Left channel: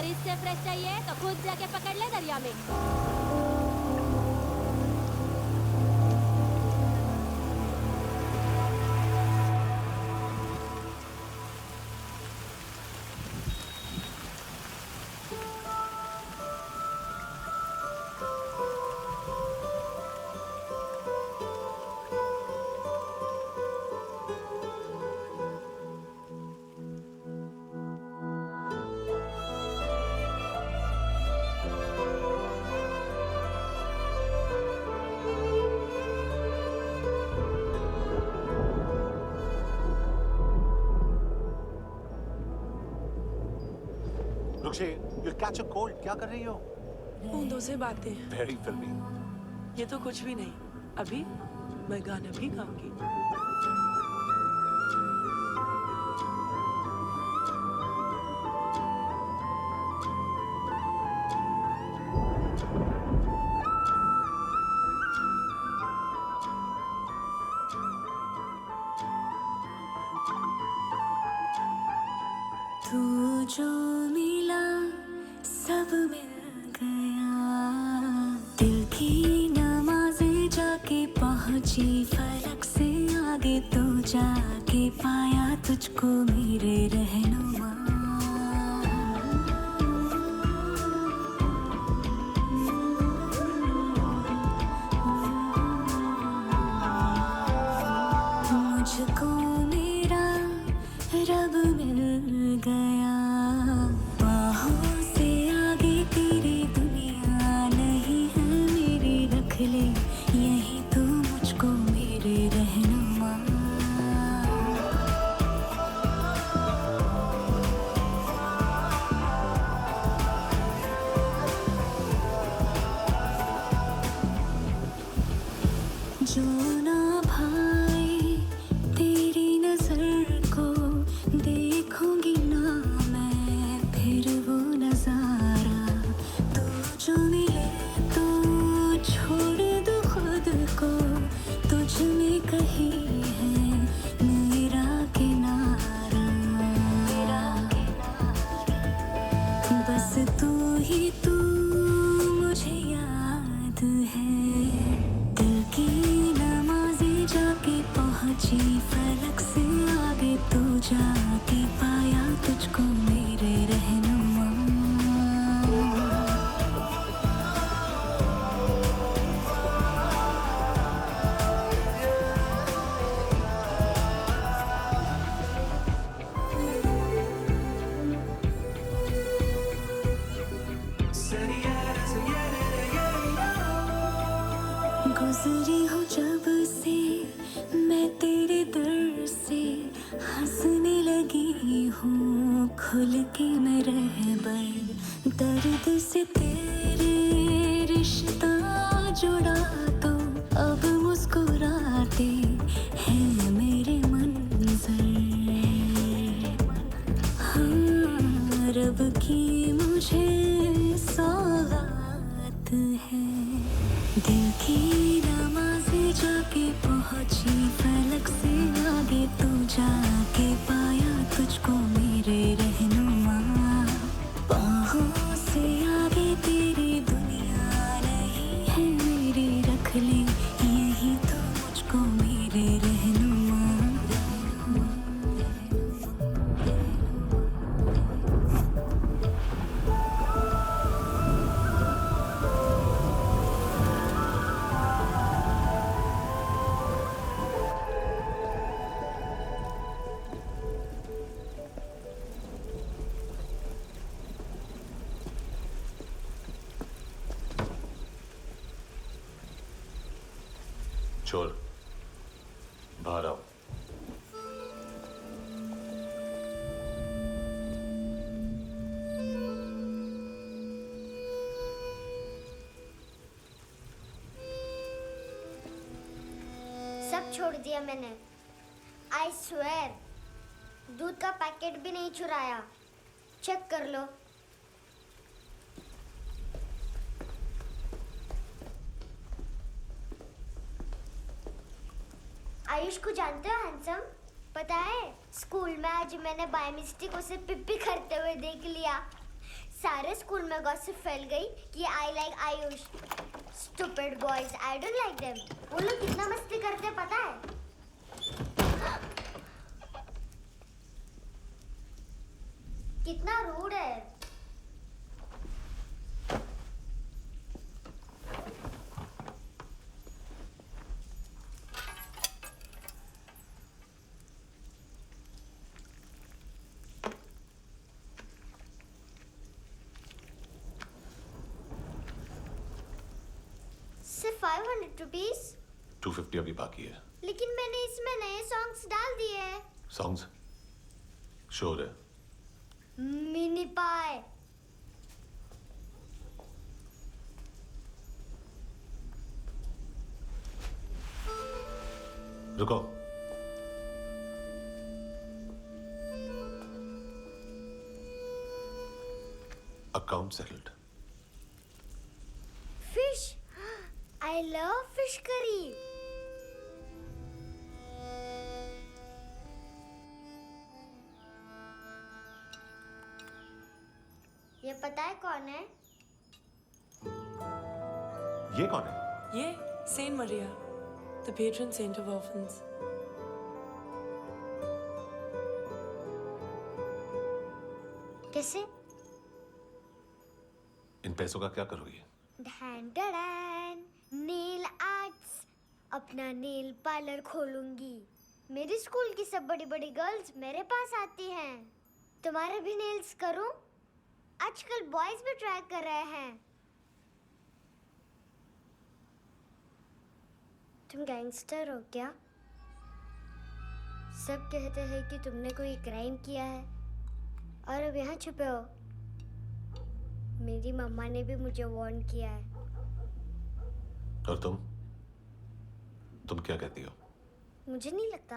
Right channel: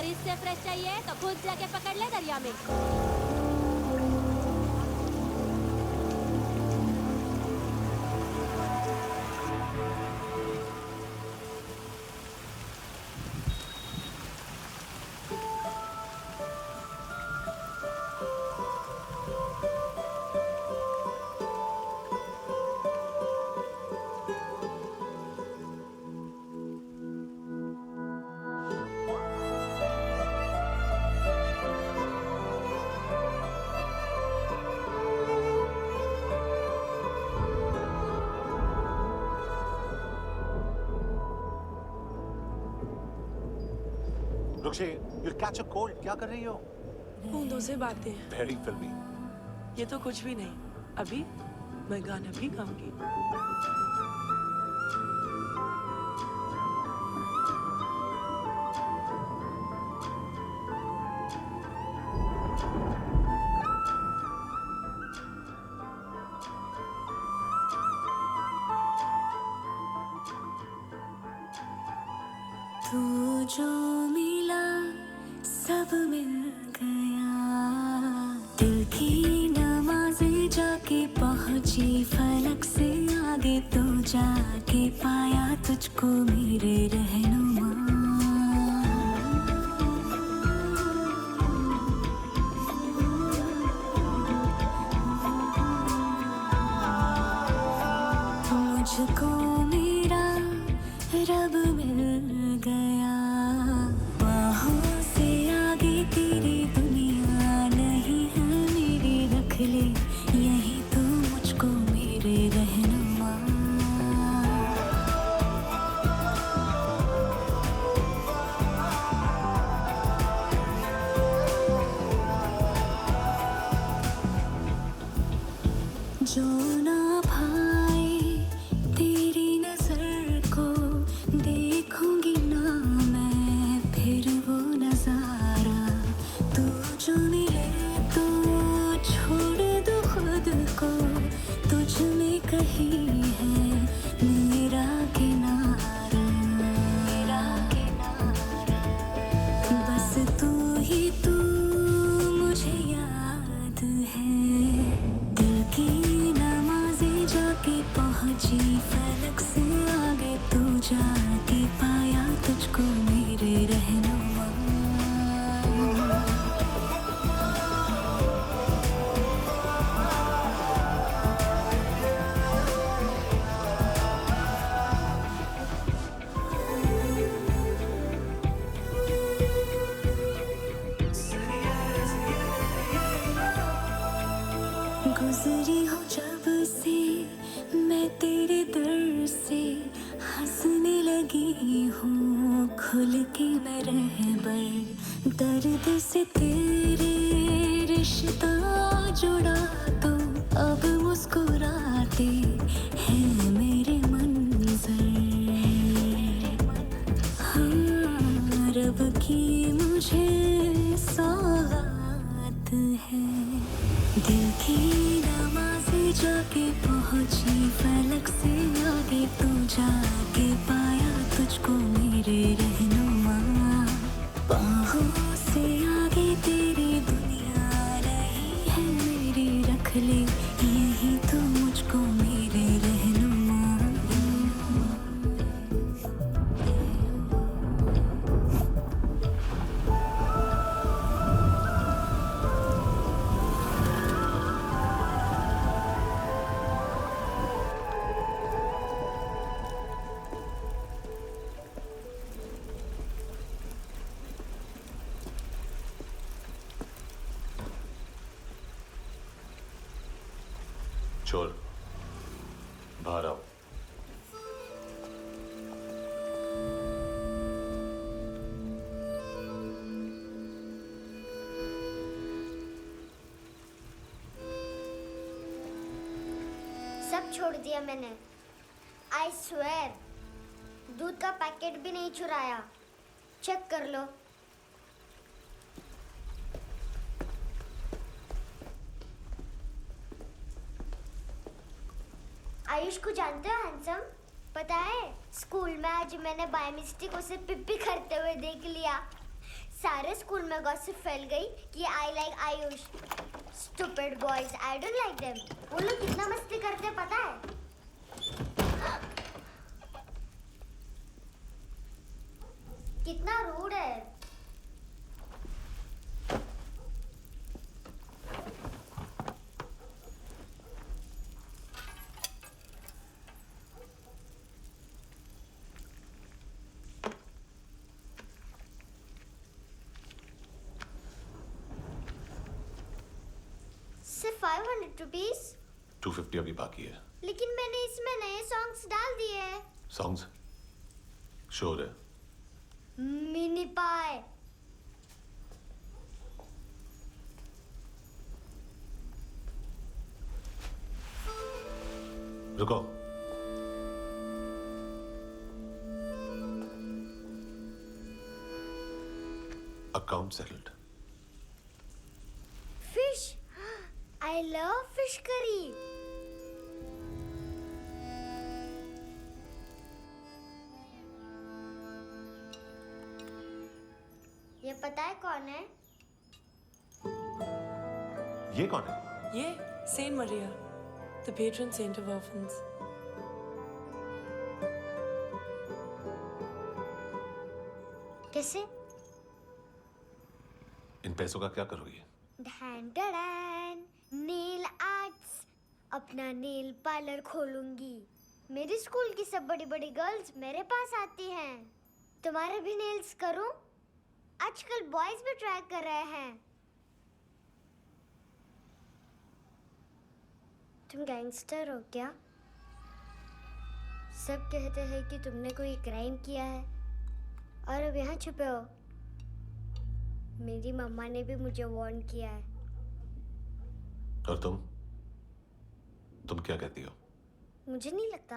अगर इससे फ्रेश चाहिए तो खुद जाके पकड़ ले दरिया में। रुक्षे, you'll catch a cold. क्या कर रही हो? बूंदों से बातें। Very filmy. ये तो कुछ भी नहीं। अभी मैं गाना भी गाऊंगी। तू जो मिला सब मिल गया, दिल की नमाज़ें जाके पहुंची फलक से आगे, तो जाके पाया तुझको मेरे रहनुमा। मुझको मेरा रब मिल गया, बाहों से आगे तेरी दुनिया नहीं है मेरी, रख ले यही तू मुझको मेरे रहनुमा। जो ना भाई तेरी नजर को देखूंगी ना मैं फिर वो नजारा, तू जो मिले तो छोड़ दो खुद को, तुझ में कहीं है मेरा किनारा, मेरा किनारा। बस तू ही तू मुझे याद है, दिल की नमाज़ें जाके पहुंची फलक से आगे, तू जाके पाया तुझको मेरे रहनुमा। गुजरी हूँ जब से मैं तेरे दर से, हंसने लगी हूँ खुल के मैं रहबर, दर्द से तेरे रिश्ता जुड़ा तो अब मुस्कुराते हैं मेरे मंजर। हाँ, रब की मुझे सौगात है, दिल की नमाज़ें जाके पहुंची फलक से आगे, तू जाके पाया तुझको मेरे रहनुमा। बाहों से आगे तेरी दुनिया नहीं है मेरी, रख ले यही तू मुझको मेरे रहनुमा। चोर, बाहर आओ। सब छोड़ दिया मैंने, आई स्वेयर। दूध का पैकेट भी नहीं चुराया, चेक कर लो। आयुष को जानते हो हैंडसम? पता है स्कूल में आज मैंने बाय मिस्टेक उसे पिप्पी करते हुए देख लिया। सारे स्कूल में गॉसिप फैल गई कि I like Ayush. Stupid boys, I don't like them. वो लोग कितना मस्ती करते हैं पता है? कितना रूड है। सिर्फ 500 रुपीज? 250 अभी बाकी है। लेकिन मैंने इसमें नए सॉन्ग्स डाल दिए हैं। सॉन्ग्स? श्योर है? मिनी पाए। रुको। Account settled. Fish, I love fish curry. ये पता है कौन है? ये कौन है? ये saint Maria, the patron saint of orphans. कैसे? इन पैसों का क्या करोगी? ढैन ढैन, नेल आर्ट्स। अपना नेल पार्लर खोलूंगी। मेरे स्कूल की सब बड़ी बड़ी गर्ल्स मेरे पास आती हैं। तुम्हारे भी नेल्स करूं? आजकल बॉयज भी ट्राई कर रहे हैं। तुम गैंगस्टर हो क्या? सब कहते हैं कि तुमने कोई क्राइम किया है और अब यहाँ छुपे हो। मेरी मम्मा ने भी मुझे वार्न किया है। और तुम क्या कहती हो? मुझे नहीं लगता।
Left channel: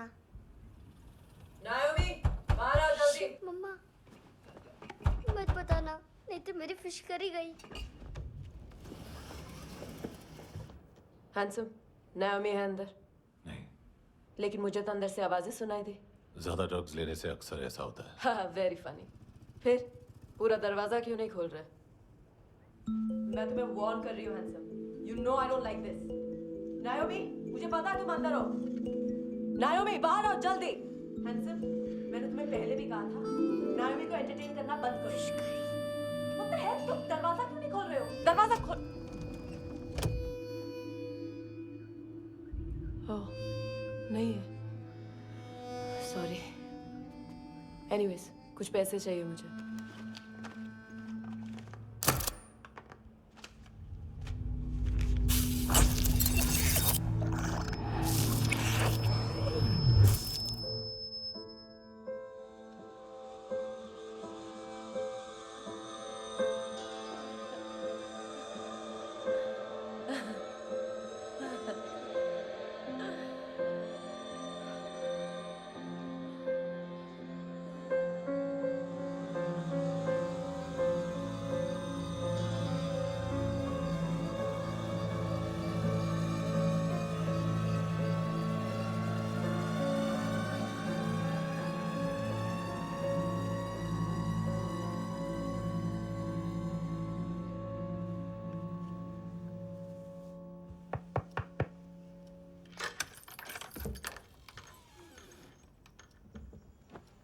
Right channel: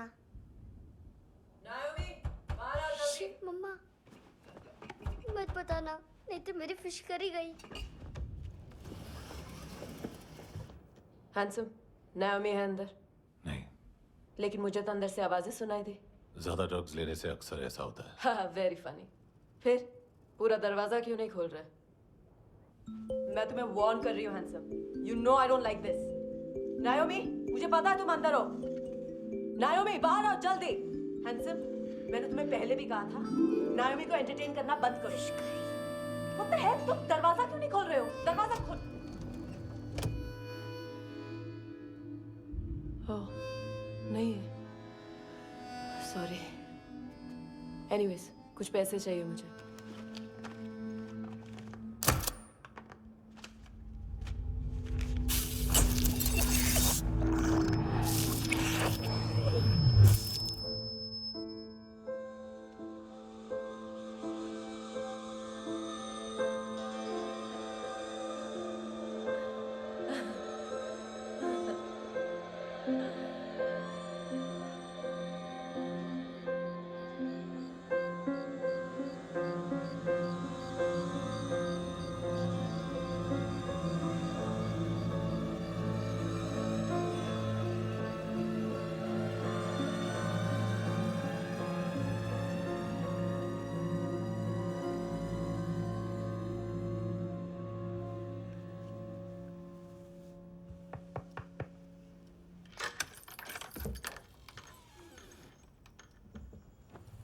नायोमी, बाहर आओ जल्दी। मम्मा, मत बताना, नहीं तो मेरी फिश करी गई। हैंडसम, नायोमी है अंदर। नहीं। लेकिन मुझे तो अंदर से आवाजें सुनाई दी। ज्यादा ड्रग्स लेने से अक्सर ऐसा होता है। हाँ, वेरी फनी। फिर पूरा दरवाजा क्यों नहीं खोल रहे? मैं तुम्हें वार्न कर रही हूँ handsome. You know I don't like this. नायोमी, मुझे पता है तुम अंदर हो। नायोमी, बाहर आओ जल्दी। हैंडसम, मैंने तुम्हें पहले भी कहा था नायोमी को एंटरटेन करना बंद करो। What the heck? तुम दरवाजा क्यों नहीं खोल रहे हो? दरवाजा खोल। ओह, नहीं है। सॉरी। एनीवेज, कुछ पैसे चाहिए मुझे।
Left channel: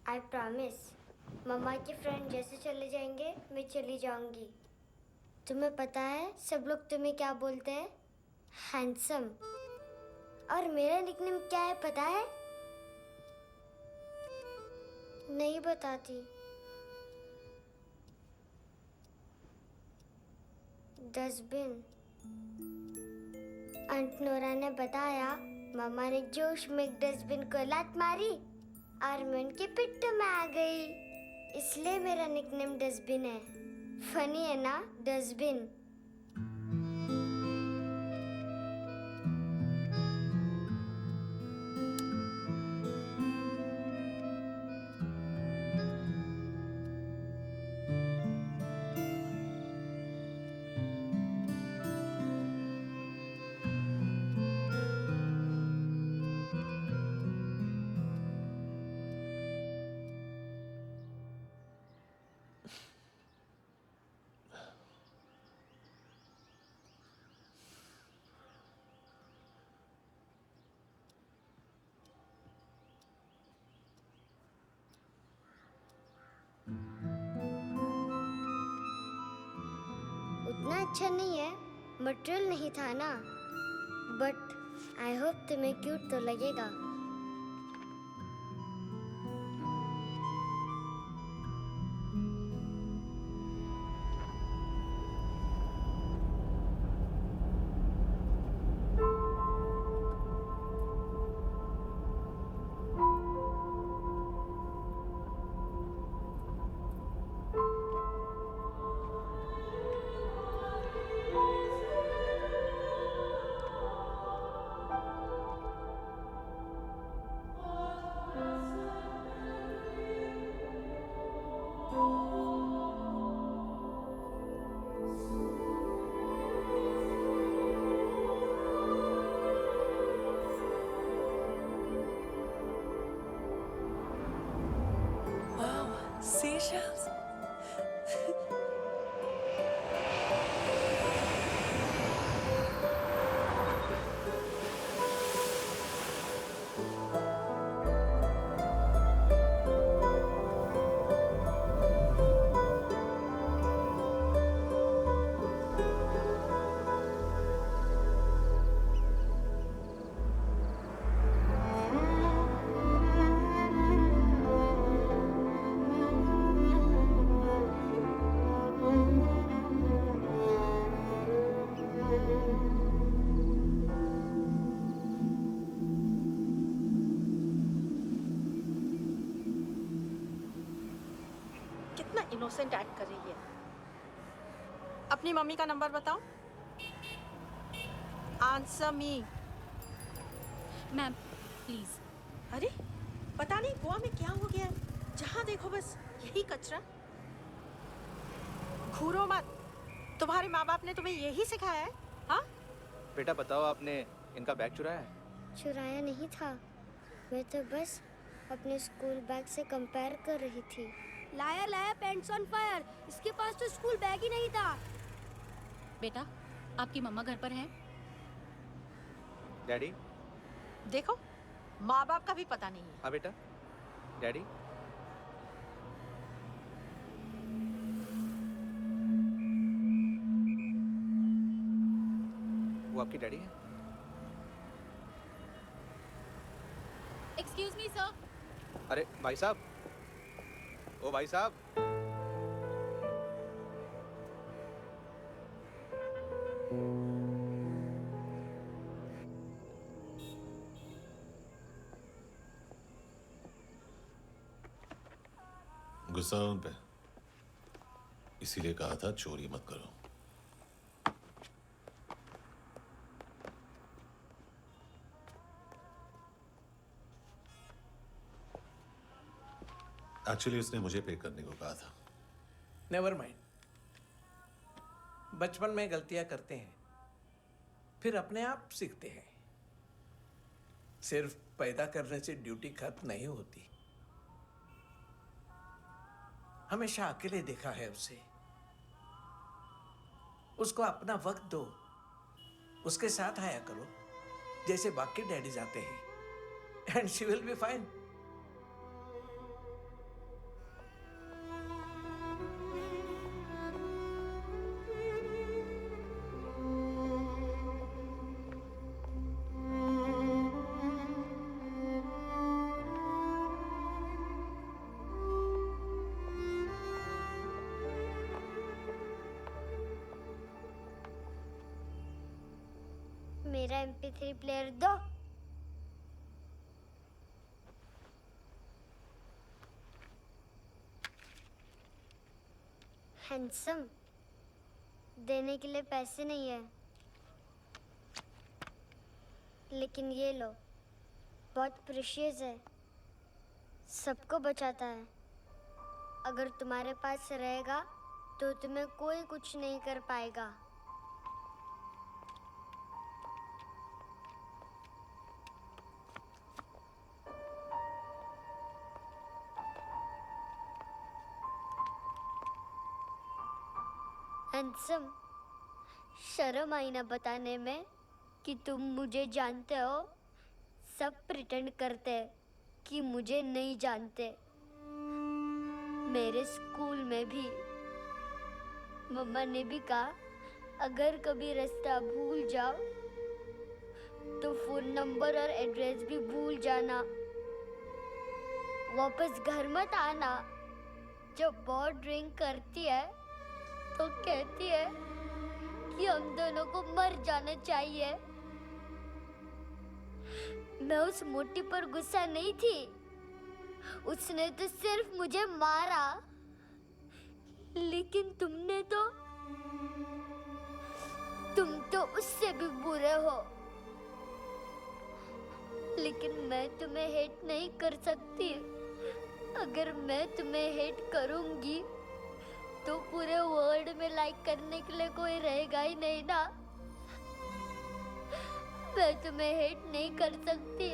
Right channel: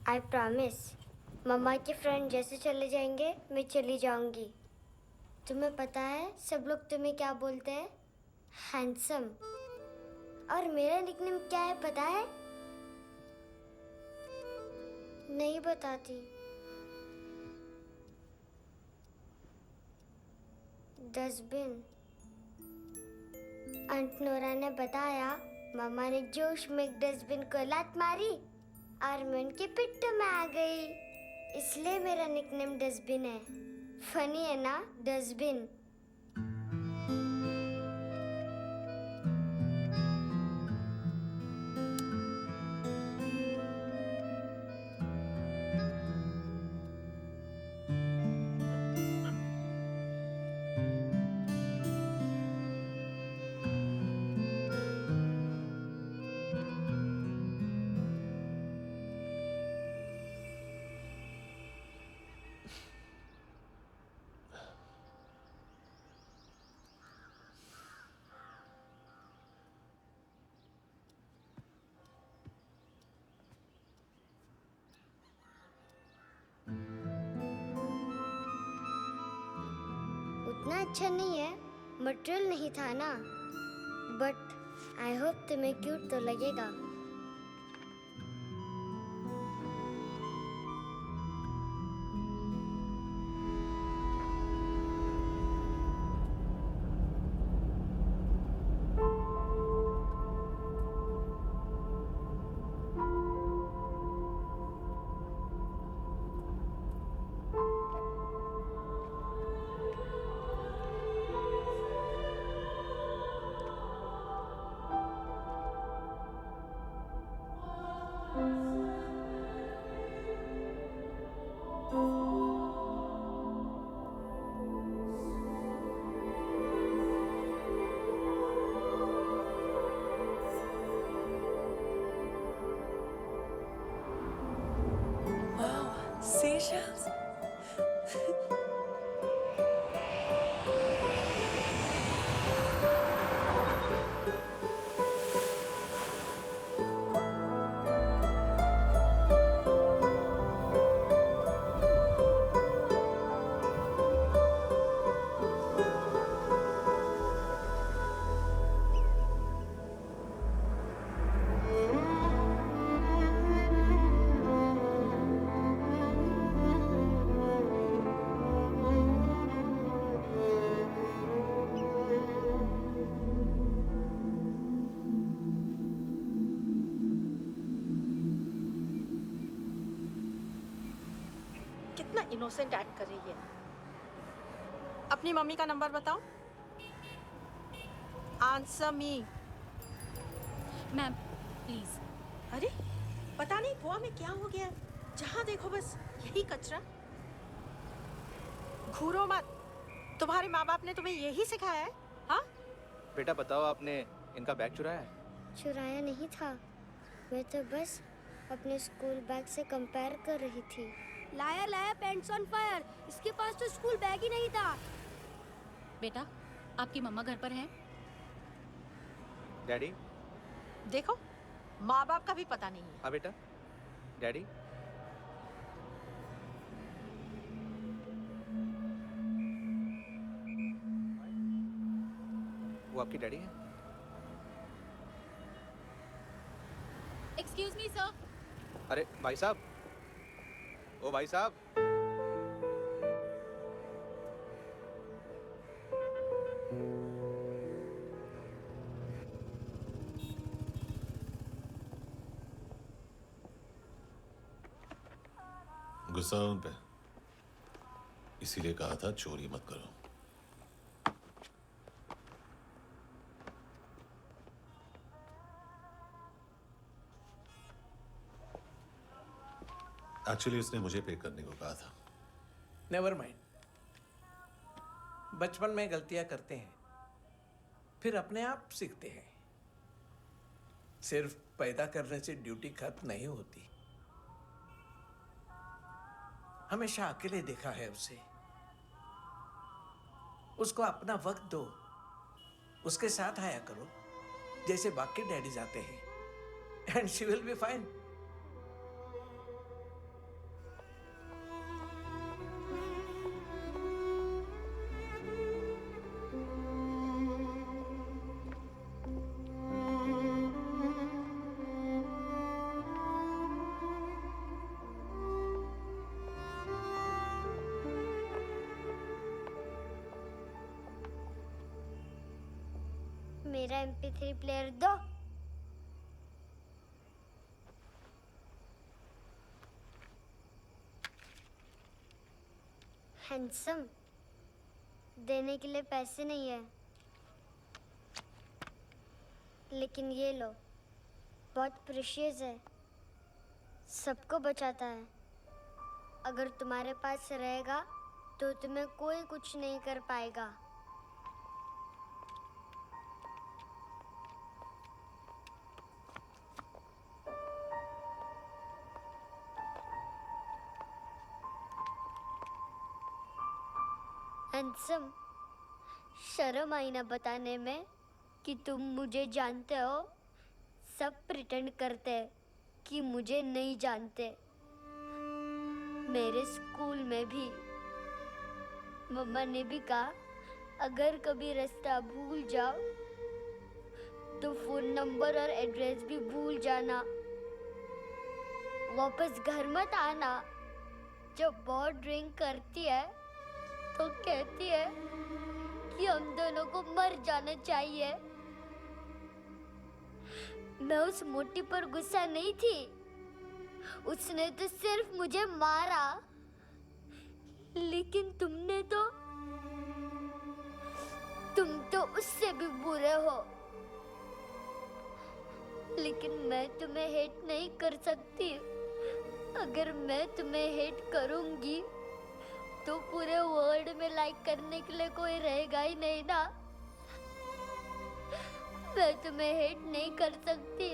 आई प्रॉमिस, मम्मा के फ्रेंड जैसे चले जाएंगे मैं चली जाऊंगी। तुम्हें पता है सब लोग तुम्हें क्या बोलते हैं? हैंडसम। और मेरा निकनेम क्या है पता है? नहीं बताती। डस्टबिन। आंट नोरा ने बताया मम्मा ने जोश में एक डस्टबिन को लात मारी और मैं उनके पिट्ठू में आ गई, इसलिए मेरा निकनेम डस्टबिन है। फनी है ना, डस्टबिन। इतना अच्छा नहीं है, मटेरियल नहीं था ना। बट आई होप तुम्हें क्यूट तो लगेगा। Wow, seashells. कितना इनोसेंट एक्ट कर रही है। अपनी मम्मी का नंबर बताओ। Answer me. Ma'am please. अरे पता नहीं गोवा में क्या हो गया है, जहाँ देखो बस यही कचरा। घूरो मत, तुम्हारे माँ बाप ने तुम्हें यही सिखाया है? हाँ बेटा बताओ, आपने इनका बैग चुराया है? चुराया नहीं था, मैं तो बस अपने स्कूल बैग से कंपेयर कर रही थी। लाया लाया पेंट्स ऑन फायर, इसके पास तो स्कूल बैग ही नहीं था। बेटा आपकी मम्मा घर पर हैं? डैडी? देखो, माँ बाप का भी पता नहीं है। हाँ बेटा। डैडी? वो आपकी डैडी है? Excuse me sir. अरे भाई साहब, ओ भाई साहब। गुस्सा उन पे, इसीलिए कहा था चोरी मत करो। एक्चुअली उसने मुझे पे करने को कहा था। नेवर माइंड, बचपन में गलतियां करते हैं, फिर अपने आप सीखते हैं। सिर्फ पैदा करने से ड्यूटी खत्म नहीं होती। हमेशा अकेले देखा है उसे। उसको अपना वक्त दो, उसके साथ आया करो जैसे बाकी डैडी जाते हैं, and she will be fine. मेरा MP3 प्लेयर दो। हैंडसम, देने के लिए पैसे नहीं है, लेकिन ये लो, बहुत प्रेशियस है, सबको बचाता है। अगर तुम्हारे पास रहेगा तो तुम्हें कोई कुछ नहीं कर पाएगा। हैंडसम, शर्म आई ना बताने में कि तुम मुझे जानते हो। सब प्रिटेंड करते हैं कि मुझे नहीं जानते। मेरे स्कूल में भी मम्मा ने भी कहा अगर कभी रास्ता भूल जाओ तो फोन नंबर और एड्रेस भी भूल जाना। वापस घर मत आना। जब बहुत ड्रिंक करती है तो कहती है कि हम दोनों को मर जाना चाहिए। मैं उस मोटी पर गुस्सा नहीं थी, उसने तो सिर्फ मुझे मारा। लेकिन तुम तो उससे भी बुरे हो। लेकिन मैं तुम्हें हेट नहीं कर सकती। अगर मैं तुम्हें हेट करूंगी तो पूरे वर्ल्ड में लाइक करने के लिए कोई रहेगा ही नहीं ना। मैं तुम्हें हेट नहीं कर सकती।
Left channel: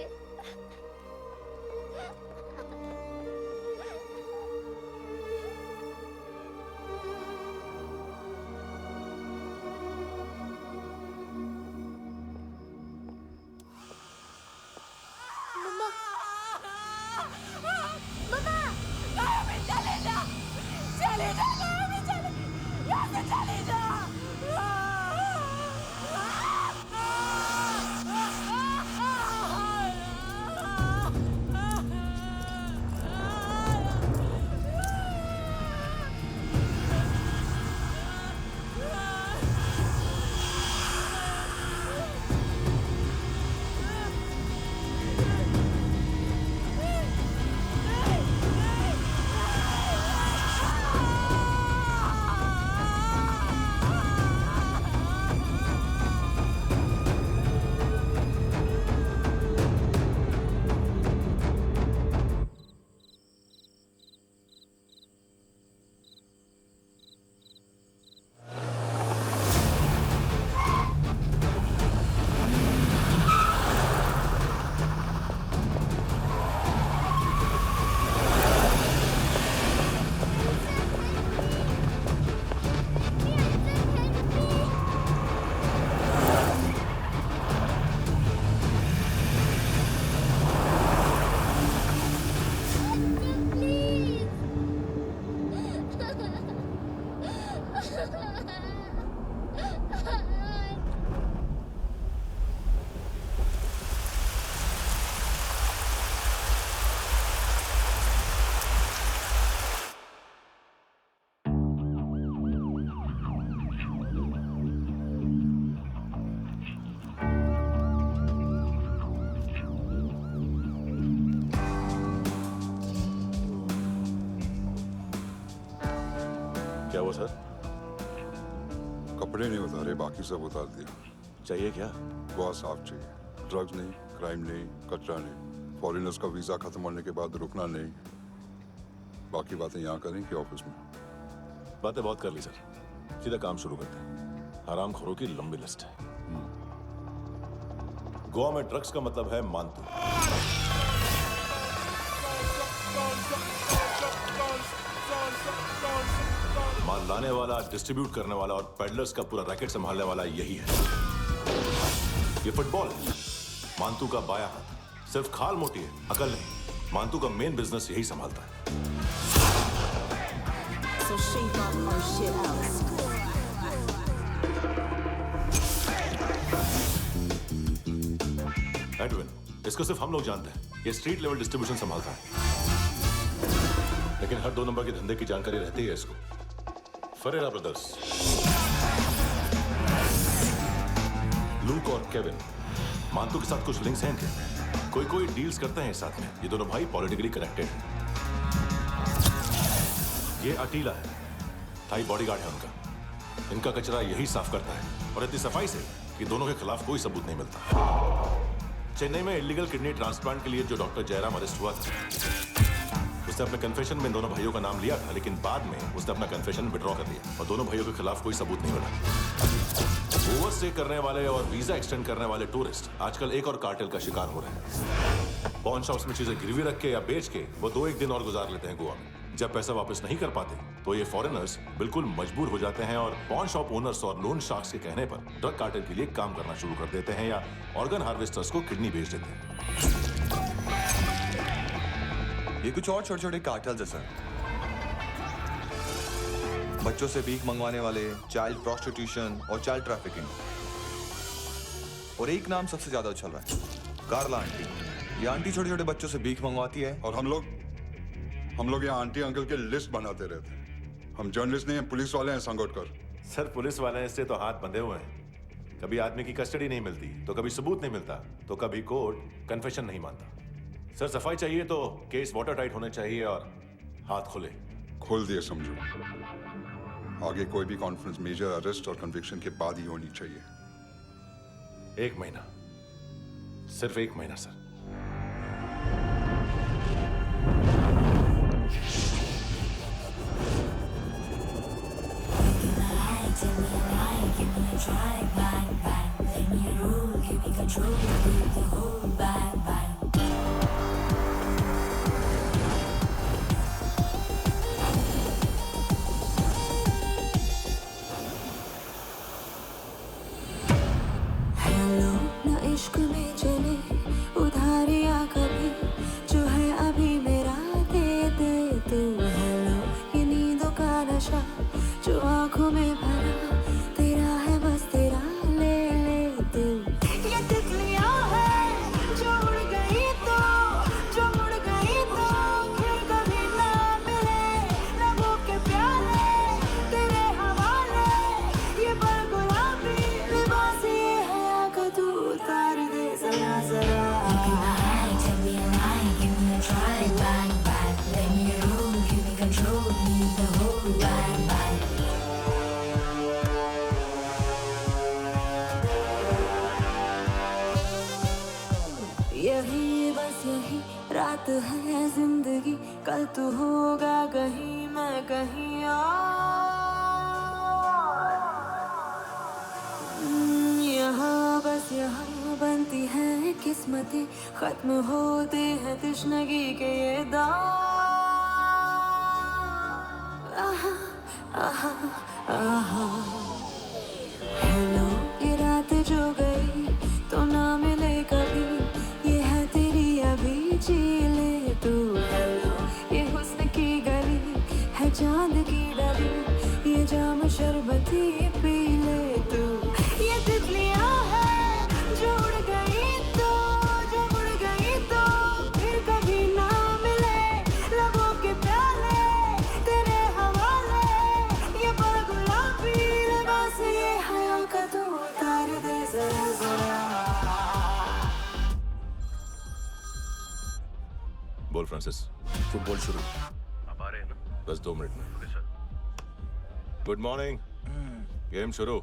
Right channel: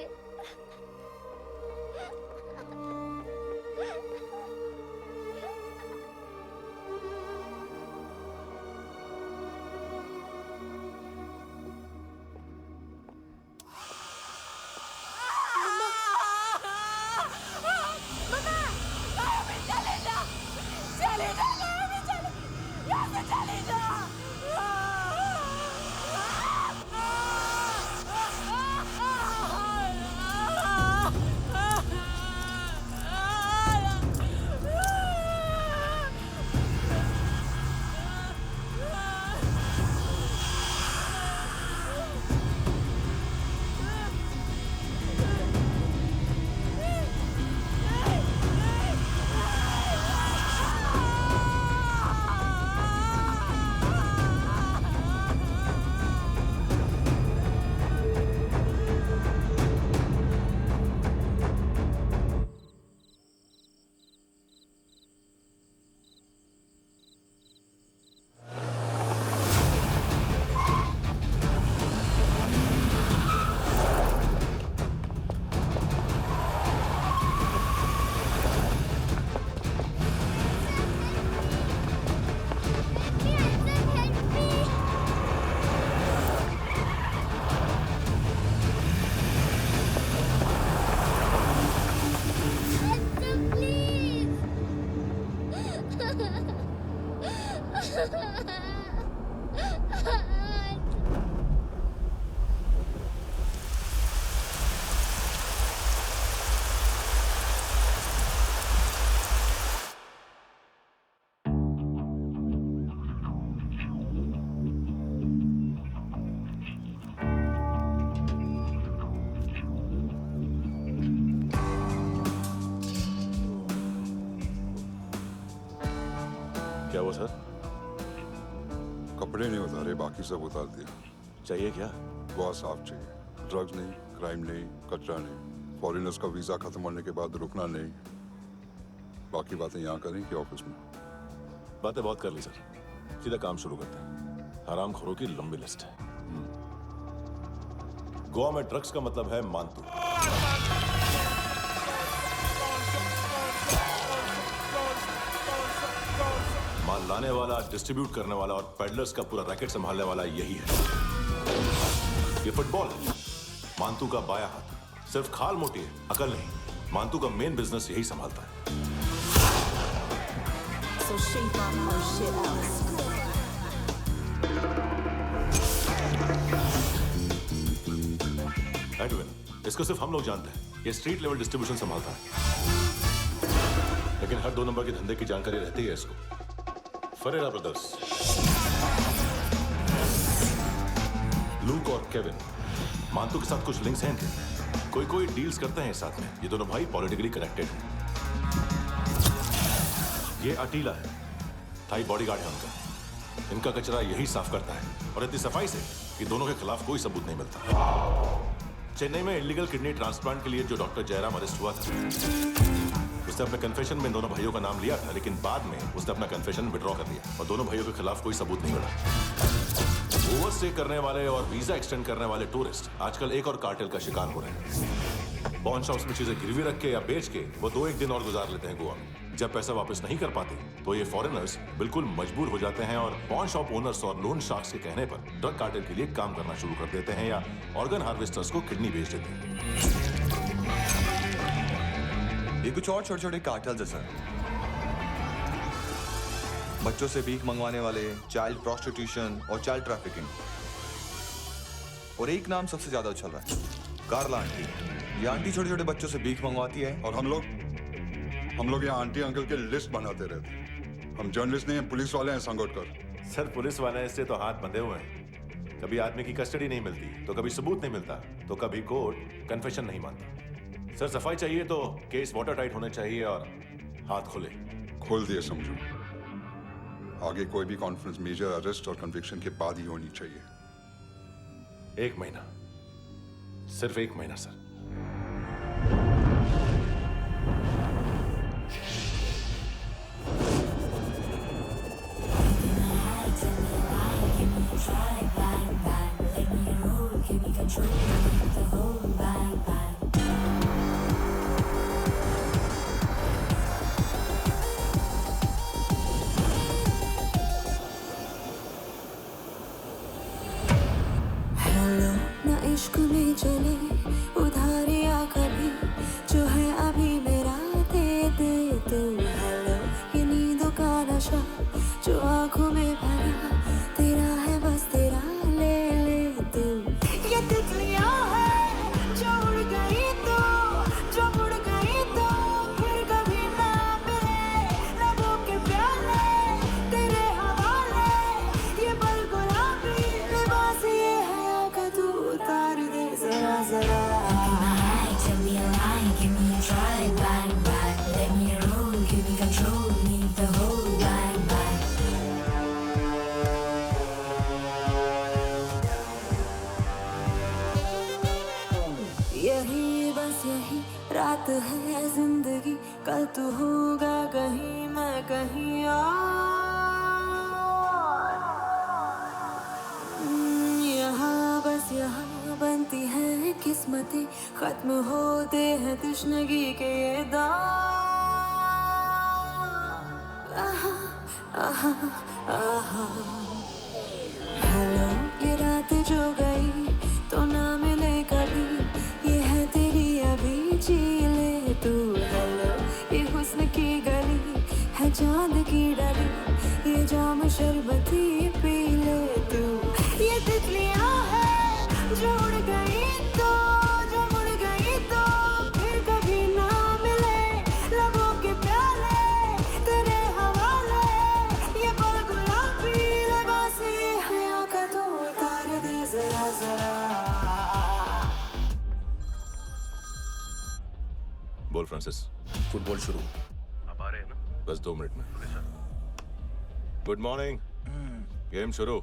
क्या हुआ सर? कपड़े नहीं उतारे, बाकी सब उतार दिया। चाहिए क्या? बहुत साफ चाहिए। ड्रग्स नहीं, क्राइम नहीं, कचरा नहीं। फॉरेनर्स का वीजा खत्म होने के बाद रुकना नहीं। बाकी बातें यहाँ करें कि ऑफिस में? बातें बहुत कर ली सर, सीधा काम शुरू करते हैं। हरामखोरों की लंबी लिस्ट है। गोवा में ड्रग्स का मतलब है मानतू। माल लाने वाला, डिस्ट्रीब्यूट करने वाला और पेडलर्स का पूरा रैकेट संभालने वाला यही है। ये फुटबॉल है, मानतू का बायां हाथ। सिर्फ खाल मोटी है, अकल नहीं। मानतू का मेन बिजनेस यही संभालता है। So shape up our shit out. Edwin, इसको सिर्फ हम लोग जानते हैं। ये स्ट्रीट लेवल डिस्ट्रीब्यूशन संभालता है, लेकिन हर 2 नंबर के धंधे की जानकारी रहती है इसको। फरेरा ब्रदर्स, लूक और केविन, मानतू के साथ कुछ लिंक्स हैं इनके। कोई डील्स करते हैं साथ में। ये दोनों भाई पॉलिटिकली कनेक्टेड हैं। ये अटीला है, थाई बॉडीगार्ड है उनका। इनका कचरा यही साफ करता है, और इतनी सफाई से कि दोनों के खिलाफ कोई सबूत नहीं मिलता। चेन्नई में इलीगल किडनी ट्रांसप्लांट के लिए जो डॉक्टर जयराम अरेस्ट हुआ था, उसने अपने कन्फेशन में दोनों भाइयों का नाम लिया था, लेकिन बाद में उसने अपना कन्फेशन विड्रॉ कर दिया और दोनों भाइयों के खिलाफ कोई सबूत नहीं मिला। ओवरस्टे करने वाले और वीजा एक्सटेंड करने वाले टूरिस्ट आजकल एक और कार्टेल का शिकार हो रहे हैं। पॉन शॉप्स में चीजें गिरवी रख के या बेच के वो 2-1 दिन और गुजार लेते हैं गोवा में। जब पैसा वापस नहीं कर पाते तो ये फॉरेनर्स बिल्कुल मजबूर हो जाते हैं और पॉन शॉप ओनर्स और लोन शार्क्स के कहने पर ड्रग कार्टेल के लिए काम करना शुरू कर देते हैं या ऑर्गन हार्वेस्टर्स को किडनी बेच देते हैं। ये कुछ और छोटे-छोटे कार्टेल्स हैं सर। बच्चों से भीख मंगवाने वाले, चाइल्ड प्रोस्टिट्यूशन और चाइल्ड ट्रैफिकिंग। और एक नाम सबसे ज्यादा उछल रहा है, कार्ला आंटी। ये आंटी छोटे छोटे बच्चों से भीख मंगवाती है। और हम लोग यहाँ आंटी अंकल के लिस्ट बनाते रहते हैं। हम जर्नलिस्ट नहीं हैं, पुलिस वाले हैं संगोटकर। सर पुलिस वाले हैं, इससे तो हाथ बंधे हुए हैं। कभी आदमी की कस्टडी नहीं मिलती, तो कभी सबूत नहीं मिलता, तो कभी कोर्ट कन्फेशन नहीं मानता। सर सफाई चाहिए तो केस वाटर टाइट होने चाहिए और हाथ खुले। खोल दिए समझो। आगे कोई भी कॉन्फ्रेंस मेजर अरेस्ट और कन्विक्शन के बाद ही होनी चाहिए। 1 महीना, सिर्फ 1 महीना सर। हेलो ना इश्क में चले उधारियाँ कभी, जो है अभी मेरा दे दे तू। हेलो ये नींदों का नशा जो आंखों में भरा, तेरा है बस तेरा, ले ले तू। ये तितलियाँ हैं जो उड़ गई तो, जो मुड़ गई तो फिर कभी ना मिले। लबों के प्याले तेरे हवाले, ये पल गुलाबी लिबास ये हया का तू उतार दे जरा जरा। Tell me a lie, give me a try, bang bang, let me roll, give me control, need the whole bang bang. यही बस यही रात है जिंदगी, कल तू होगा कहीं मैं कहीं और। यहाँ बस यहाँ बनती है किस्मतें, खत्म होते हैं तश्नगी के ये दाग। आहा आहा आहा। हेलो ये रात जो गई तो ना मिले कभी, ये है तेरी अभी, जी ले तू। हेलो ये हुस्न की गली है चांद की डली, ये जाम शरबती पी ले तू। ये तितलियाँ हैं जो उड़ गई तो, जो मुड़ गई तो फिर कभी ना मिले। लबों के प्याले तेरे हवाले, ये पल गुलाबी लिबास ये हया का तू उतार दे जरा जरा। बोल फ्रांसिस। फुटबॉल शुरू। आप आ रहे हैं ना? बस 2 मिनट में। Okay sir. Good morning. Game शुरू,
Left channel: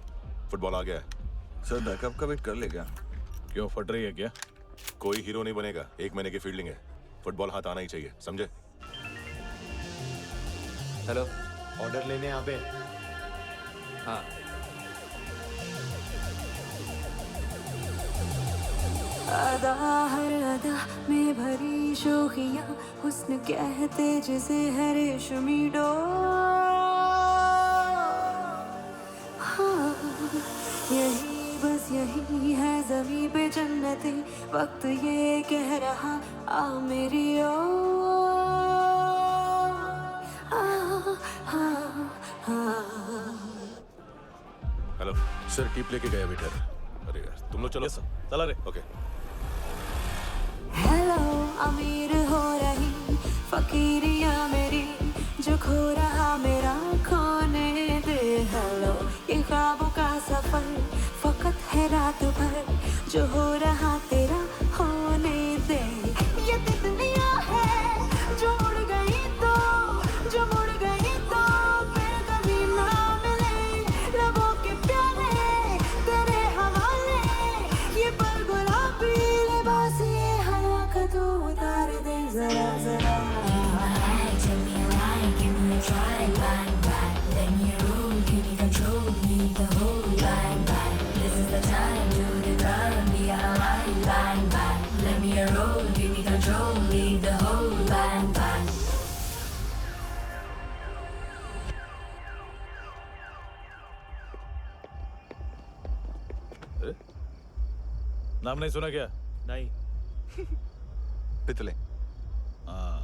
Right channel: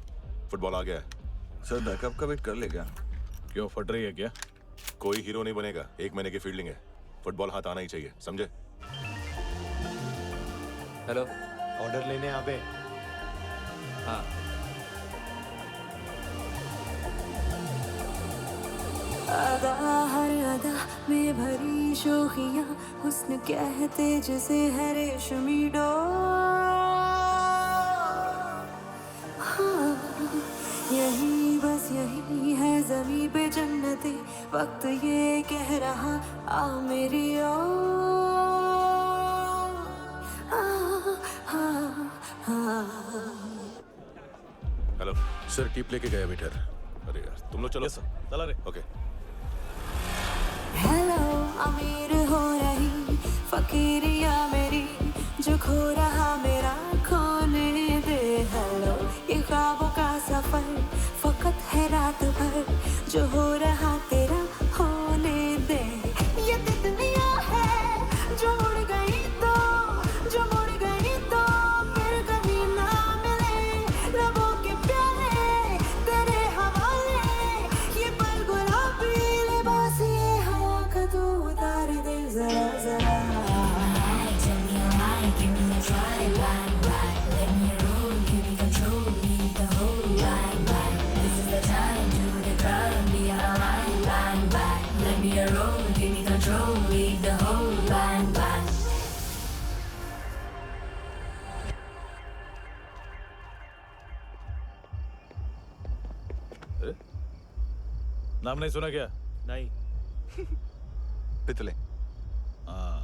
फुटबॉल आ गया है। सर बैकअप का वेट कर ले क्या? क्यों फट रही है क्या? कोई हीरो नहीं बनेगा, 1 महीने की फील्डिंग है। फुटबॉल हाथ आना ही चाहिए, समझे? हेलो, ऑर्डर लेने आवे। हाँ। अदा हर अदा में भरी शोखियाँ, हुस्न कहते जिसे है रेशमी डोर। हाँ यही बस यही है ज़मीं पे जन्नते, वक्त ये कह रहा आ मेरी ओर। हेलो सर टिप लेके गया वेटर। अरे यार तुम लोग चलो। चला रे। ओके। हेलो अमीर हो रही फकीरिया मेरी, जो खो रहा मेरा खोने दे। हेलो ये ख्वाबों का सफर फकत है रात भर, जो हो रहा तेरा होने दे। ये तितलियाँ हैं जो उड़ गई तो, जो मुड़ गई तो फिर कभी ना मिले। लबों के प्याले तेरे हवाले, ये पल गुलाबी लिबास ये हवा का तू उतार दे जरा जरा। Tell me a lie, give me a try, bang bang, let me roll, give me control, need the whole bang bang. This is the time, do the crime, be alive, bang bang, let me roll, give me control, need the whole bang bang. नाम नहीं सुना क्या? नहीं। पितले। हाँ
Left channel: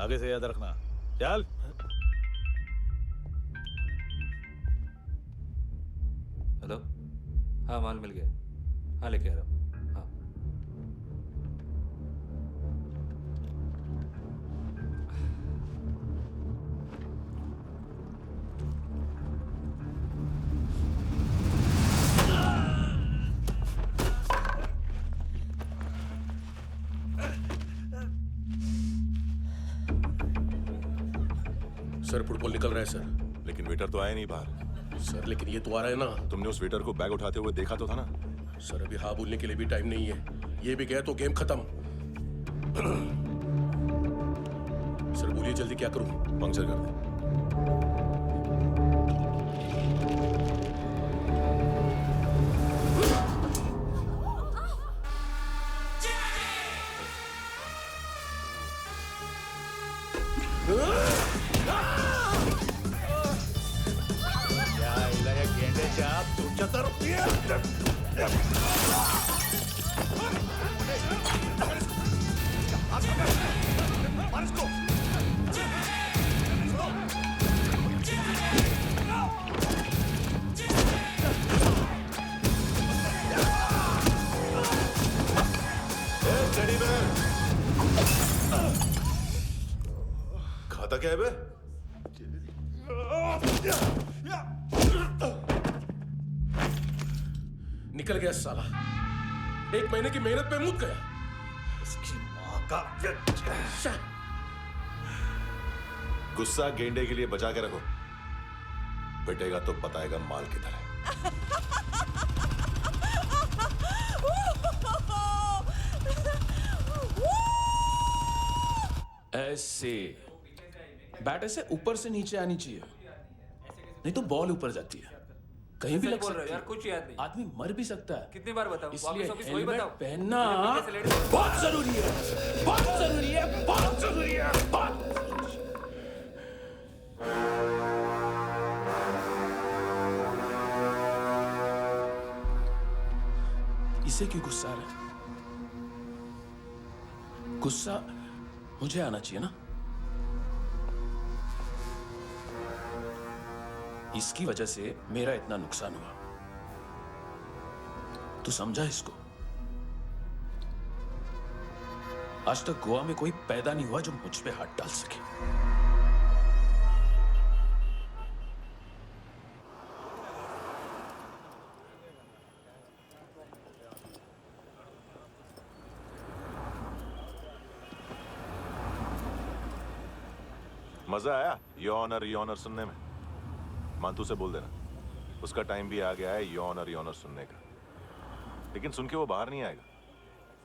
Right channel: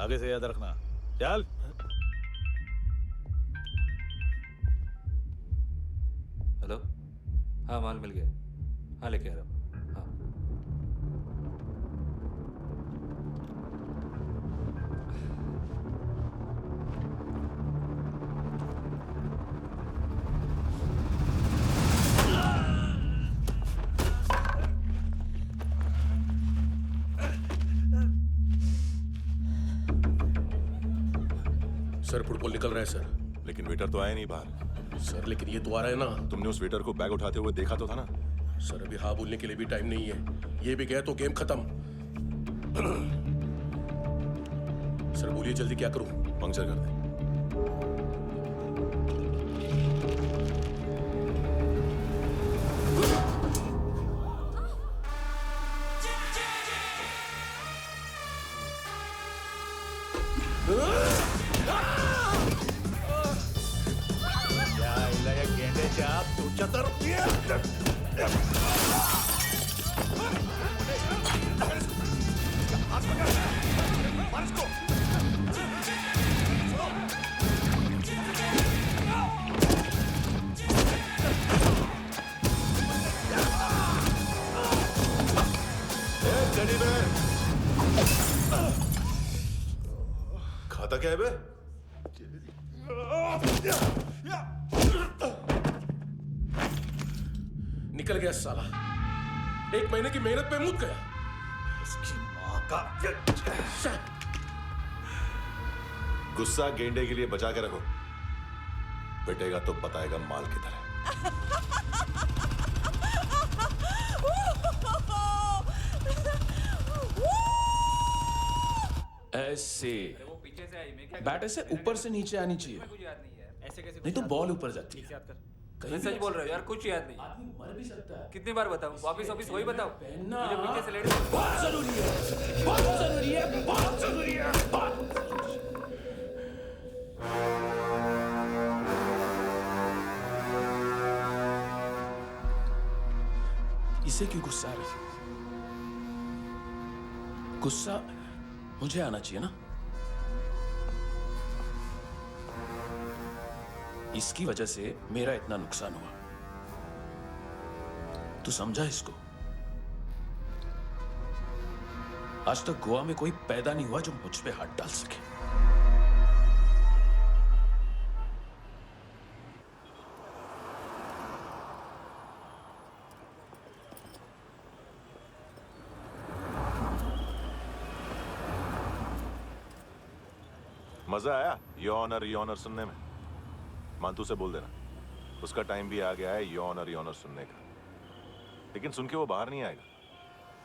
आगे से याद रखना। चल। हाँ माल मिल गया। हाँ लेके आ रहा हूँ। हाँ सर फुटबॉल निकल रहा है सर। लेकिन वेटर तो आया नहीं बाहर। सर लेकिन ये तो आ रहा है ना। तुमने उस वेटर को बैग उठाते हुए देखा तो था ना? सर अभी हाँ बोलने के लिए भी टाइम नहीं है। ये भी गया तो गेम खत्म। सर बोलिए जल्दी क्या करूं? पंक्चर कर दे। खाता क्या है बे? निकल गया साला। 1 महीने की मेहनत पे मुक गया। इसकी माँ का गुस्सा गेंडे के लिए बचा के रखो। पिटेगा तो बताएगा माल किधर है। ऐसे बैट ऐसे ऊपर से नीचे आनी चाहिए, नहीं तो बॉल ऊपर जाती है। कहीं भी बोल रहे हो यार, कुछ याद नहीं। आदमी मर भी सकता है। कितनी बार बताऊं? वापस ऑफिस वही बताओ। पहनना बहुत जरूरी है, बहुत जरूरी है, बहुत जरूरी है, बहुत। इसे क्यों गुस्सा आ रहा है? गुस्सा मुझे आना चाहिए ना। इसकी वजह से मेरा इतना नुकसान हुआ। तू समझा इसको? आज तक गोवा में कोई पैदा नहीं हुआ जो मुझ पे हाथ डाल सके। मजा आया यॉनर सुनने में? मांतू से बोल देना उसका टाइम भी आ गया है यॉनर सुनने का। लेकिन सुन के वो बाहर नहीं आएगा,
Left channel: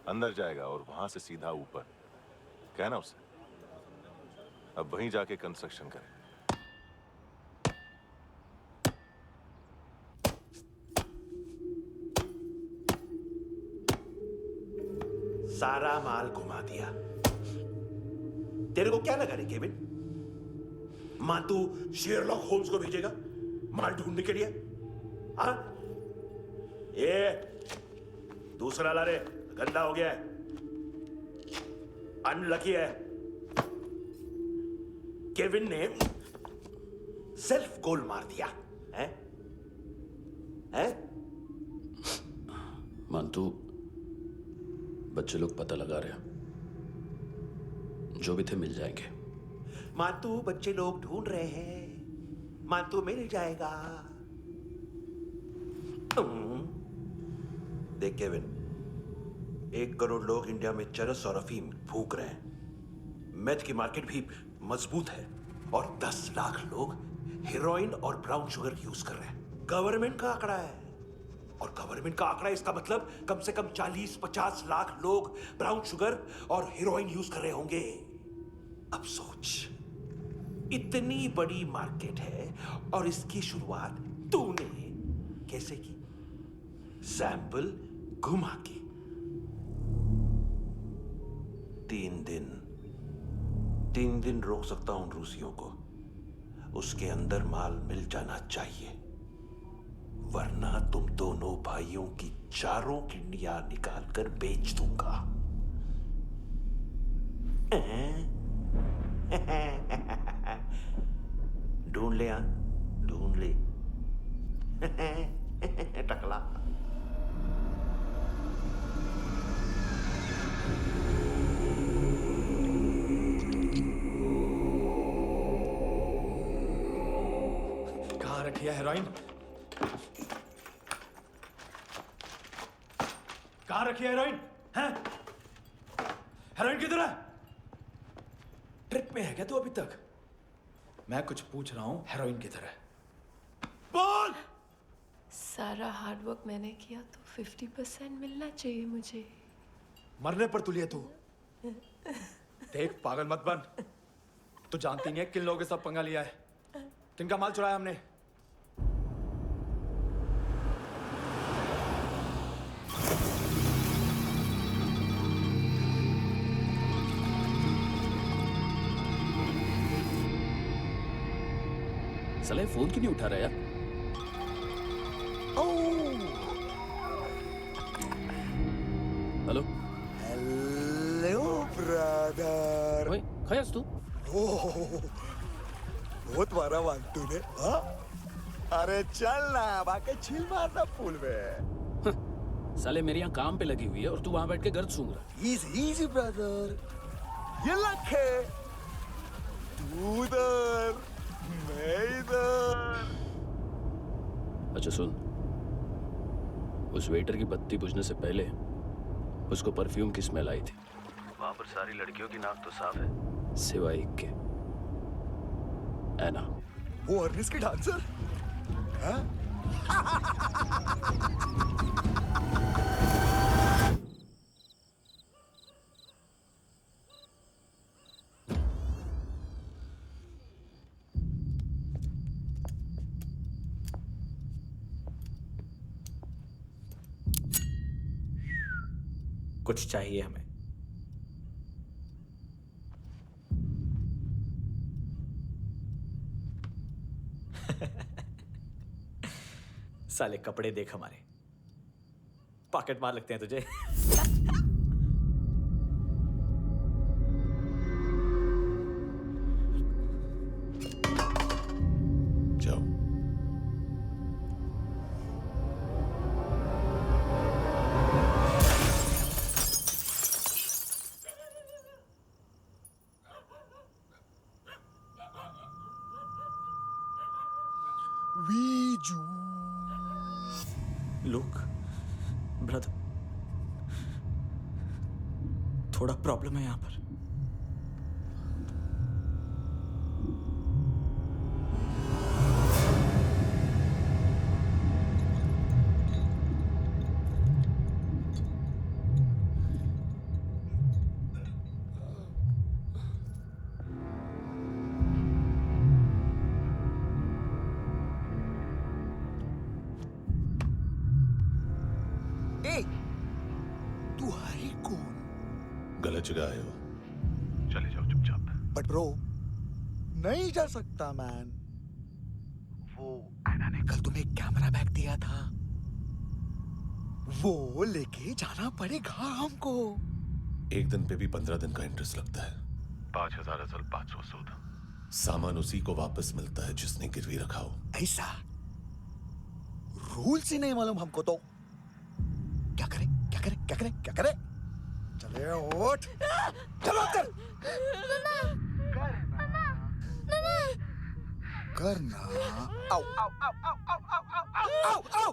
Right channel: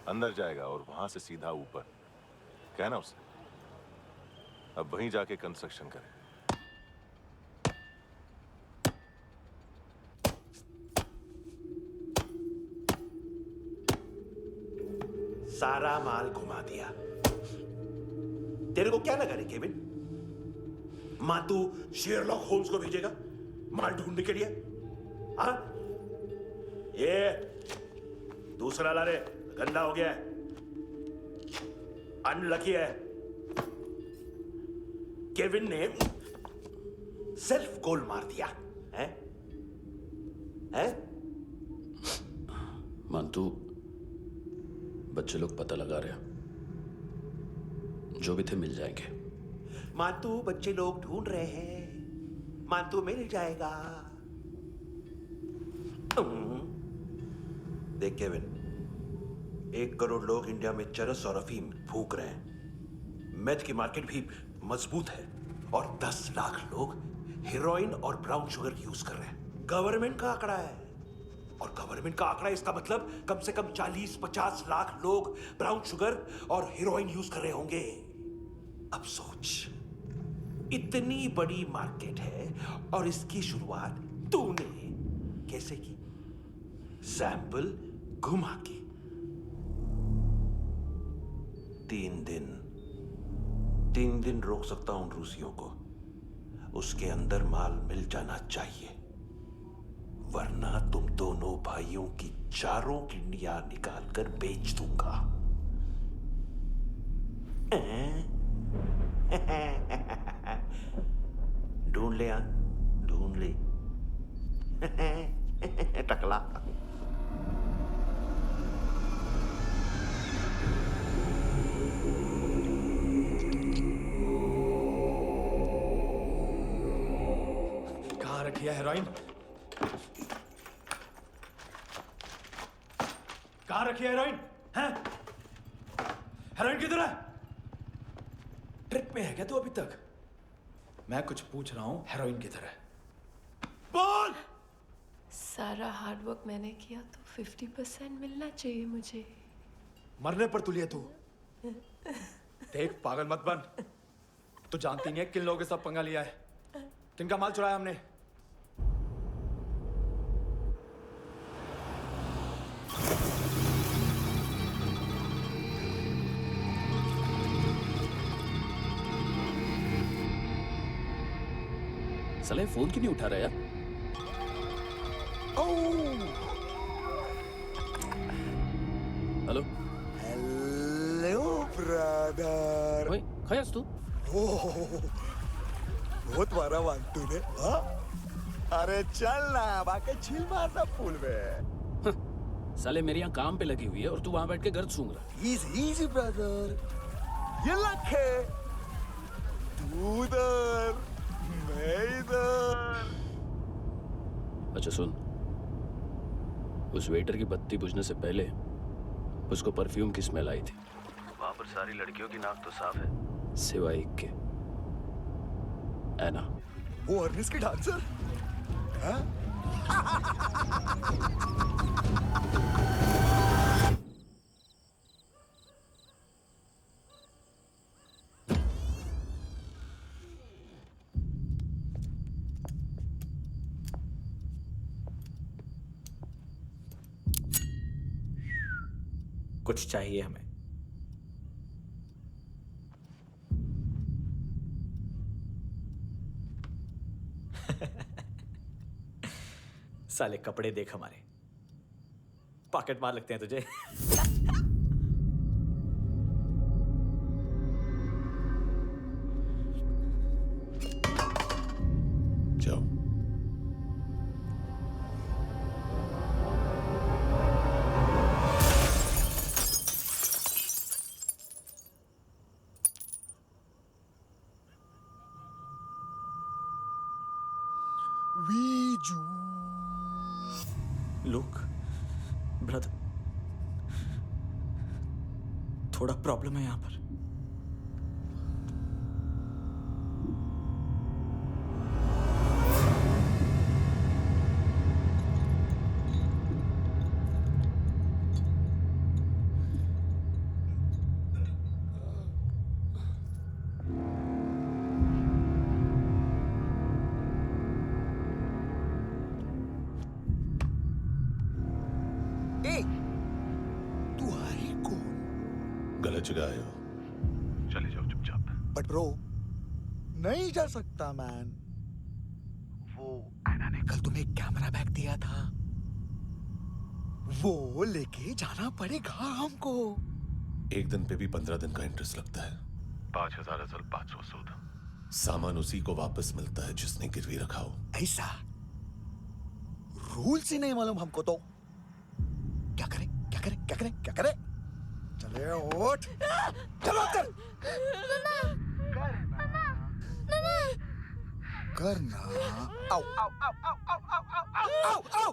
अंदर जाएगा और वहां से सीधा ऊपर। कहना उससे अब वहीं जाके कंस्ट्रक्शन करे। सारा माल घुमा दिया। तेरे को क्या लगा रे केविन? मां तू शेरलॉक होम्स को भेजेगा माल ढूंढने के लिए? हाँ? ये दूसरा ला रे, गंदा हो गया है, अनलकी है। केविन ने सेल्फ गोल मार दिया है? है? मानतू बच्चे लोग पता लगा रहे हैं, जो भी थे मिल जाएंगे। मांतू बच्चे लोग ढूंढ रहे हैं, मांतू मिल जाएगा। देख केविन, 1 करोड़ लोग इंडिया में चरस और अफीम फूंक रहे हैं। मेथ की मार्केट भी मजबूत है और 10 लाख लोग हेरोइन और ब्राउन शुगर यूज कर रहे हैं। गवर्नमेंट का आंकड़ा है, और गवर्नमेंट का आंकड़ा इसका मतलब कम से कम 40-50 लाख लोग ब्राउन शुगर और हेरोइन यूज कर रहे होंगे। अब सोच, इतनी बड़ी मार्केट है और इसकी शुरुआत तूने कैसे की? सैंपल घुमा के। 3 दिन रोक सकता हूं रूसियों को, उसके अंदर माल मिल जाना चाहिए, वरना तुम दोनों भाइयों की 4 किडनियां निकाल कर बेच दूंगा। ढूंढ ले, ढूंढ ले। टकला। रखी है हेरोइन? कहाँ रखी है हेरोइन? हैं? हेरोइन किधर है? ट्रिप में है क्या तू अभी तक? मैं कुछ पूछ रहा हूँ, हेरोइन किधर है? बोल! सारा हार्डवर्क मैंने किया तो 50% मिलना चाहिए मुझे। मरने पर तुलिए तू। देख पागल मत बन। तू जानती नहीं है किन लोगों के साथ पंगा लिया है। किनका माल चुराया हमने। साले फोन क्यों नहीं उठा रहा यार? Hello hello brother. ओए खयास तू? बहुत मारा वांटू ने। हाँ? अरे चल ना, बाकी चिल मारना पूल में। साले मेरे यहाँ काम पे लगी हुई है और तू वहां बैठ के गर्द सूंघ रहा। Easy brother. ये लक है। तू उधर, मैं इधर। अच्छा सुन, उस वेटर की बत्ती बुझने से पहले उसको परफ्यूम की स्मेल आई थी। वहां पर सारी लड़कियों की नाक तो साफ है, सिवाय एक के, एना। वो अर्निस की डांसर? हाँ? कुछ चाहिए हमें। साले कपड़े देख हमारे, पॉकेट मार लगते हैं तुझे। जाओ। लुक ब्रदर, थोड़ा प्रॉब्लम है यहाँ पर। तू है कौन? गलत जगह आए हो, चले जाओ चुपचाप। बट ब्रो, नहीं जा सकता मैन। वो एना ने कल तुम्हें कैमरा बैग दिया था, वो लेके जाना पड़ेगा हमको। एक दिन पे भी 15 दिन का इंटरेस्ट लगता है। 5,000 असल 500 सूद। सामान उसी को वापस मिलता है जिसने गिरवी रखा हो। ऐसा रूल्स ही नहीं मालूम हमको तो। क्या करें क्या करें क्या करें क्या करें? चले उठ, चलो कर। करना। आओ आओ आओ आओ आओ आओ आओ आओ आओ।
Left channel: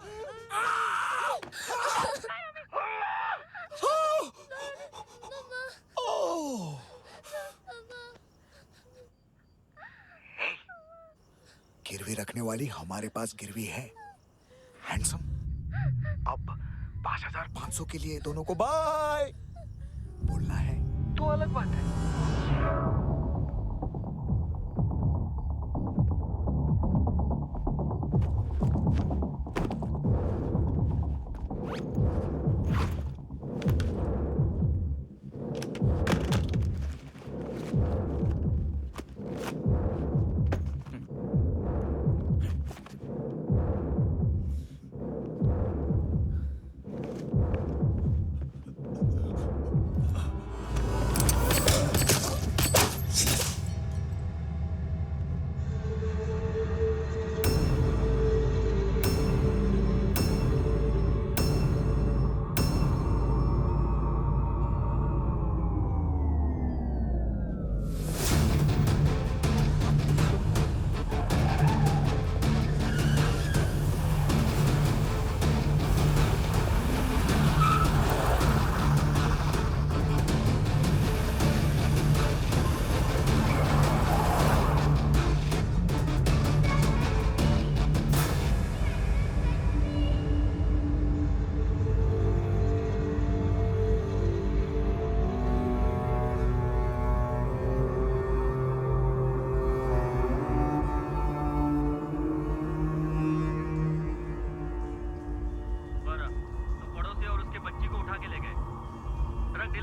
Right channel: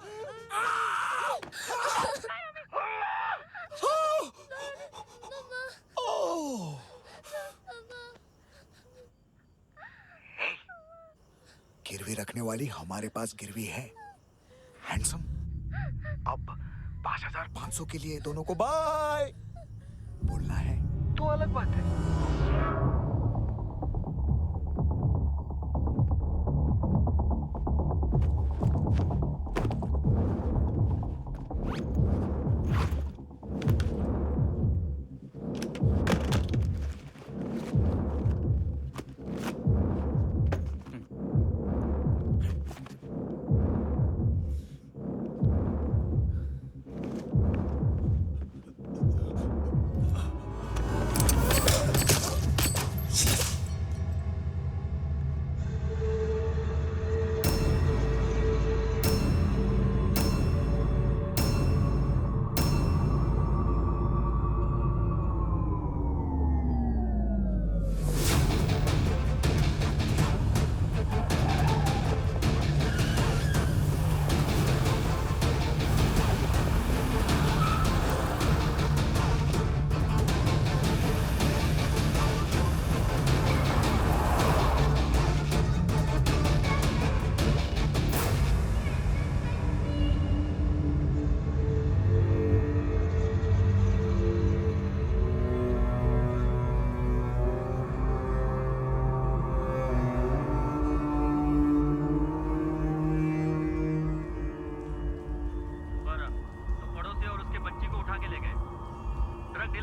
गिरवी रखने वाली हमारे पास गिरवी है। हैंडसम, अब 5,500 के लिए दोनों को बाय बोलना है तो अलग बात है।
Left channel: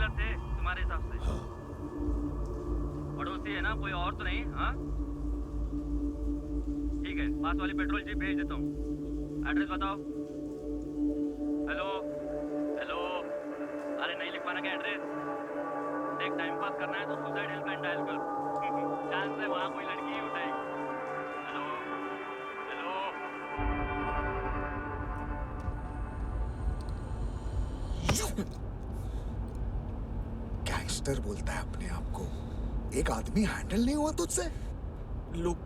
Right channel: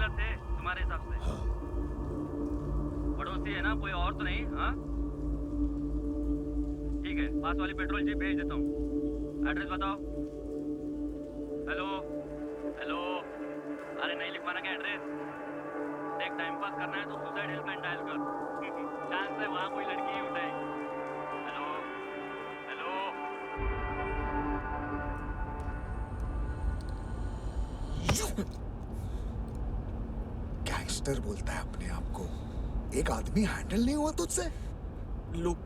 रेगुलर थे तुम्हारे हिसाब से? हाँ। पड़ोसी है ना, कोई और तो नहीं? हाँ ठीक है, पास वाली पेट्रोल जीप भेज देता हूँ। एड्रेस बताओ। हेलो हेलो, अरे नहीं लिख पाना क्या एड्रेस? देख, टाइम पास करना है तो सुसाइड हेल्पलाइन डायल कर। चांस है वहाँ कोई लड़की ही उठाएगी। Hello hello. गैंगस्टर बोलता है अपने आप को। एक आदमी हैंडल नहीं हुआ तुझसे? लुक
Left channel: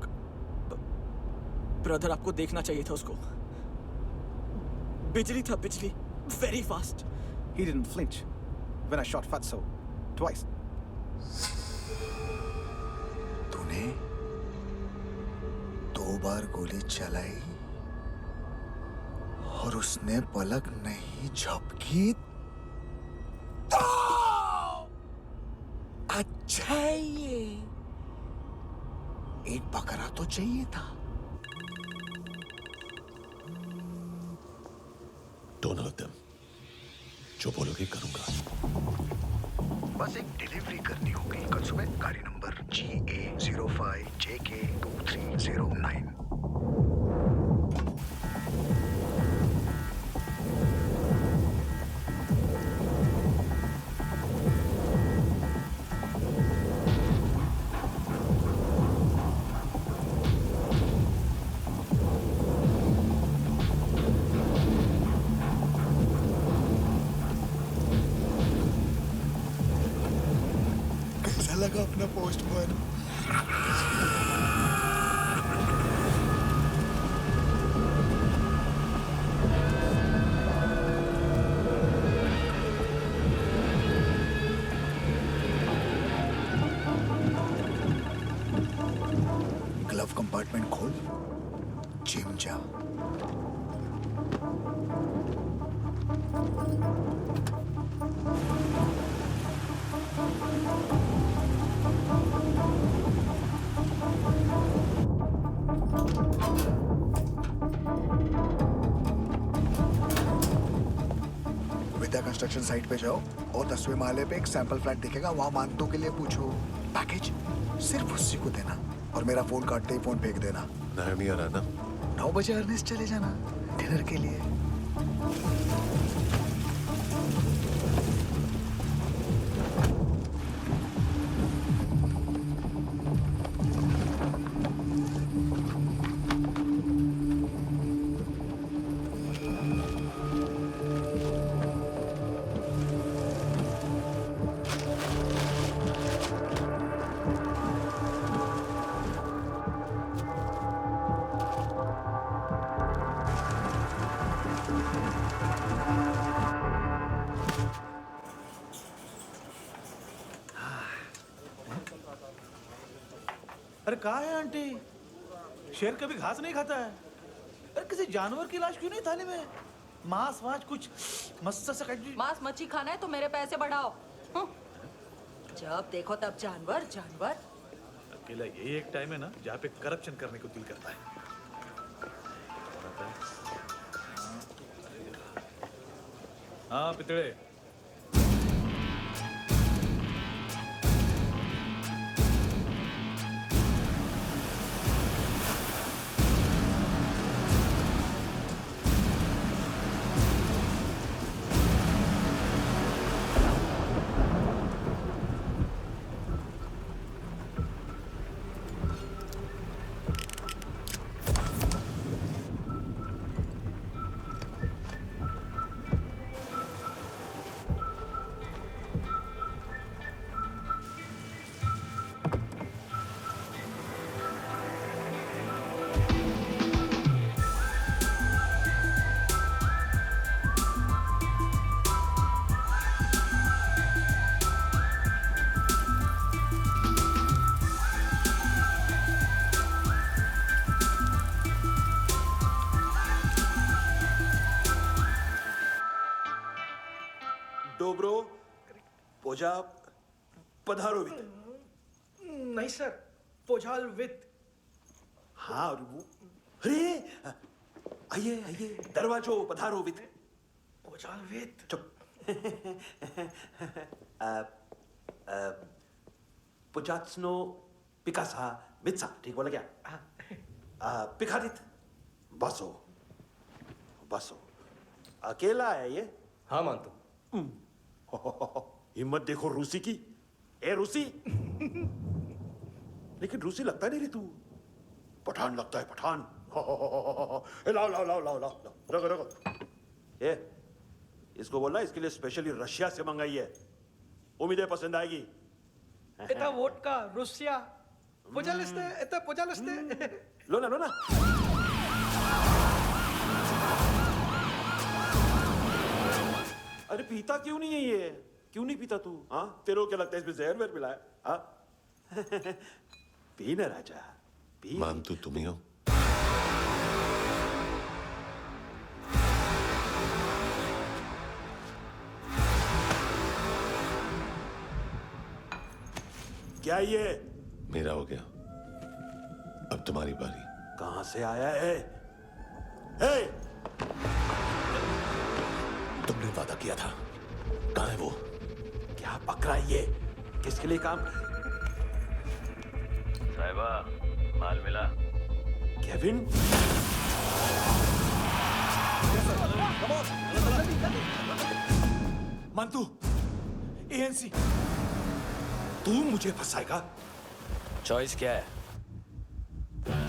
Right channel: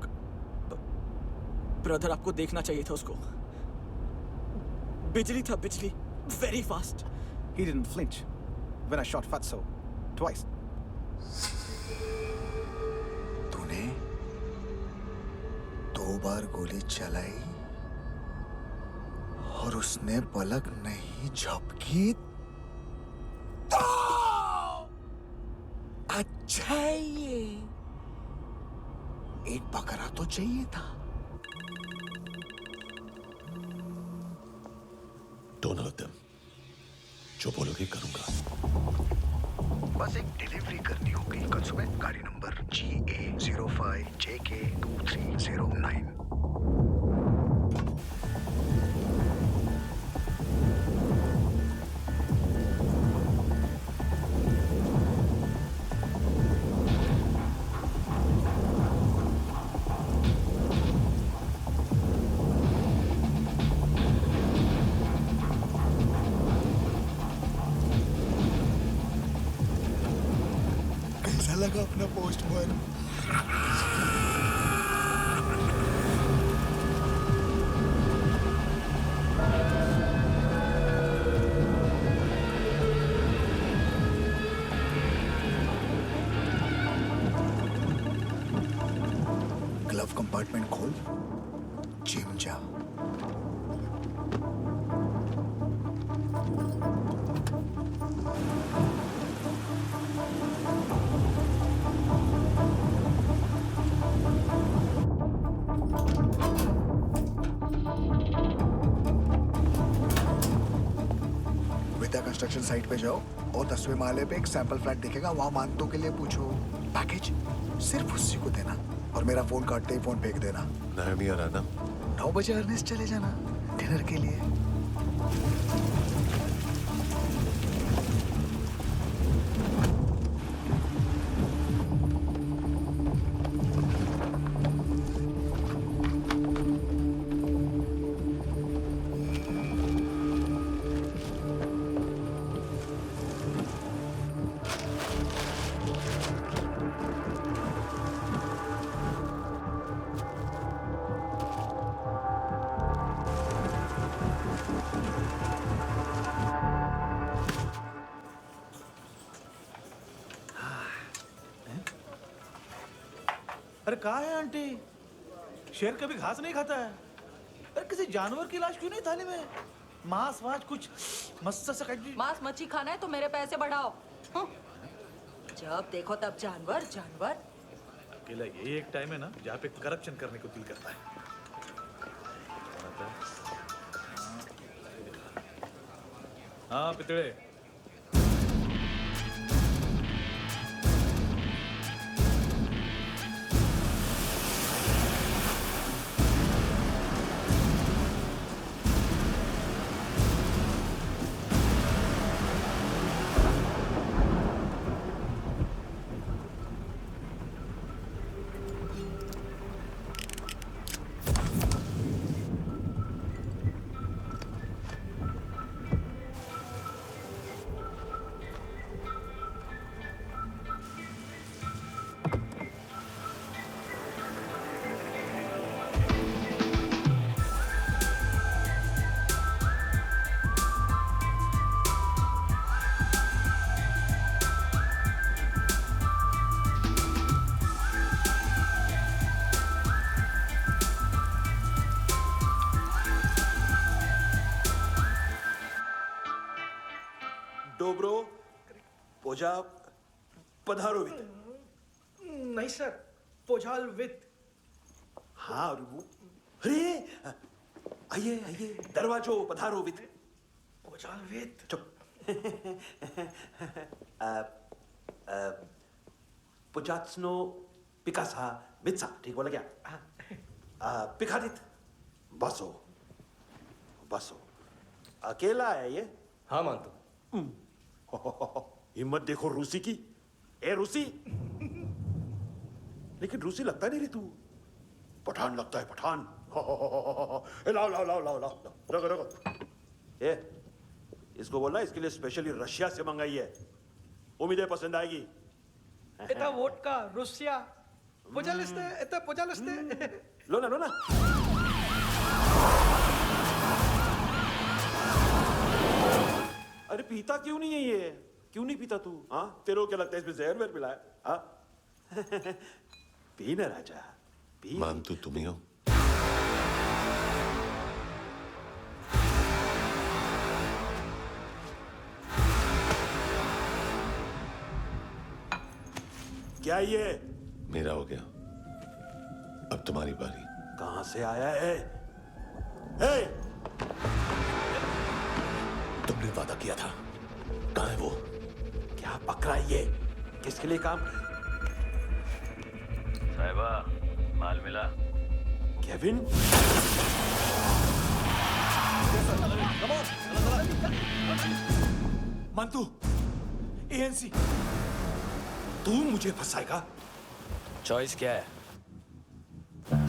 ब्रदर, आपको देखना चाहिए था उसको। बिजली था, बिजली, very fast. He didn't flinch when I shot Fatso twice. तूने 2 बार गोली चलाई और उसने पलक नहीं झपकी तो अच्छा है ये। एक बकरा तो चाहिए था। Don't hurt them. जो बोलोगे करूंगा। बस एक डिलीवरी करनी होगी कल सुबह। गाड़ी नंबर GA05JK2309। कैसा लगा अपना पोस्टमैन? ग्लव कंपार्टमेंट खोल, जिम जा। विद्या कंस्ट्रक्शन साइट पे जाओ और 10वें माले पे एक सैंपल फ्लैट दिखेगा, वहां मानतों के लिए पूछो। पैकेज सिर्फ उसी को देना और मेरा फोन काटते ही फोन फेंक देना। नायमी आ रहा ना? 9 बजे अर्नेस्ट चले जाना डिनर के लिए। अरे कहाँ है आंटी? शेर कभी घास नहीं खाता है। अरे किसी जानवर की लाश क्यों नहीं थाली में? मांस वास कुछ मस्त सा मांस मच्छी खाना है तो मेरे पैसे बढ़ाओ। जब देखो तब जानवर जानवर। अकेला यही एक टाइम है ना जहाँ पे करप्शन करने को दिल करता है। हाँ पितड़े। डोब्रो पोजा पधारोवित। नहीं सर, पोझाल विथ। हाँ और वो, अरे आइए आइए, दरवाजो पधारोवित। पोझाल विथ। चुप। पुजात्सनो पिकासा मित्सा, ठीक बोला क्या? पिखादित बसो बसो। अकेला है ये? हाँ मानतो। हिम्मत देखो रूसी की। ए रूसी, लेकिन रूसी लगता नहीं रे तू, पठान लगता है पठान। लाओ लाओ लाओ लाओ लाओ, रखो रखो। ए इसको बोलना इसके लिए स्पेशली रशिया से मंगाई है, उम्मीद है पसंद आएगी। एता वोडका रुसिया पोजालिस्ते, एता पोजालिस्ते। लो ना लो ना। अरे पीता क्यों नहीं है ये? क्यों नहीं पीता तू? हाँ तेरे को क्या लगता है इसमें जहर वहर मिला है? हाँ पी ना राजा पी। मान तू तुम ही हो। क्या ये? मेरा हो गया, अब तुम्हारी बारी। कहां से आया है? हे! तुमने वादा किया था, कहां है वो? क्या पकड़ा ये? किसके लिए काम? साहिबा, माल मिला? केविन? मंतू, एएनसी। तू मुझे फंसाएगा? चॉइस क्या है?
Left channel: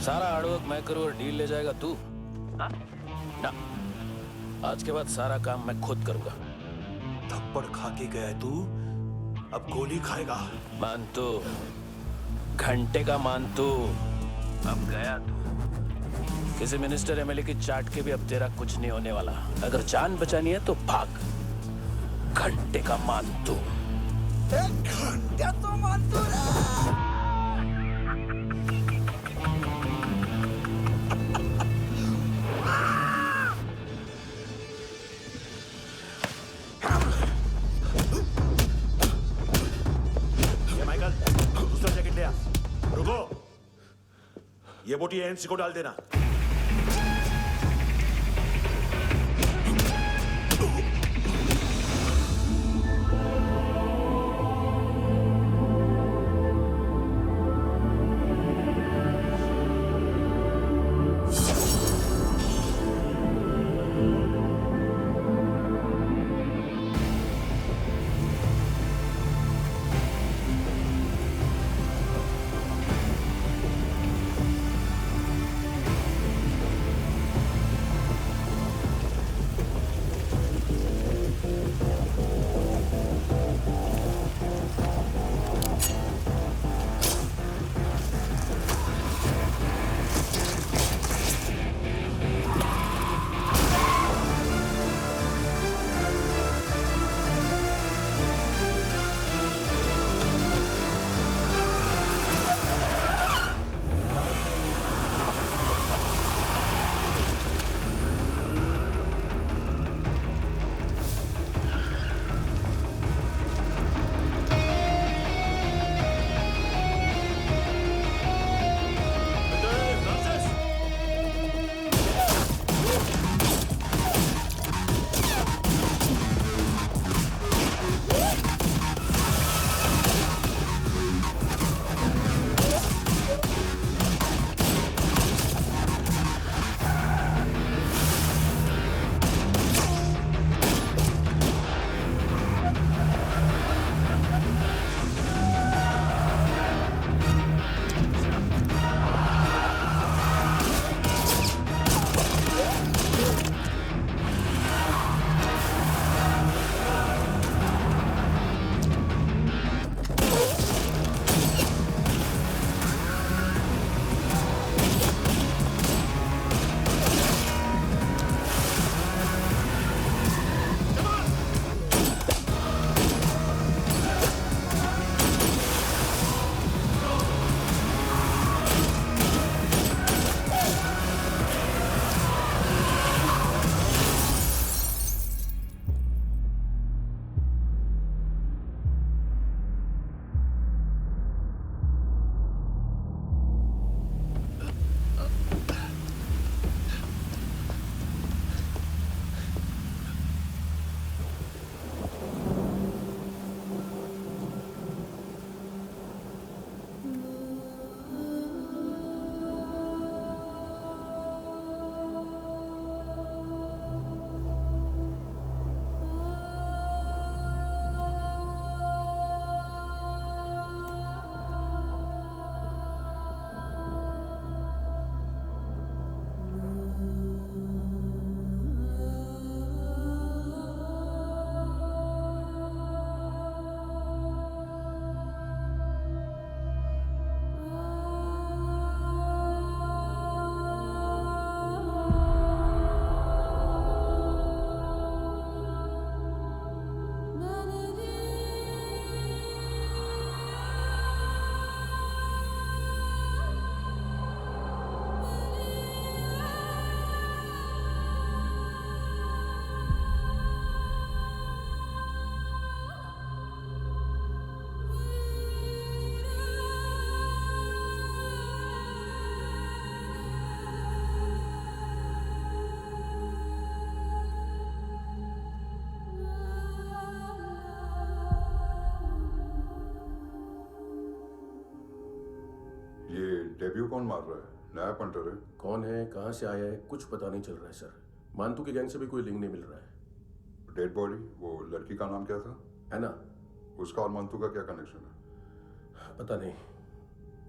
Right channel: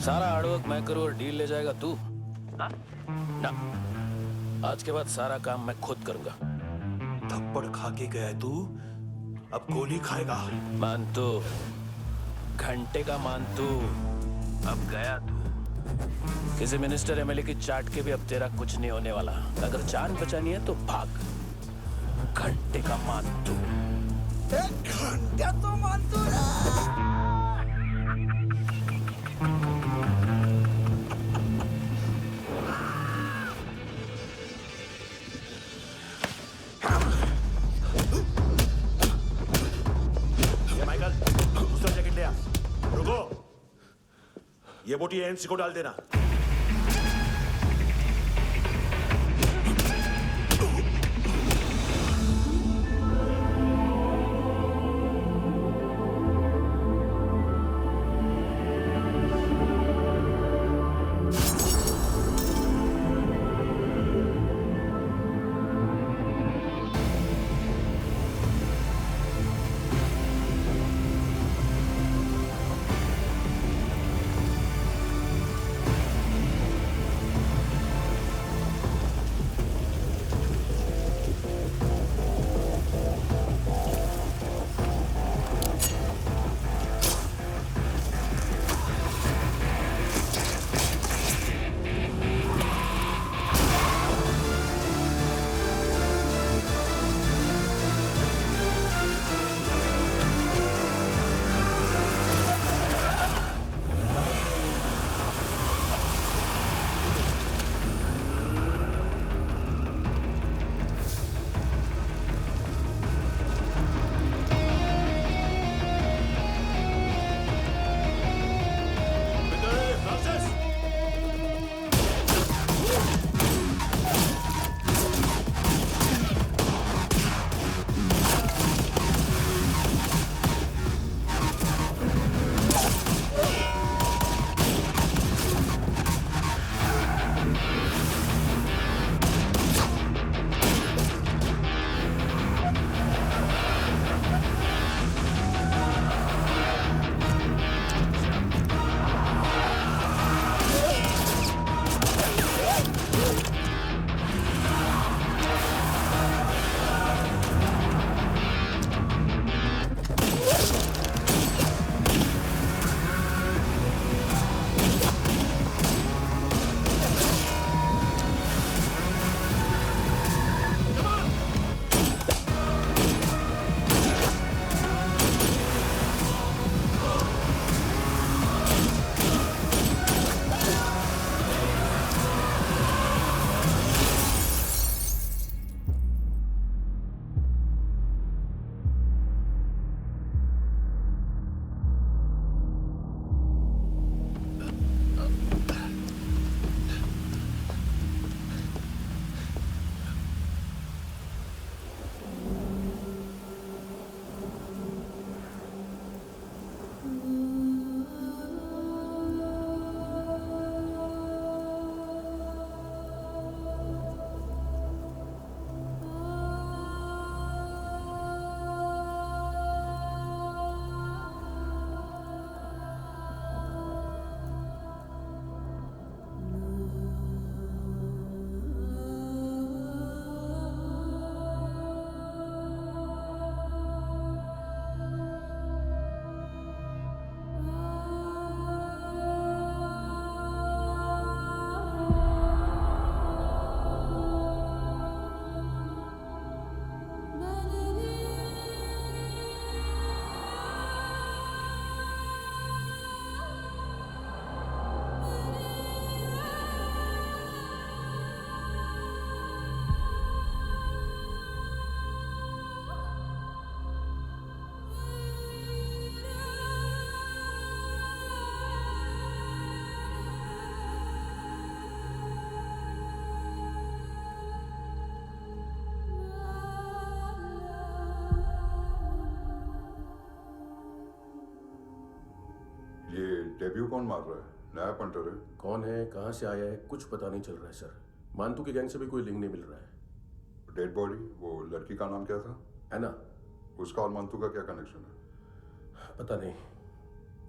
सारा हार्डवर्क मैं करूं और डील ले जाएगा तू? ना, आज के बाद सारा काम मैं खुद करूंगा। थप्पड़ खा के गया तू, अब गोली खाएगा। मानतू, घंटे का मानतू, अब गया तू। किसी मिनिस्टर एमएलए की चाट के भी अब तेरा कुछ नहीं होने वाला। अगर जान बचानी है तो भाग। घंटे का मानतू। घंटे तो मानतू रे। माइकल, दूसरा जैकेट ले आ। रुको, ये बोटी एएनसी को डाल देना। डेब्यू कौन मार रहा है? नया पंटर है। कौन है, कहाँ से आया है, कुछ पता नहीं चल रहा है सर। मानतू की गैंग से भी कोई लिंक नहीं मिल रहा है। डेड बॉडी, वो लड़की का नाम क्या था? है ना? उसका और मानतू का क्या कनेक्शन है? पता नहीं,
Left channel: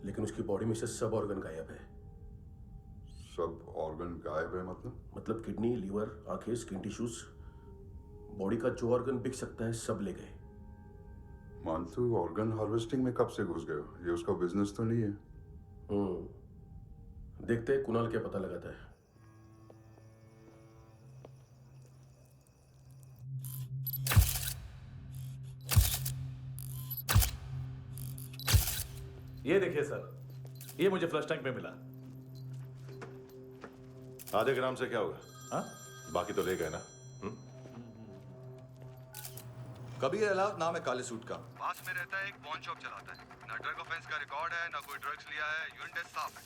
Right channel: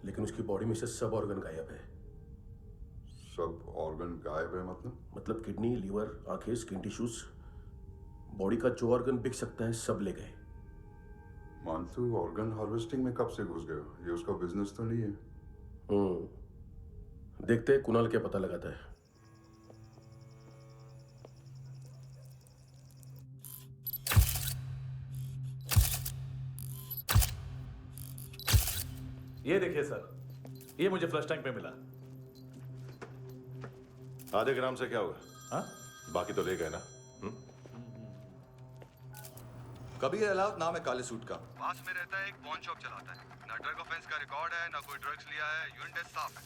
लेकिन उसकी बॉडी में से सब ऑर्गन गायब है। सब ऑर्गन गायब है मतलब किडनी, लीवर, आंखें, स्किन टिश्यूज, बॉडी का जो ऑर्गन बिक सकता है सब ले गए। मानतू ऑर्गन हार्वेस्टिंग में कब से घुस गए? ये उसका बिजनेस तो नहीं है? देखते हैं कुणाल क्या पता लगाता है। ये देखिए सर, ये मुझे फ्लश टैंक में मिला। आधे ग्राम से क्या होगा? हाँ? बाकी तो ले गए ना? कबीर अलाउद्दीन नाम है काले सूट का, पास में रहता है, एक पॉन शॉप चलाता है। ना ड्रग ऑफेंस का रिकॉर्ड है, ना कोई ड्रग्स लिया है, यूरिन टेस्ट साफ है।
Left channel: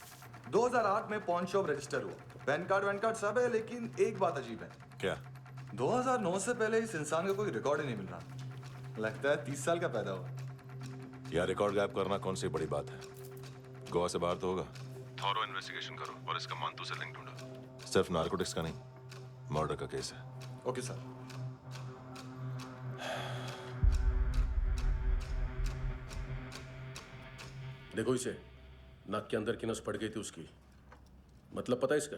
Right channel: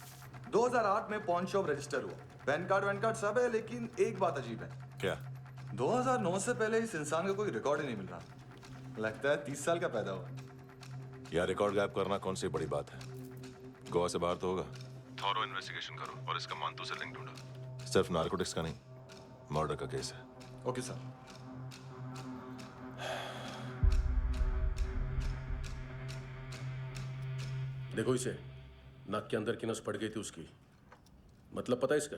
2008 में पॉन शॉप रजिस्टर हुआ, पैन कार्ड सब है, लेकिन एक बात अजीब है। क्या? 2009 से पहले इस इंसान का कोई रिकॉर्ड ही नहीं मिल रहा। लगता है 30 साल का पैदा हुआ। यार रिकॉर्ड गायब करना कौन सी बड़ी बात है? गोवा से बाहर तो होगा। थॉरो इन्वेस्टिगेशन करो और इसका मानतू से लिंक ढूंढो। सिर्फ नारकोटिक्स का नहीं, मर्डर का केस है। Okay sir. देखो इसे, नाक के अंदर की नस पड़ गई थी उसकी। मतलब पता है इसका?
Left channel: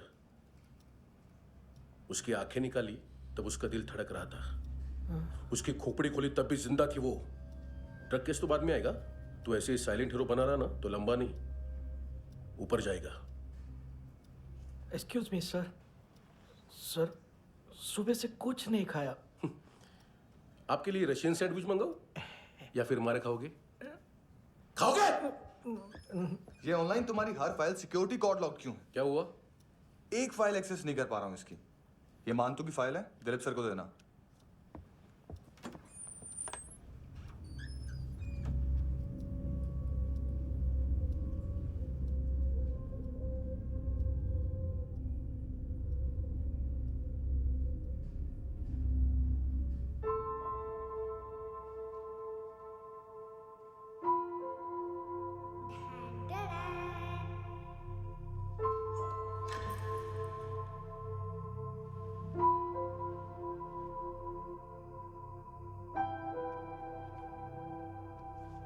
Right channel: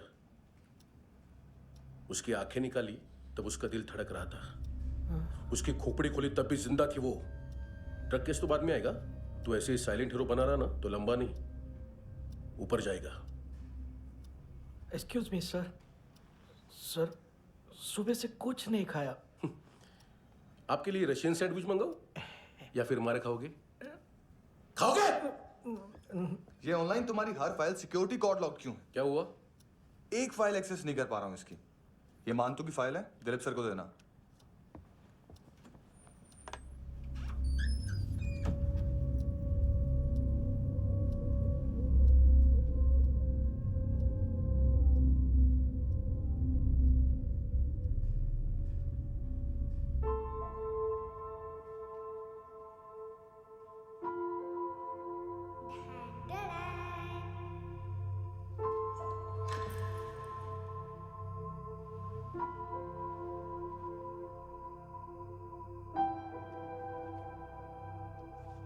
उसकी आंखें निकाली तब उसका दिल धड़क रहा था। उसकी खोपड़ी खोली तब भी जिंदा थी वो। ड्रग केस तो बाद में आएगा। तो ऐसे ही साइलेंट हीरो बना रहा ना तो लंबा नहीं, ऊपर जाएगा। एक्सक्यूज मी सर, सर सुबह से कुछ नहीं खाया। आपके लिए रशियन सैंडविच मंगाओ या फिर मारे खाओगे? खाओगे? ये ऑनलाइन तुम्हारी हर फाइल सिक्योरिटी कोड लॉक क्यों है? क्या हुआ? एक फाइल एक्सेस नहीं कर पा रहा हूं इसकी। ये मानतू की फाइल है, दिलीप सर को देना।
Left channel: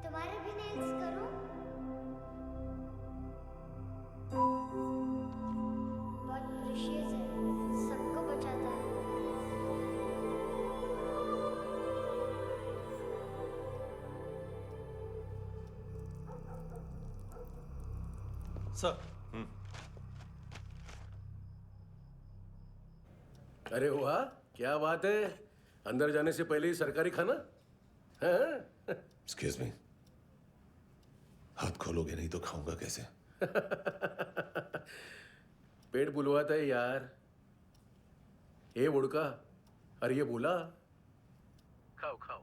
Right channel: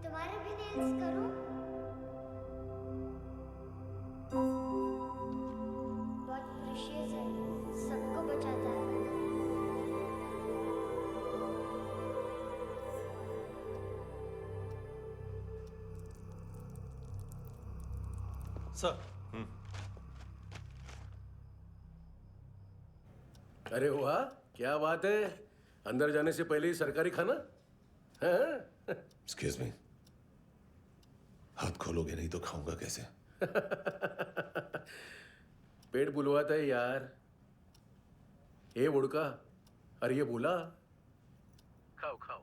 तुम्हारे भी नेल्स करूं? बहुत प्रेशियस है, सबको बचाता है। सर। अरे वाह, क्या बात है। अंदर जाने से पहले ही सरकारी खाना। एक्सक्यूज मी, हाथ खोलोगे नहीं तो खाऊंगा कैसे? पेट बुलवाता है यार। ये बुड़का, अरे ये बोला खाओ खाओ,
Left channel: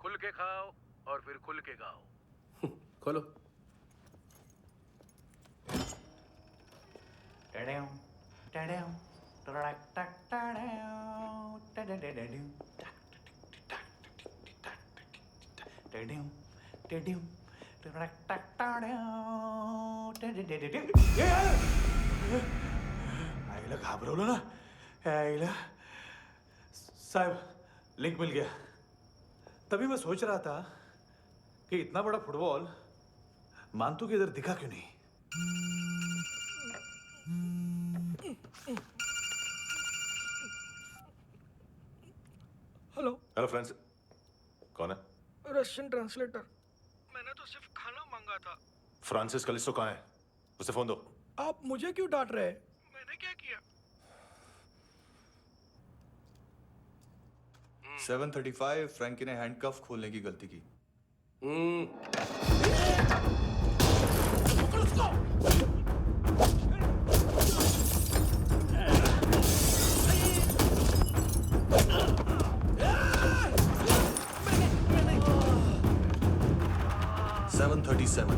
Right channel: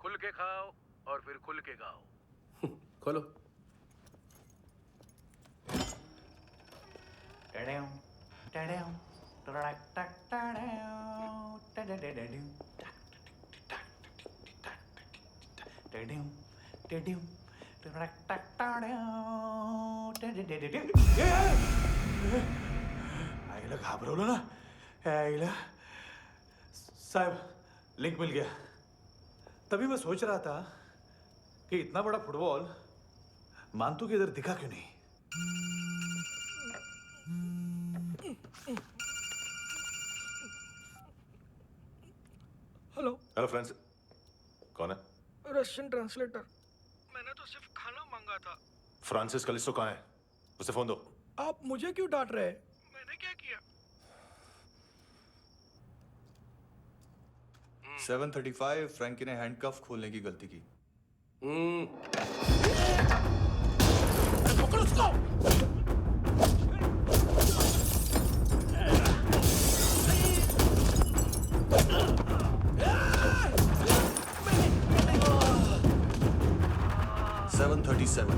खुल के खाओ और फिर खुल के खाओ। खोलो। आईला घाबरवलं ना? आईला साहब, लिंक मिल गया। तभी मैं सोच रहा था कि इतना बड़ा फुटबॉल मानतू के इधर दिखा क्यों नहीं? हेलो। हेलो फ्रेंड्स, कौन है? Russian translator. मैंने तो सिर्फ खाना मांगा था। फ्रांसिस कलिस्टो कहाँ है? उसे फोन दो। आप मुझे क्यों डांट रहे हैं? मैंने क्या किया? 735 फ्रैंकी ने हैंडकफ खोलने की गलती की। पकड़ो उसको। 737।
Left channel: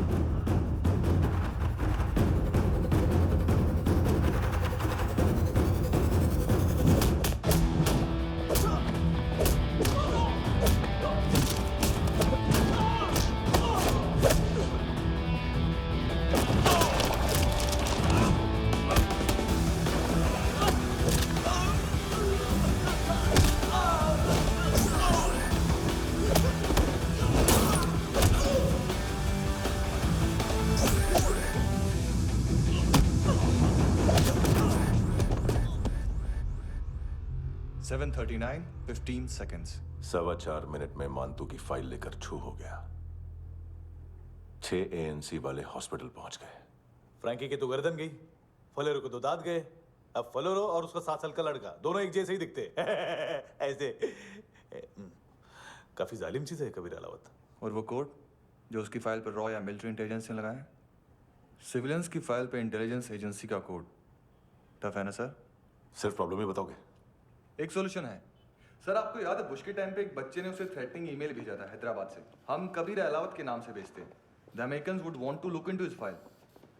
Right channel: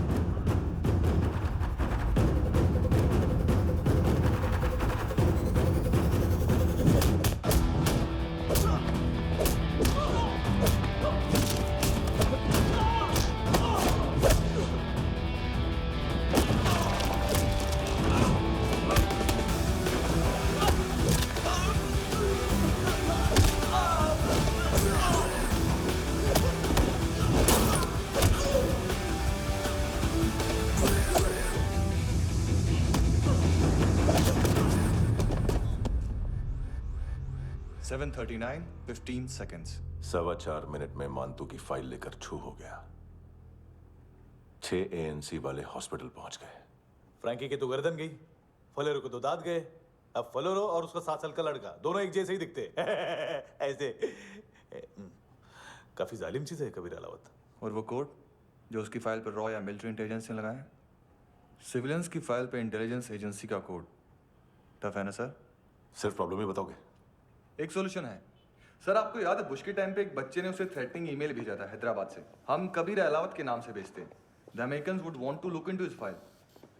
7:39, 15 seconds. 4.25 मिनट में मानतू की फाइल लेकर छू हो गया। 6 ANC वाले हॉस्पिटल पहुंच गए। फ्रैंकी की तो गर्दन गई, फलेरो को तो दांत गए। अब फलेरो और उसका 7 साल का लड़का दोनों एक जैसे ही दिखते ऐसे। काफी जालिम चीज है कबीर अलावत। और वो कोड जो उसकी फाइल पर रॉ या मिलिट्री इंटेलिजेंस ने लगाया, सिविलियंस की फाइल पे इंटेलिजेंस एजेंसी का कोड। टफ है ना सर? सिर्फ प्रॉब्लम ही बताओगे? एक सॉल्यूशन है सर। आपको याद है बुश के टाइम पे एक बच्चे ने उसे थ्रेटनिंग ईमेल भेजा था हैदराबाद से। हम कबीर अलावत के नाम से भेजते हैं। The Americans would want to look into his file.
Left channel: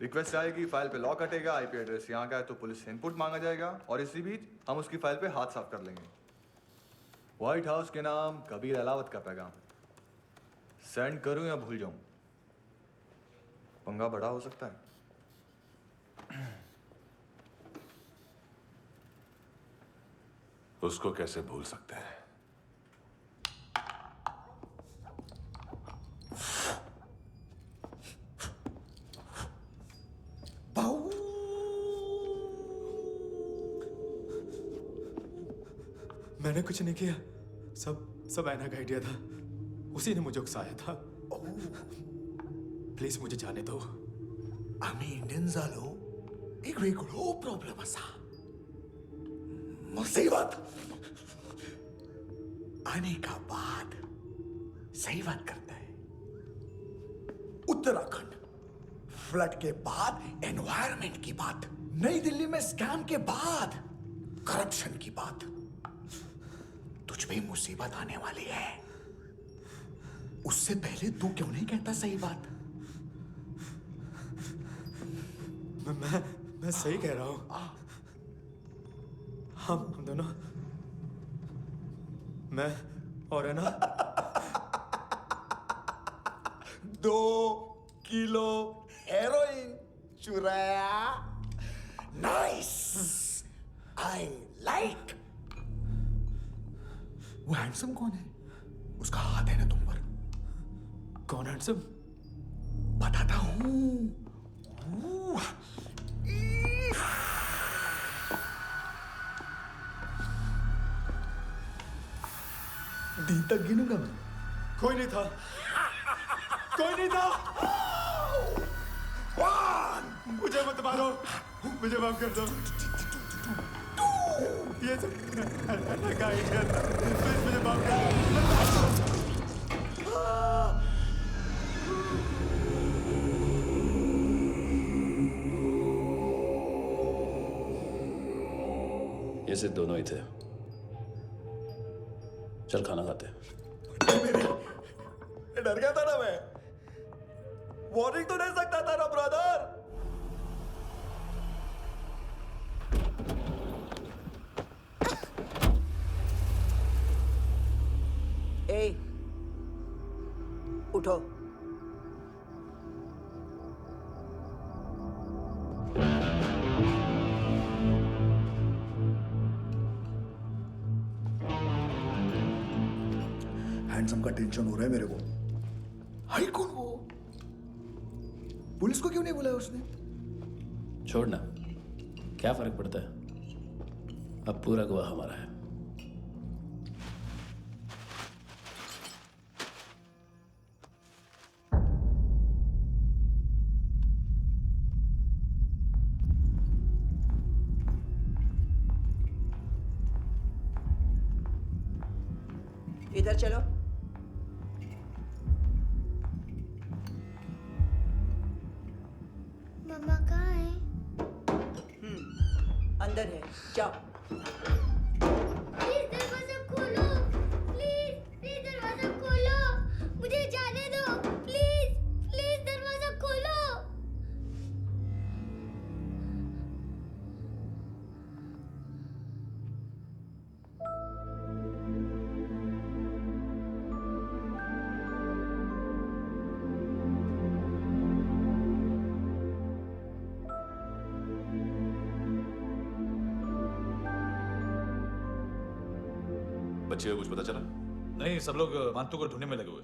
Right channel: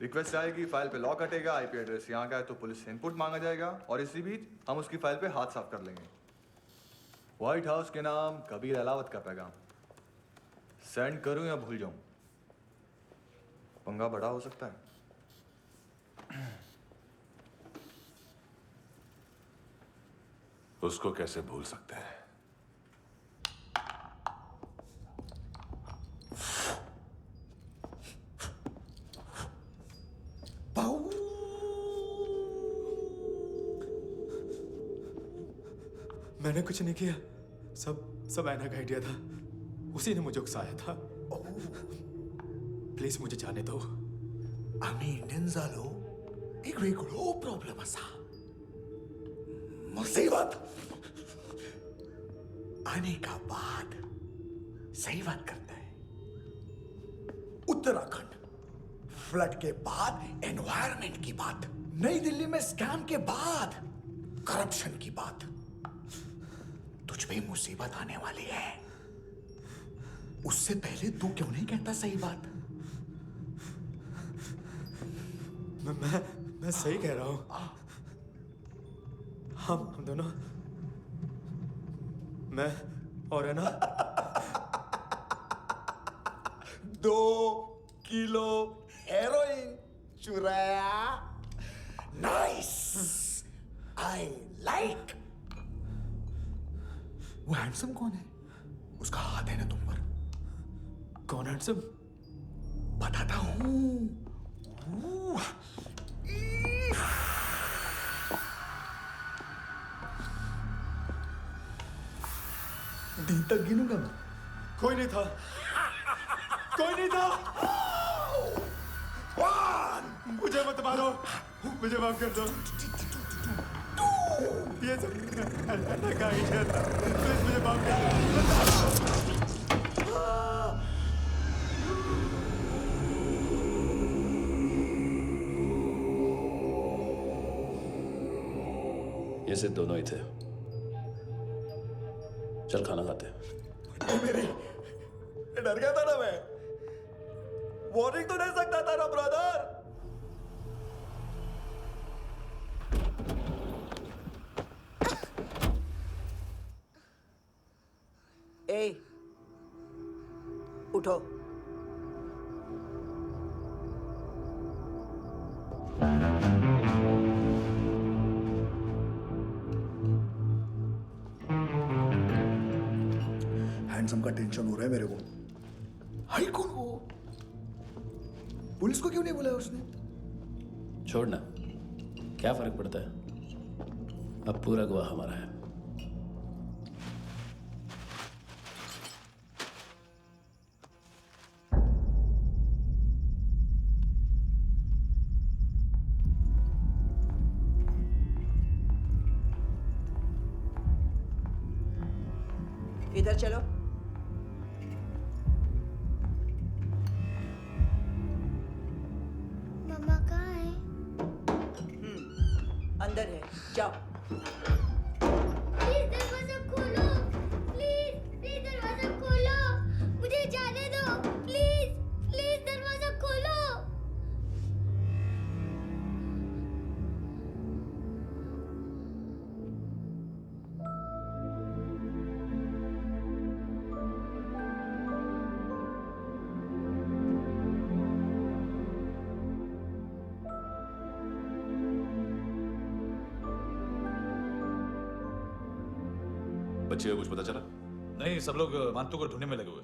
Request आएगी, फाइल पे लॉक हटेगा, आईपी एड्रेस यहाँ का है तो पुलिस से इनपुट मांगा जाएगा और इसी बीच हम उसकी फाइल पे हाथ साफ कर लेंगे। व्हाइट हाउस के नाम कबीर अलावत का पैगाम। सेंड करूं या भूल जाऊं? पंगा बड़ा हो सकता है। उसको कैसे भूल सकते हैं? मैंने कुछ नहीं किया, सब ऐना का आइडिया था। उसी ने मुझे उकसाया था। प्लीज मुझे जाने दो। आम्ही इंडियन झालो एक वेगळो प्रॉब्लेम असा, मुसीबत आने का बाद सही बात करता है। उत्तराखंड फ्लड के बाद एनवायरनमेंट की बात, नई दिल्ली में स्कैम के बाद करप्शन की बात। तुझ पे मुसीबत आने वाली है, उससे पहले तू क्यों नहीं कहता सही बात? मैं सही कह रहा हूं। हम दोनों, मैं और है ना 2 किलो हेरोइन चुराया। Nice, I like. वो हैंडसम कौन है? उसका हाथ है ना तुम पर? कौन हैंडसम? बताता हूं। दिन तक गिनूंगा मैं। कोई नहीं था, कोई नहीं था। मुझे मत मारो, मुझे माफ कर दो। ये सब ऐना का आइडिया था। प्लीज मुझे माफ कर दो। ये सिर्फ दोनों ही थे। चल खाना खाते हैं। डर गया था ना मैं। वार्निंग तो दे सकता था ना ब्रदर। ए, उठो। हैंडसम का टेंशन हो रहा है मेरे को। हाई कौन वो? पुलिस को क्यों नहीं बुलाया उसने? छोड़ना, क्या फर्क पड़ता है? अब पूरा गवाह हमारा है। इधर चलो। मम्मा कहाँ है? अंदर है, जाओ। प्लीज दरवाजा खोलो, प्लीज दरवाजा खोलो, मुझे जाने दो, प्लीज दरवाजा खोलो। बच्चे को कुछ पता चला? नहीं, सब लोग मानतू को ढूंढने में लगे हुए।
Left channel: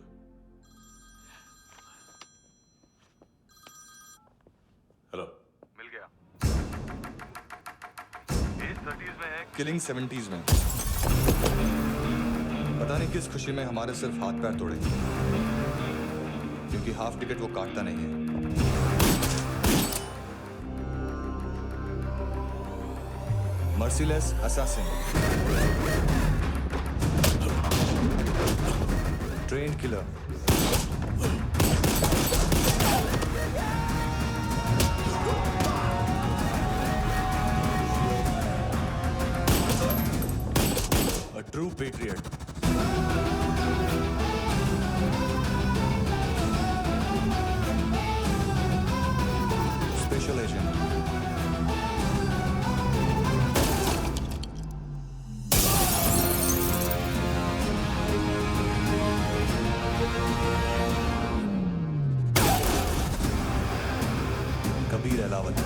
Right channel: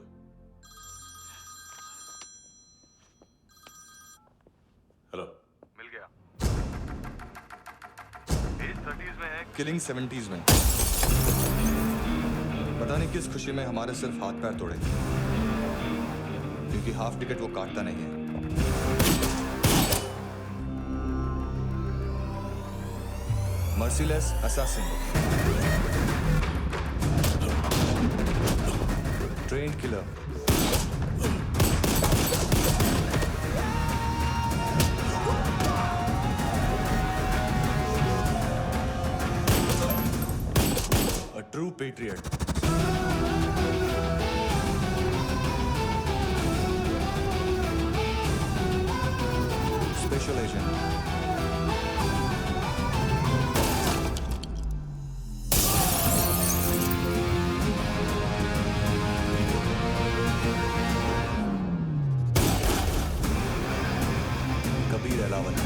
हेलो, मिल गया। एज 30s में है, किलिंग 70s में। पता नहीं किस खुशी में हमारे सिर्फ हाथ पैर तोड़े, क्योंकि हाफ टिकट वो काटता नहीं है। Merciless assassin, trained killer, a true patriot. Special agent. Kabir Alawat.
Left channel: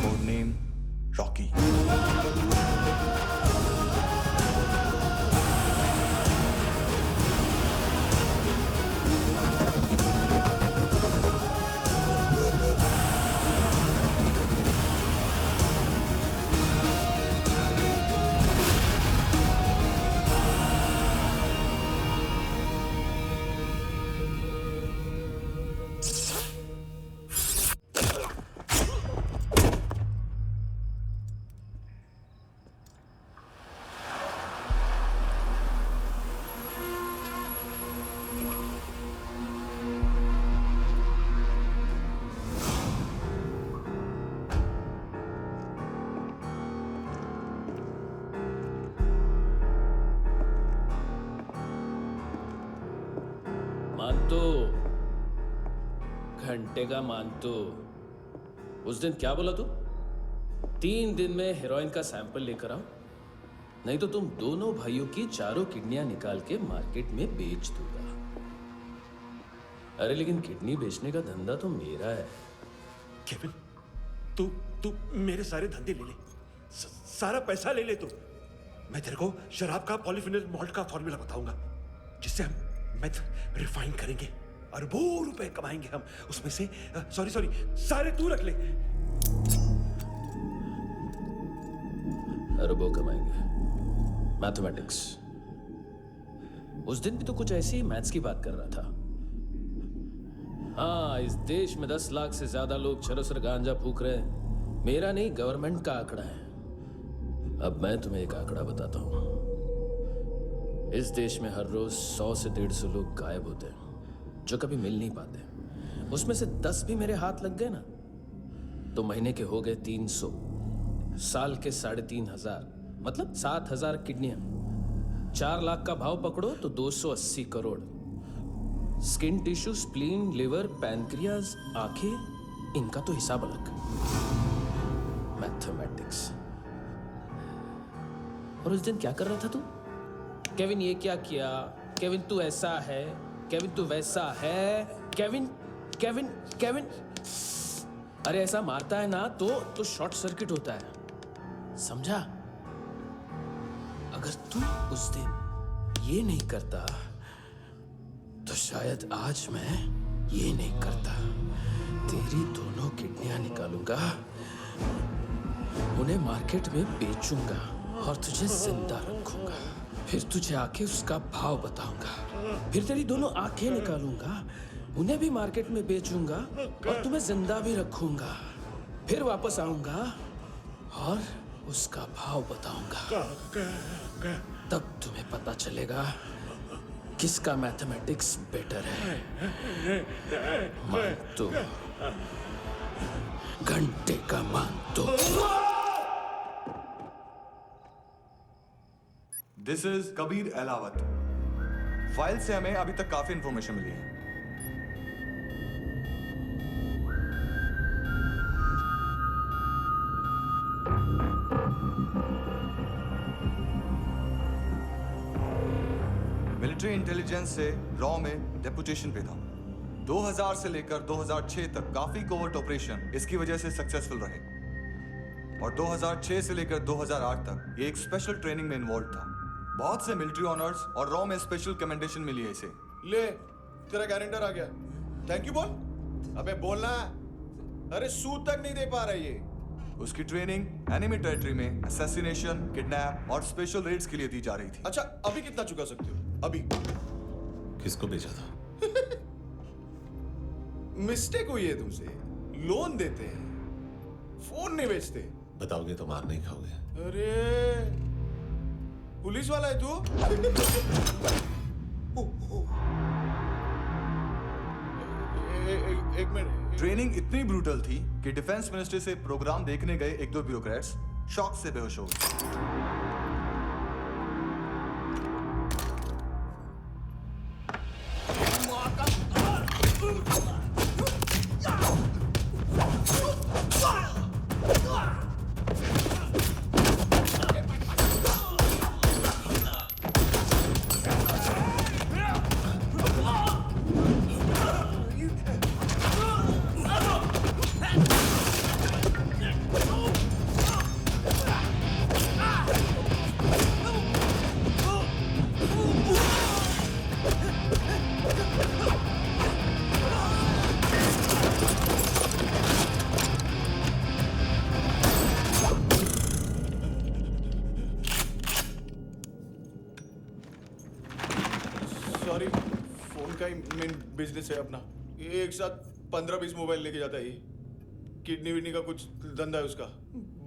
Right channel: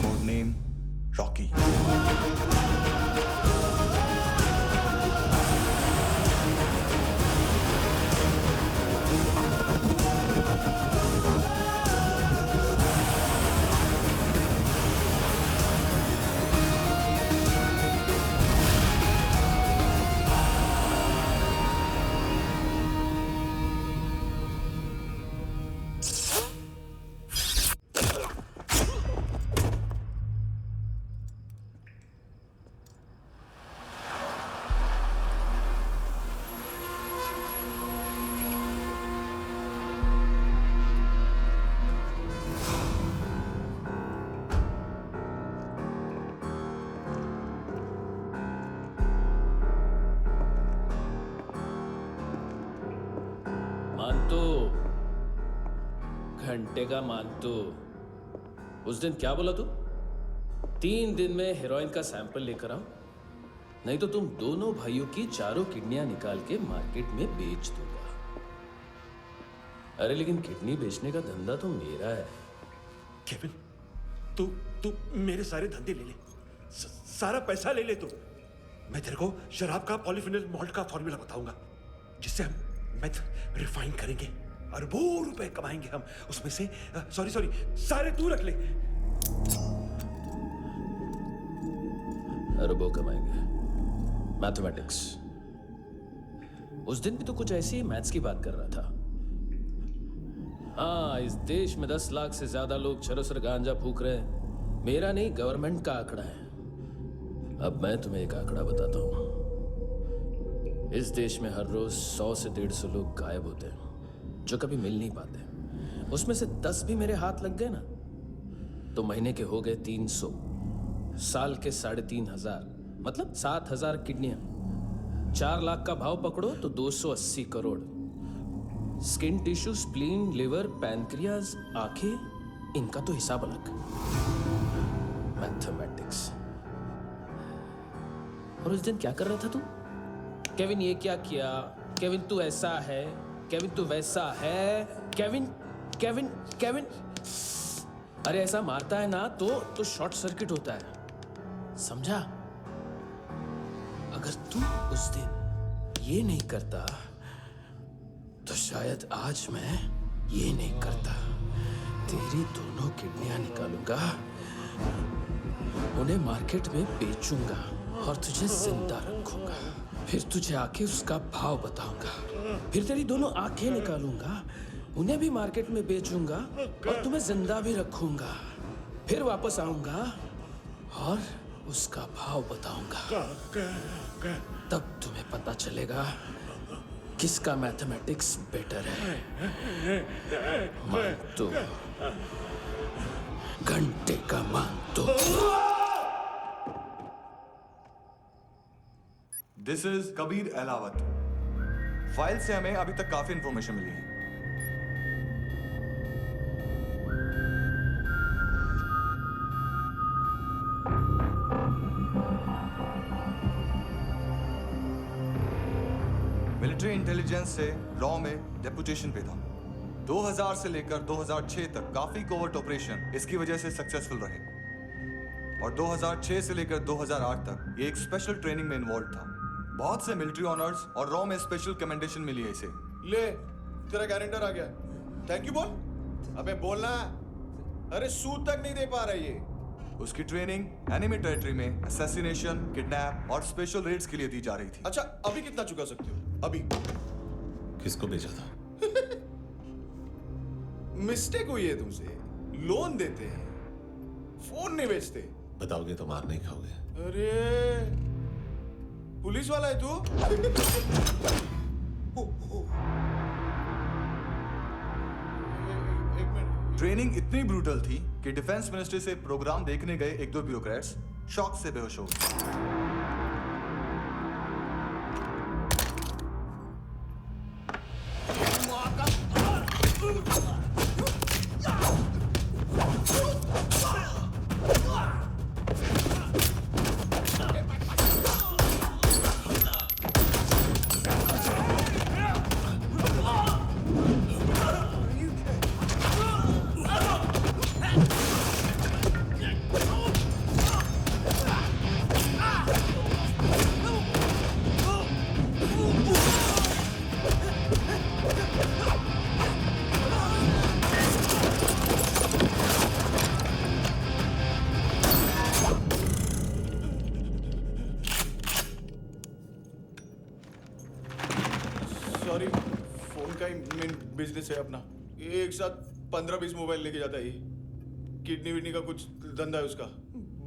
Code name Rocky. मानतो, घंटे का मानतो। उस दिन क्या बोला तू? 3 दिन में हेरोइन का सैंपल लेकर आओ, नहीं तो तुम दोनों भाइयों की चारों किडनियां निकाल के मार्केट में बेच दूंगा। अरे लेकिन किडनी बेचने का धंधा तो मेरा है। केविन, तू मेरे सारे धंधे ले ले, सारा पैसा ले ले तू। मैं तेरे को शराब का पॉलीफिनल मॉल्ट का फॉर्मूला बताऊंगा, जिससे हम मेथ रिफाइन करेंगे, अरबों रुपए कमाएंगे हम उसमें से। सॉरी सारे तू रख ले। अरबों कमाएंगे, मैथमेटिक्स। उस दिन भी तो कुछ ऐसी मैथ्स की बात कर रहा था। हाँ, इस देश में 10 लाख से ज्यादा लोग चरस और गांजा फूक रहे हैं। मेरा नहीं, गवर्नमेंट का आंकड़ा है। अब मैं तुम्हें एक आंकड़ा बताता हूं। इस देश में हर रोज 100 से 150 लोग गायब होते हैं, जो कभी मिल नहीं पाते। उसमें से 10 भी मेरे हाथ लग गए ना, तो महीने के हो गए 300, साल के 3500, मतलब 7000 किडनियां। 4 लाख का भाव पकड़ो तो 280 crore. Skin tissue, spleen, liver, pancreas, आंखें, इनका तो हिसाब अलग। मैथमेटिक्स। और उस दिन क्या कर रहा था तू? केविन ये क्या किया, केविन तू ऐसा है, केविन तू वैसा है, केविन केविन केविन। अरे ऐसा मारता है ना तो शॉर्ट सर्किट होता है, समझा? अगर तू उस दिन ये नहीं करता तो शायद आज मैं ये नहीं करता। तेरी दोनों किडनियां निकालूंगा, उन्हें मार्केट में बेचूंगा और तुझे जिंदा रखूंगा। फिर तुझे आके उसका भाव बताऊंगा। फिर तेरी दोनों आंखें निकालूंगा, उन्हें भी मार्केट में बेचूंगा और तुम्हें जिंदा भी रखूंगा। फिर वापस आऊंगा और उसका भाव बताऊंगा। तब तुम्हें पता चलेगा किसका मैथमेटिक्स बेटर है। मानतो, घंटे का मानतो। This is Kabir Ahlawat. File से हमें अभी तक काफी इंफॉर्मेशन मिली है। मिलिट्री इंटेलिजेंस से रॉ में डेपुटेशन पे था। 2000 से लेकर 2006 तक काफी कोवर्ट ऑपरेशन इसकी वजह से सक्सेसफुल रहे, और 2006 से लेकर 2008 तक ये एक स्पेशल ट्रेनिंग में इन्वॉल्व था। बहुत से मिलिट्री ऑनर्स और रॉ में स्पेशल कमेंडेशन मिली है इसे। ले, तेरा गारंटर आ गया। थैंक यू बोल। अबे बोलना। अरे सूद तक नहीं दे पा रहा ये। उसकी ट्रेनिंग एनिमी टेरिटरी में असैसिनेशन, किडनैप और स्पेशल रेड्स के लिए दी जा रही थी। अच्छा, अभी कितना चुका सकते हो? अभी किसको भेजा था? मिस्टेक हुई है तुमसे। लोन देते हैं, फोन नहीं बेचते। बताओगे तो मार नहीं खाओगे। अरे पुलिस वाला है तू? एक मिनट। ट्रेनिंग इतनी ब्रूटल थी कि डिफेंस मिनिस्ट्री से प्रोग्राम देखने गए एक दो ब्यूरोक्रेट्स शॉक से बेहोश हो गए। सॉरी, फोन का ही मेन बिजनेस है अपना। एक साथ 15-20 मोबाइल लेके जाता है ये। किडनी विडनी का कुछ धंधा है उसका।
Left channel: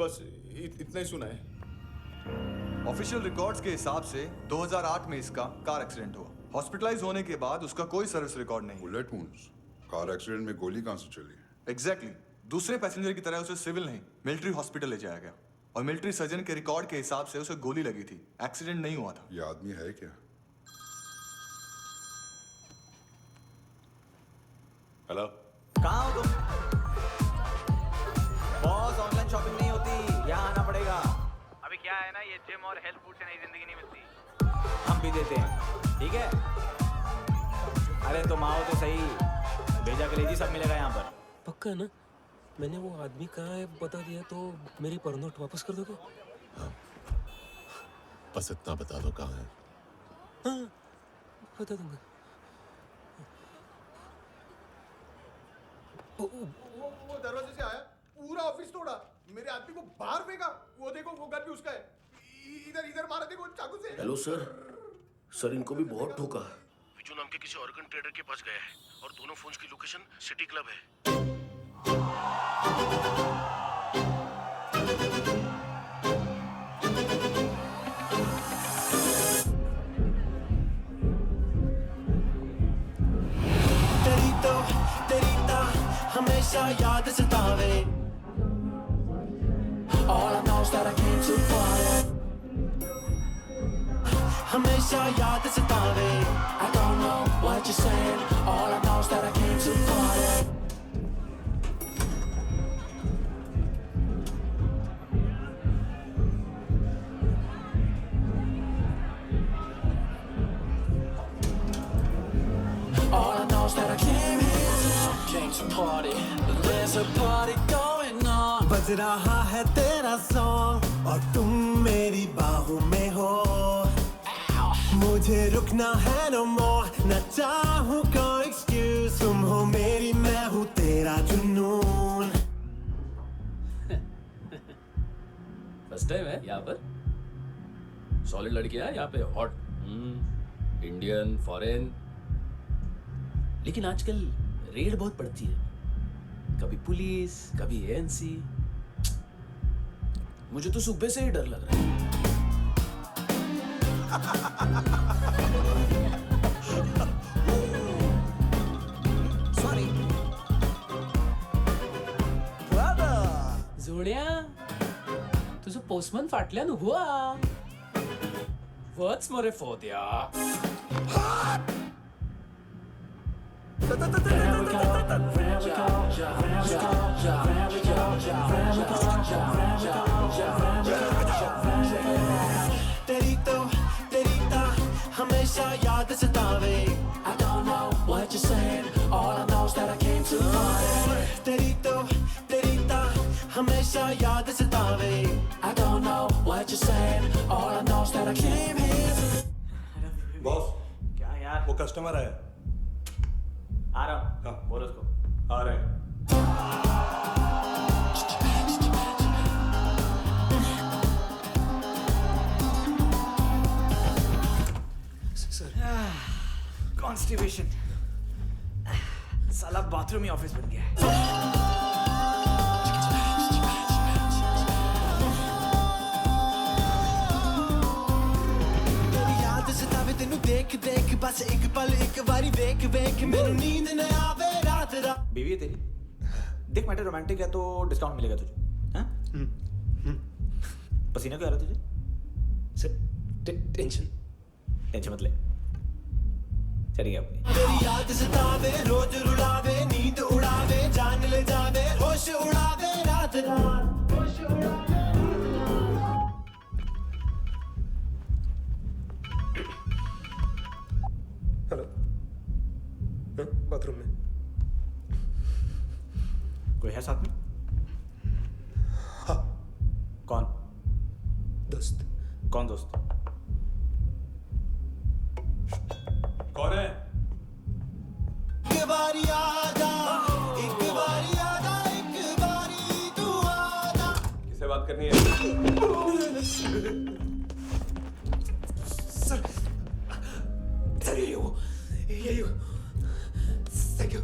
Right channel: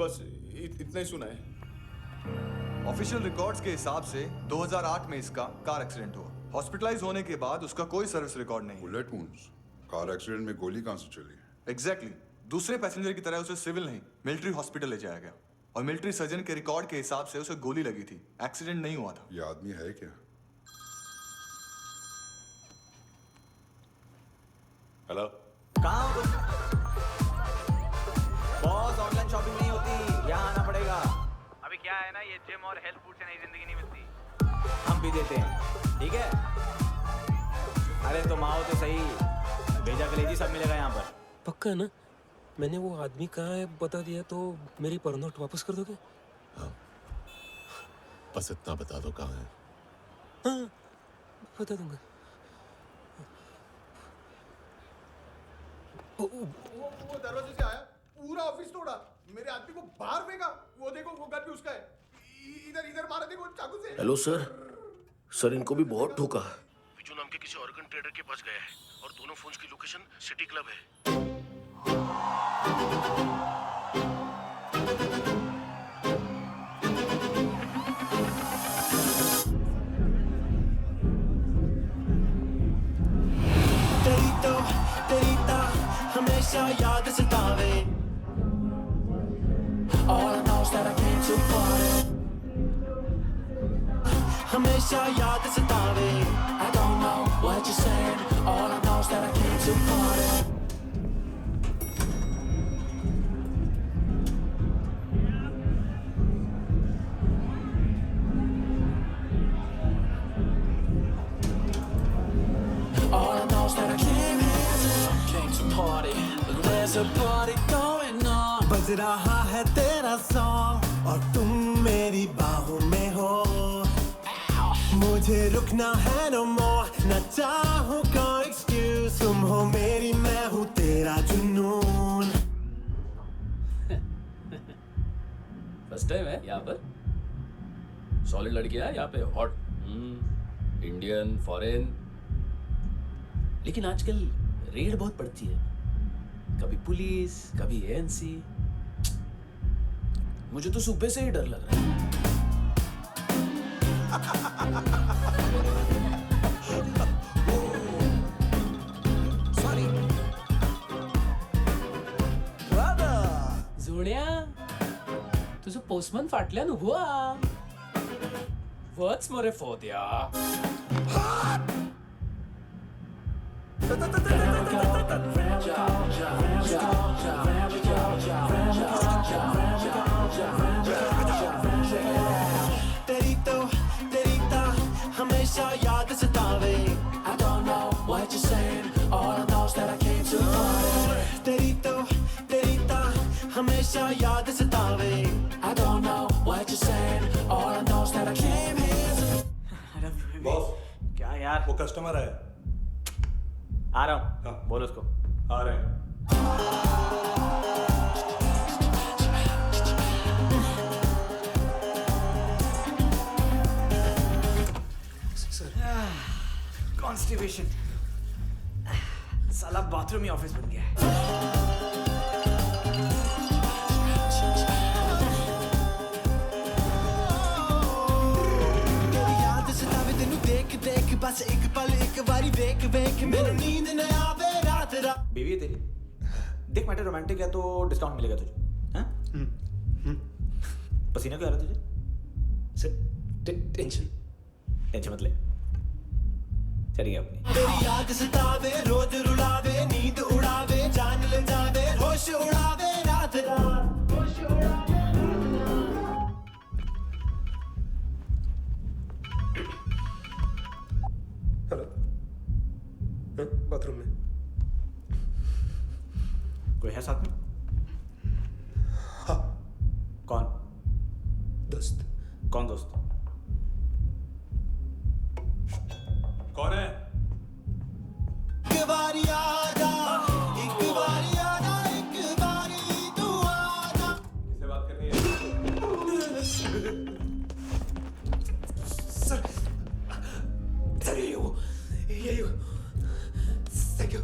बस इतना ही सुना है। ऑफिशियल रिकॉर्ड्स के हिसाब से 2008 में इसका कार एक्सीडेंट हुआ। हॉस्पिटलाइज होने के बाद उसका कोई सर्विस रिकॉर्ड नहीं। Bullet wounds. कार एक्सीडेंट में गोली कहां से चली? एग्जैक्टली। दूसरे पैसेंजर की तरह उसे सिविल नहीं, मिलिट्री हॉस्पिटल ले जाया गया और मिलिट्री सर्जन के रिकॉर्ड के हिसाब से उसे गोली लगी थी। एक्सीडेंट नहीं हुआ था। ये आदमी है क्या? हेलो, कहाँ हो तुम? बॉस, ऑनलाइन शॉपिंग नहीं होती, यहाँ आना पड़ेगा। अभी क्या है ना, ये जिम और हेल्थ फूड से नई जिंदगी नहीं मिलती। हम भी देते हैं, ठीक है? अरे तुम आओ तो सही, भेजा कलेजी सब मिलेगा यहाँ पर। पक्का ना? मैंने वो आदमी कहाँ है बता दिया तो मेरी पर नोट वापस कर दोगे? हाँ, बस इतना बता दो कहाँ है। हाँ, बता दूंगा। वो दरवाजे से आया, पूरा ऑफिस तोड़ा, मेरे आदमी को बाहर फेंका। वो देखो, वो गन भी उसका है। इधर मारा, देखो चाकू से। हेलो सर, सर इनको भी बहुत ठोका। विजू नाम के किसी ऑर्गन ट्रेडर के पास गया है और दोनों फोन्स की लोकेशन सिटी क्लब है। तेरी तो हमेशा याद सतावे। All I know is that I came to party. हमेशा याद सतावे। I don't know what you're saying. All I know is that I came to party. All I know is that I came to party. There's a party going on. बज रहा है तेरा song और तुम मेरी बाहों में हो। मुझे रुकना है no more, न चाहूँ कोई excuse। तुम हो मेरी, मैं हूँ तेरा जुनून। फर्स्ट टाइम है यहाँ पर? सॉलिड लड़कियां हैं यहाँ पे, हॉट इंडियन, फॉरेन। लेकिन आजकल रेड बहुत पड़ती है, कभी पुलिस, कभी एएनसी। मुझे तो सुबह से ही डर लग रहा है। सॉरी जोड्या, तुझं पोस्टमन फाटल्यान हुआ वच मरे फोद्या। तेरी तो हमेशा याद सतावे। I don't know what you're saying. All I know is that I came to party. तेरी तो हमेशा याद सतावे। I don't know what you're saying. All I know is that I came here. Boss, क्या यार? वो कस्टमर है। आ रहा हूँ। बोल उसको। आ रहे हैं। कॉन्स्टिपेशन, साला बाथरूम ही ऑफिस बन गया है। तेरी याद सतावे तेनू देख देख, बस एक पल एक बारी वेख वेख, मेनू नींद न आवे रात रात। बीवी है तेरी? देख मैटर रोमांटिक है तो डिस्काउंट मिलेगा तुझे। हाँ? पसीना क्यों आ रहा है तुझे? टेंशन मत ले, चलिए अपनी। तेरी याद सतावे रोज रुलावे, नींद उड़ावे, जान ले जावे, होश उड़ावे रात रात, होश उड़ावे। हेलो, बाथरूम में कोई है साथ में? हाँ। कौन? दोस्त। कौन दोस्त? कौन है? एक बारी आजा, एक बारी आजा, एक बारी तू आजा। किससे बात करनी है? सर, सर यही हो, यही हो। Thank you.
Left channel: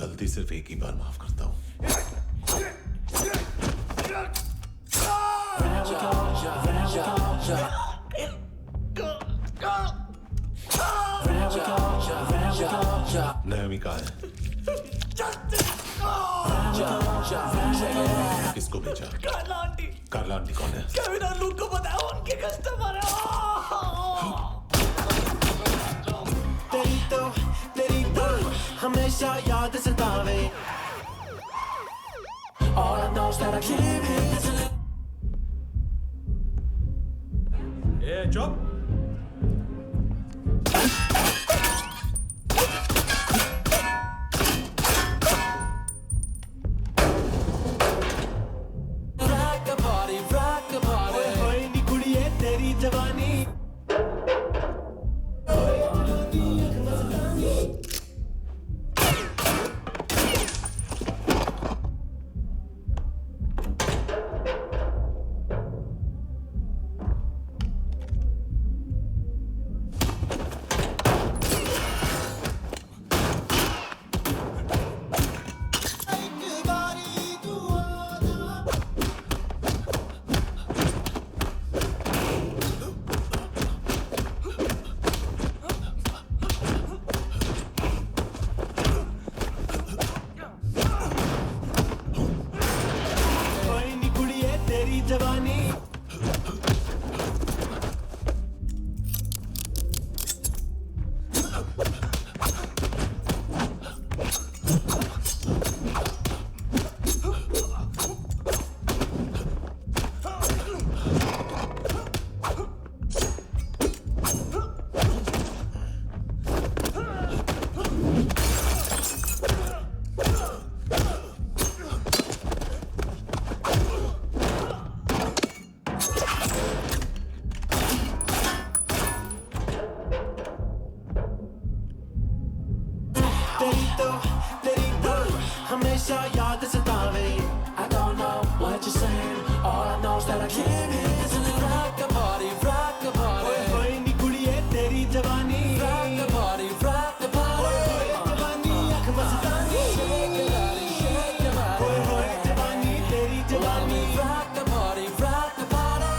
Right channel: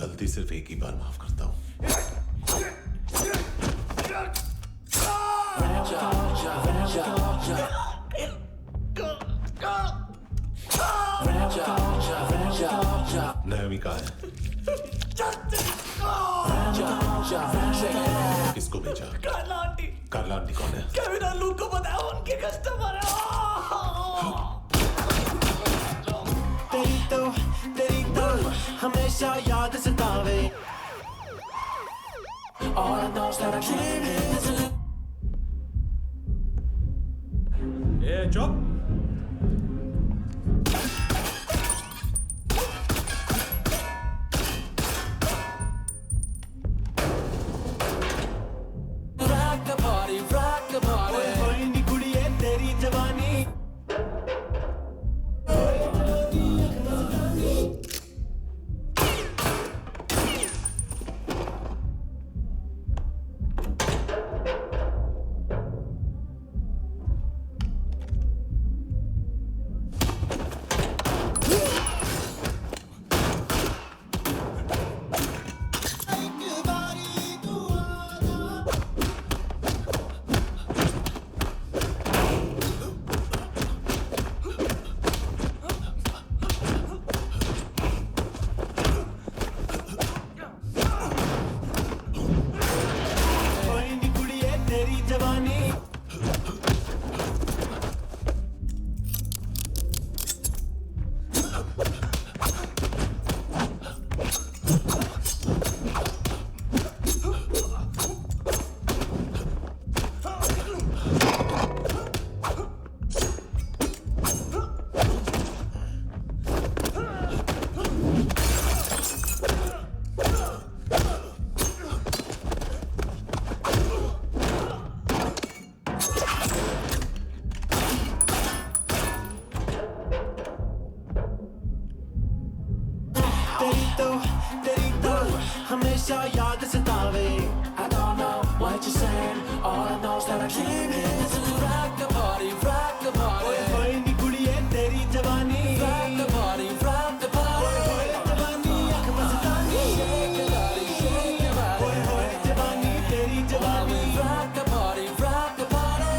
गलती सिर्फ एक ही बार माफ करता हूं। नायोमी कहाँ है? किसको भेजा? कार्ला आंटी कौन है? केविन और लूक को बताया, उनके कस्टमर है। तेरी तो हमेशा याद सतावे। All I know is that I came here to live. चुप। rock the party. ओए नी कुड़िए तेरी जवानी। तेरी तो हमेशा याद सतावे। I don't know what you're saying, all I know is that I came here to rock the party, rock the party. ओए नी कुड़िए तेरी जवानी, rock the party, rock the party. ओए जवानी आँख मस्तानी, shake your body, shake your body. ओए जवानी तेरी जवानी, rock the party, rock the party.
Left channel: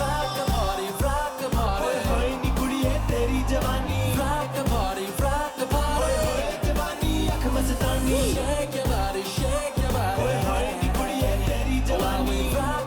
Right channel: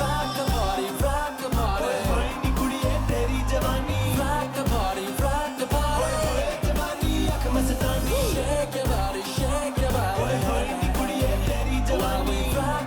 Rock the party, rock the party. ओए नी कुड़िए तेरी जवानी, rock the party, rock the party. ओए जवानी आँख मस्तानी, shake your body, shake your body. ओए नी कुड़िए तेरी जवानी, rock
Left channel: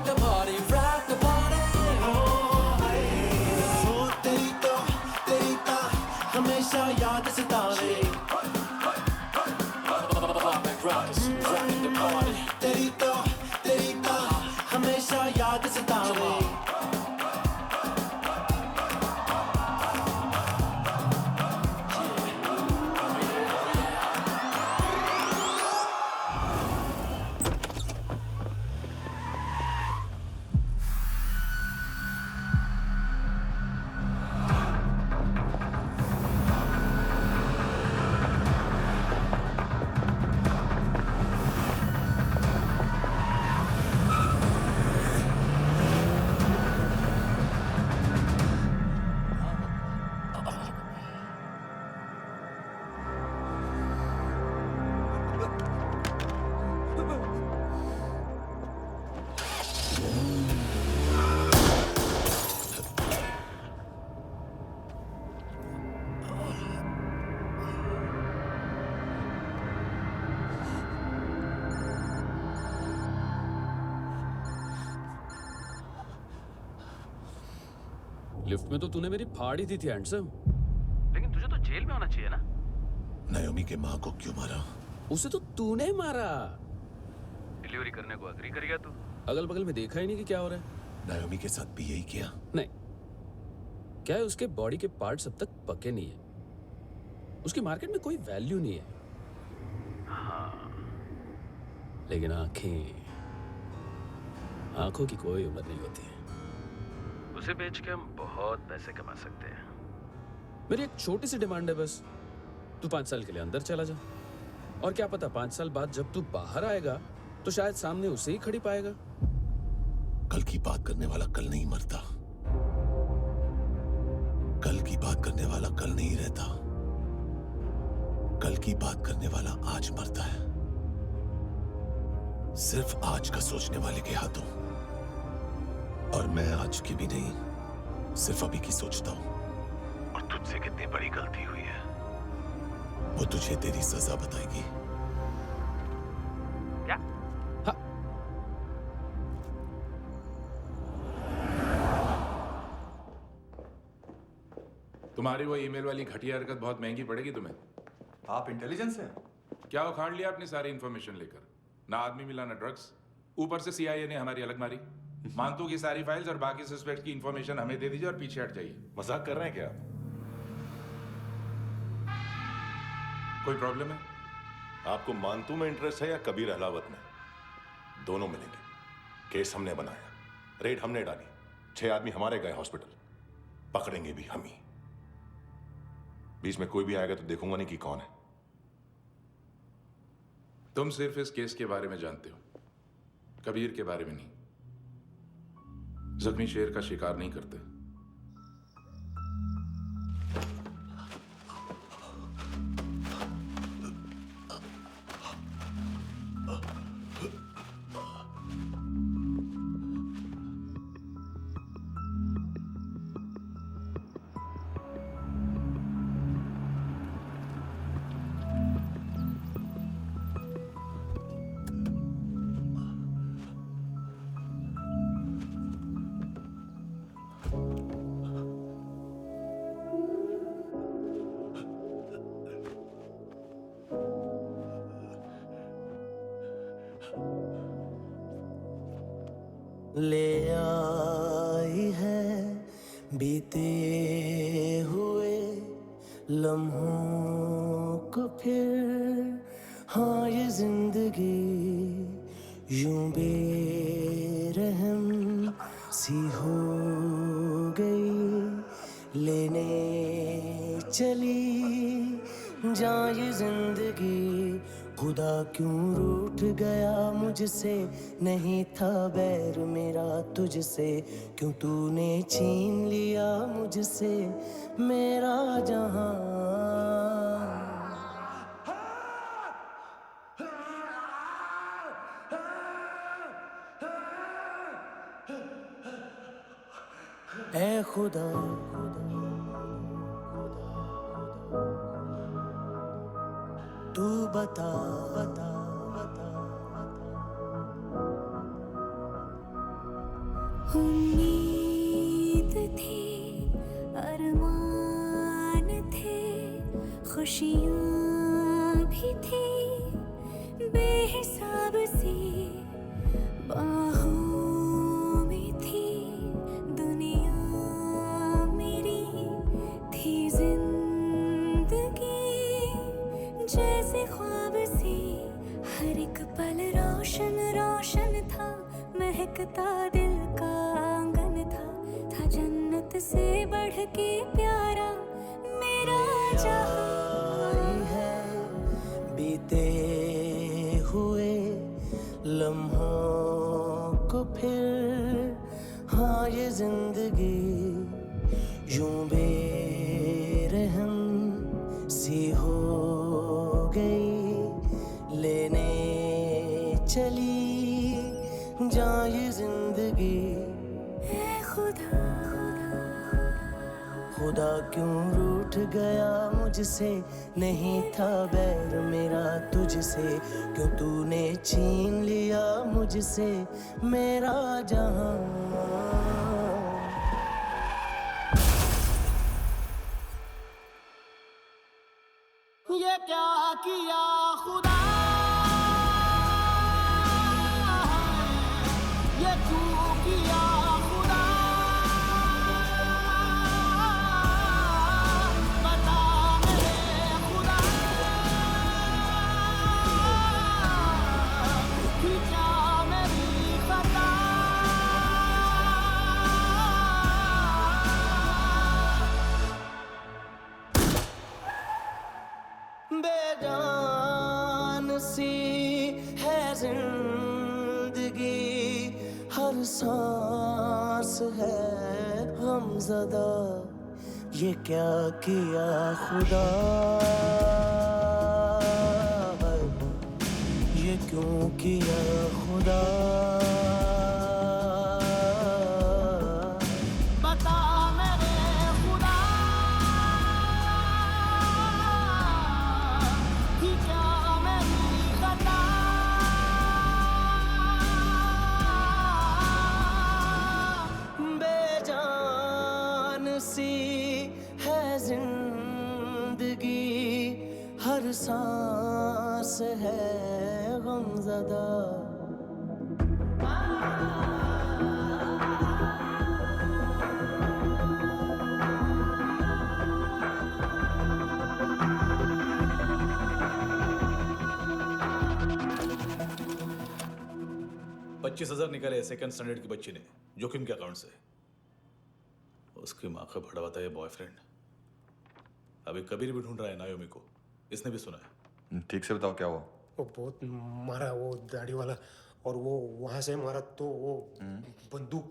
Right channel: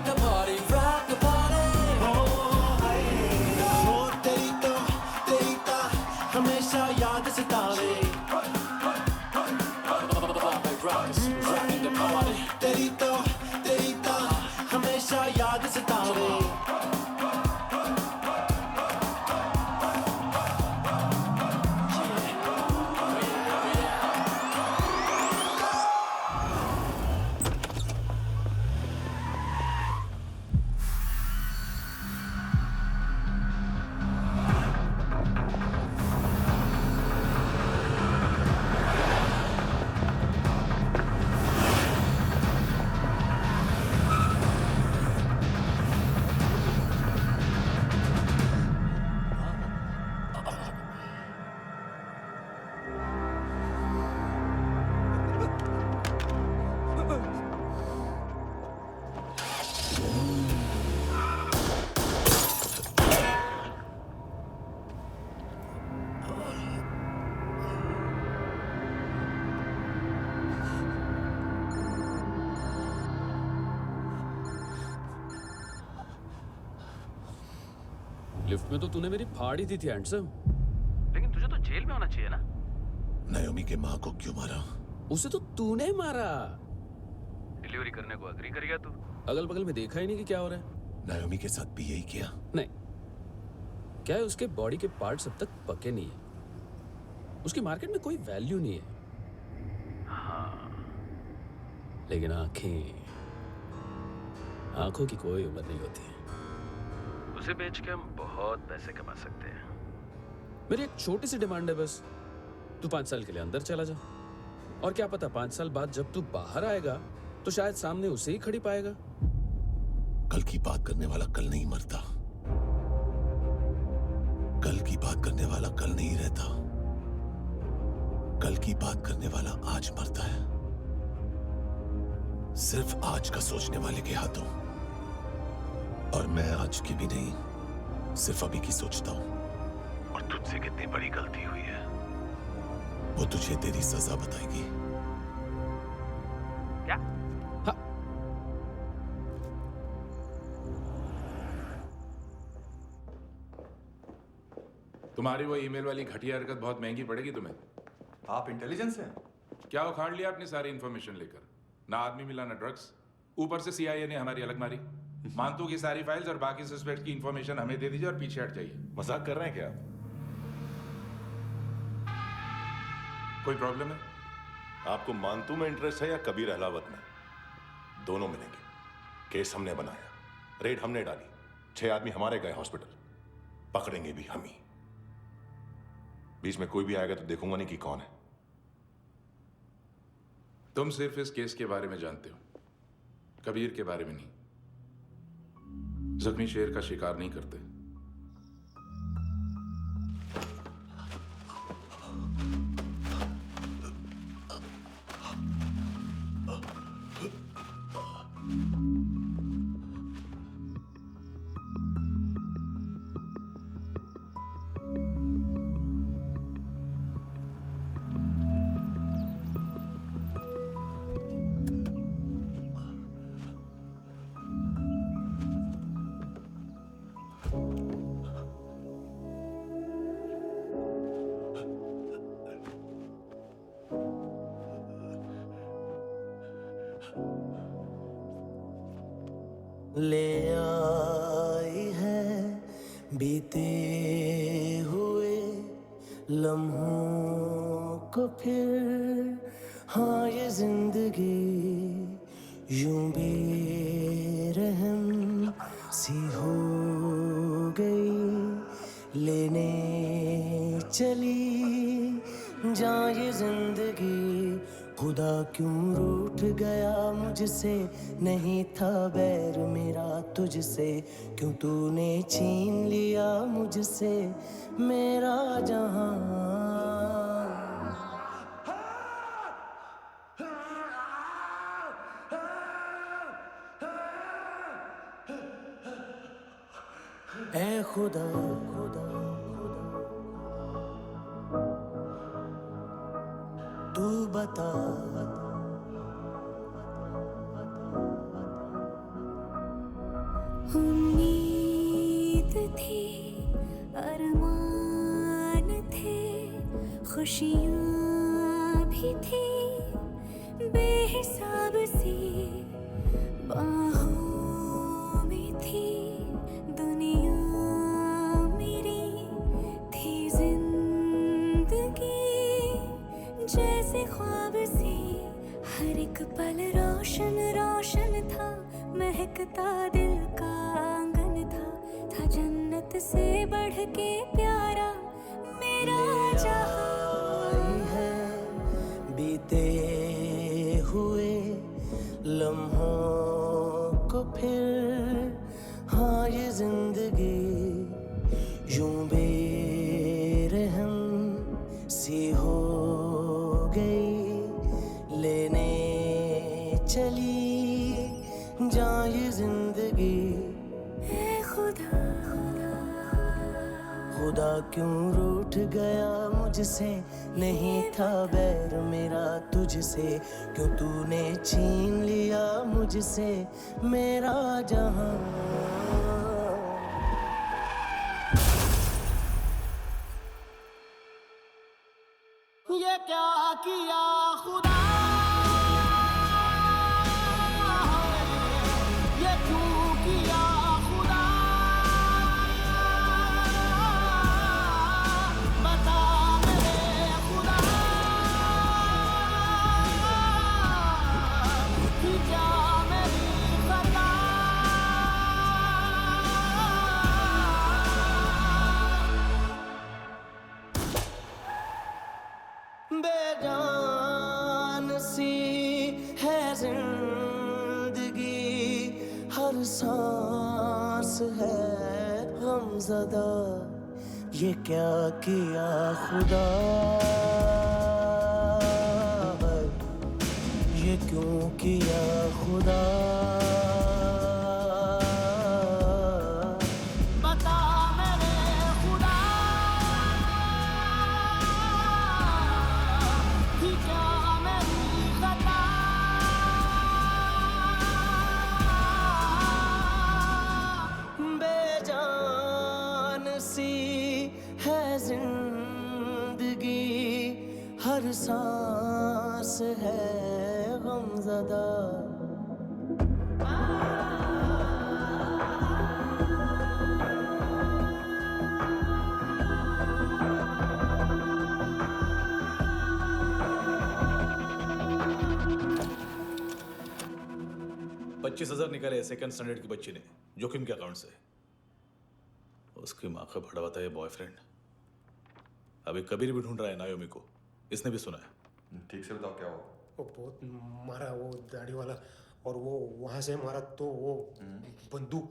लिफ्ट में तो तूने मेरी फाड़ ही दी थी हैंडसम। लेकिन तुझे तो जेल में होना चाहिए ना। नायोमी के माँ को क्यों मारा? उसे तो तूने मारा। डिलीवरी करने को एग्री कर गया तू। अगल बगल में देखा ही नहीं कि क्या हो रहा है। नायोमी के साथ भी यही किया? नहीं, क्या है उसके बॉडी के पार्ट्स अब तक पके नहीं है, उसकी मार्केट में कोई वैल्यू नहीं है। हाँ, लेकिन आंखों की कोई उम्र नहीं होती है। उसे बेच के हम बहुत पैसे कमा सकते हैं। मेरी एक छोटी सी डिमांड है बस, तू 5 साल के लिए अंदर चला जा, और क्या पता 5 साल बाद जब तू बाहर आएगा तो शायद सामने उसे ही खड़ी पाएगा। कल की बात करने वाला कल नहीं मरता, कल की बात करने वाला कल नहीं रहता, कल की बात करने वाला आज मरता है। सिर्फ आज का सोचने वाले के हाथों। और मैं आज की भी नहीं, सिर्फ अभी की सोचता हूं। और तुझसे कितनी बड़ी गलती हुई है वो तुझे तेरी सजा बताएगी। क्या? हाँ। तुम्हारी वो ईमेल वाली घटिया हरकत बहुत महंगी पड़ेगी तुम्हें। आप इंटेलिजेंस हैं? क्या उखाड़ लिया अपनी सारी इंफॉर्मेशन लेकर? ना आदमी मिला ना ड्रग्स, ऊपर से CIA ने हमारी अलग मारी। मानतू की सारी फाइल्स और बाकी सस्पेक्ट की इंफॉर्मेशन हमें दे दीजिए और पीछे हट जाइए। मजाक कर रहे हैं क्या आप? कोई प्रॉब्लम है? आपको मानतू में इंटरेस्ट है या कबीर अहलावत में? दोनों मिलेंगे। केस हमने बनाया, रेड हमने डाली, 6 आदमी हमारे गए हॉस्पिटल, पकड़ेंगे भी हम ही। बीच में कोई भी आएगा तो देखूंगा नहीं कि कौन है। तुम सिर्फ इस केस के बारे में जानते हो, कबीर के बारे में नहीं। जख्मी शेर का शिकार नहीं करते। ले आई है बीते हुए लम्हों को फिर, हाँ ये जिंदगी यूं बेरहम सी हो गई, लेने चली जा ये जिंदगी। खुदा क्यों रूठ गया मुझसे, नहीं था बैर मेरा तुझसे, क्यों तूने छीन लिया मुझसे मेरा जहां। ऐ खुदा तू बता उम्मीद थी, अरमान थे, खुशियाँ भी थी बेहिसाब सी, बाहों में थी दुनिया मेरी, थी जिंदगी जैसे ख्वाब सी, हर एक पल रोशन रोशन था, महकता दिल का आंगन था जन्नत से बढ़ के प्यारा मेरा जहां। है बीते हुए लम्हों को फिर, हाँ ये जिंदगी यूं बेरहम सी हो गई, लेने चली जा ये जिंदगी। ऐ खुदा खुदा क्यों रूठ गया मुझसे, नहीं था बैर मेरा तुझसे, क्यों तूने छीन लिया मुझसे मेरा जहां। क्या किया खुदा, ये क्यों किया खुदा, बता मेरे खुदा, कि क्या मेरी खता, बेजान सी है जिंदगी, हर सांस है गमज़दा, ये क्या किया खुदा, ये क्यों किया खुदा, बता मेरे खुदा, कि क्या मेरी खता, बेजान सी है जिंदगी, हर सांस है गमज़दा। $25,000 निकाले सेकंड स्टैंडर्ड की बच्ची ने जोखिम के अकाउंट से। उसकी माँ का भड़ा बताया बॉयफ्रेंड अभी कबीर भी ढूंढ रहा है नायोमी को, इसने भी सुना है। ठीक से बताओ क्या हुआ। वो बहुत मारा, वो दाढ़ी वाला, और वो वहां से मारा तो वो बंदूक।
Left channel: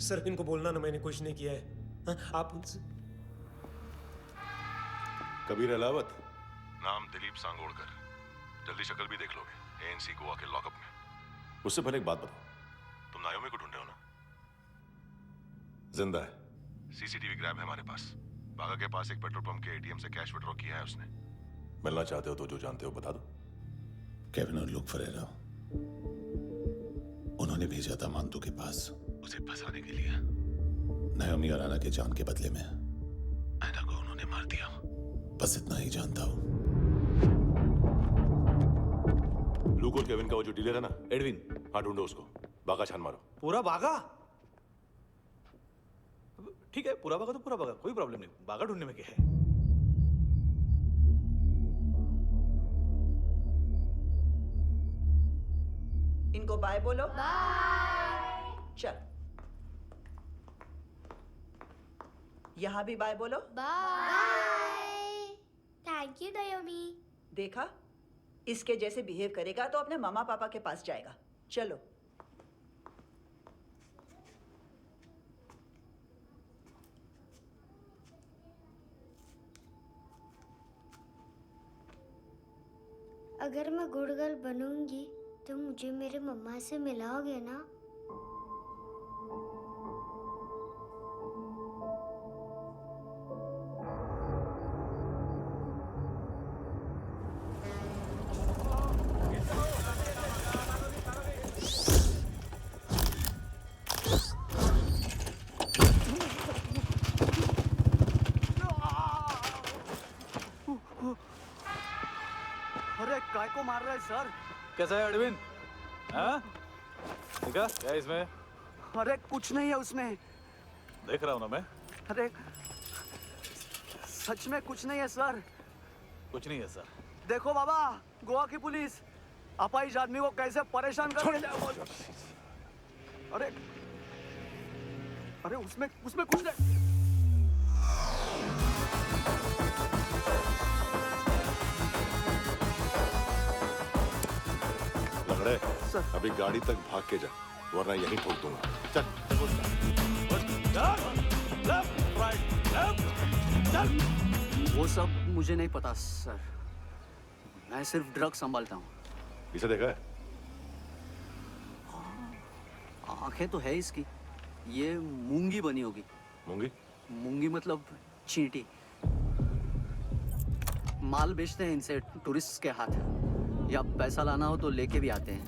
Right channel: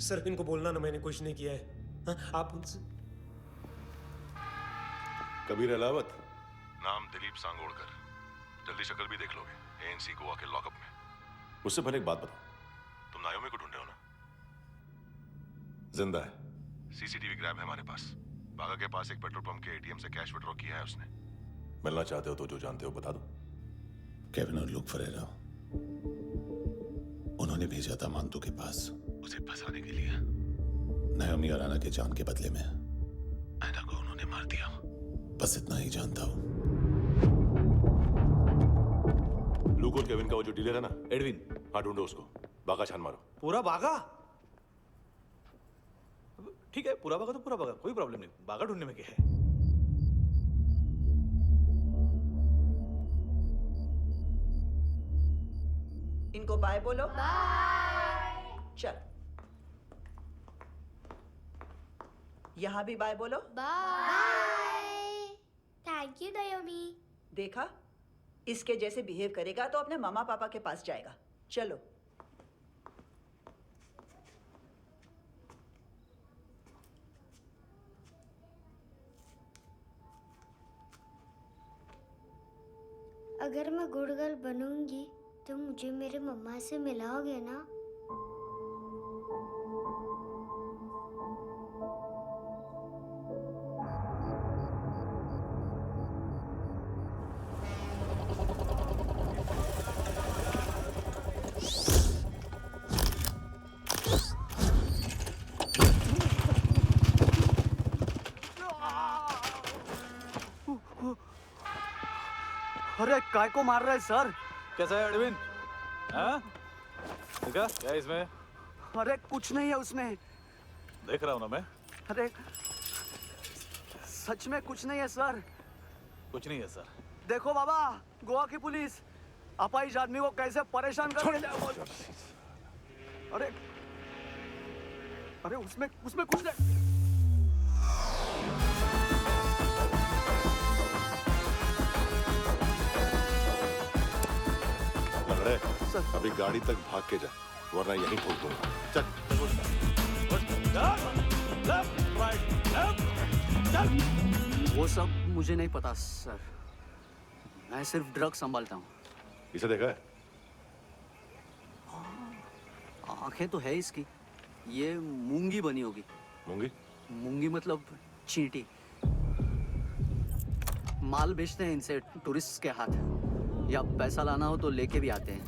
सर इनको बोलना ना मैंने कुछ नहीं किया है। हाँ, आप उनसे। कबीर अलावत, नाम दिलीप सांगोड़कर, जल्दी शक्ल भी देख लोगे एएनसी गोवा के लॉकअप में। मुझसे पहले एक बात बताओ, तुम नायोमी को ढूंढ रहे हो ना? जिंदा है, सीसीटीवी ग्रैब है हमारे पास। बागा के पास एक पेट्रोल पंप के एटीएम से कैश विड्रॉ किया है उसने। मिलना चाहते हो तो जो जानते हो बता दो। केविन और लुक फरेरा, उन्होंने भेजा था मांतू के पास उसे फंसाने के लिए। नायोमी अराना के जान के बदले में ऐना को उन्होंने मार दिया। बस इतना ही जानता हूं। लुक और केविन का वो जो डीलर है ना, एडविन, हाँ ढूंढो उसको। बागा छान मारो। पूरा बागा? ठीक है, पूरा बागा तो पूरा बागा, कोई प्रॉब्लम नहीं। बागा ढूंढने में क्या है? इनको बाय बोलो। बाय। चल, यहाँ भी बाय बोलो। बाय। Thank you नायोमी। देखा, इसके जैसे बिहेव करेगा तो अपने मामा पापा के पास जाएगा। चलो। अगर मैं गुड गर्ल बनूंगी तो मुझे मेरे मम्मा से मिलाओगे ना? अरे काय को मार रहा है सर? कैसा है एडविन? हाँ? देखा क्या इसमें? अरे कुछ नहीं है उसमें। देख रहा हूँ ना मैं। अरे सच में कुछ नहीं है सर। कुछ नहीं है सर। देखो बाबा, गोवा की पुलिस अपाहिज आदमी को कैसे परेशान कर रही है। अरे अरे उसमें कुछ नहीं। लंगड़े, अभी गाड़ी तक भाग के जा, वरना यहीं ठोक दूंगा। चल। वो सब मुझे नहीं पता सर, मैं सिर्फ ड्रग संभालता हूँ। इसे देखा है? आंखें तो है इसकी, ये मूंगी बनी होगी। मूंगी? मूंगी मतलब चींटी। माल बेचते हैं इनसे टूरिस्ट के हाथ, या पैसा लाना हो तो लेके भी आते हैं।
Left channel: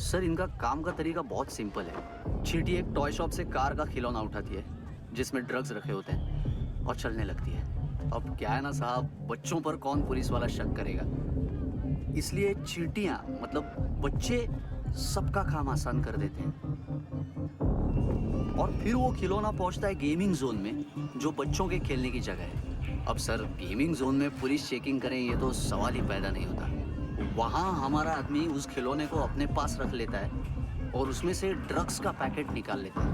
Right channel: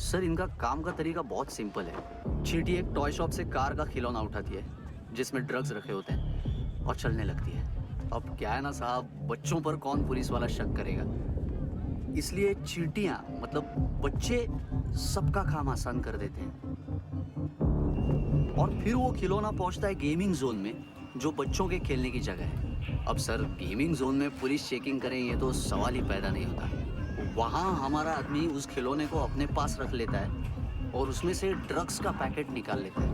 सर इनका काम का तरीका बहुत सिंपल है। चींटी एक टॉय शॉप से कार का खिलौना उठाती है जिसमें ड्रग्स रखे होते हैं और चलने लगती है। अब क्या है ना साहब, बच्चों पर कौन पुलिस वाला शक करेगा, इसलिए चींटियां मतलब बच्चे सबका काम आसान कर देते हैं। और फिर वो खिलौना पहुंचता है गेमिंग जोन में, जो बच्चों के खेलने की जगह है। अब सर गेमिंग जोन में पुलिस चेकिंग करें ये तो सवाल ही पैदा नहीं होता। वहाँ हमारा आदमी उस खिलौने को अपने पास रख लेता है और उसमें से ड्रग्स का पैकेट निकाल लेता है,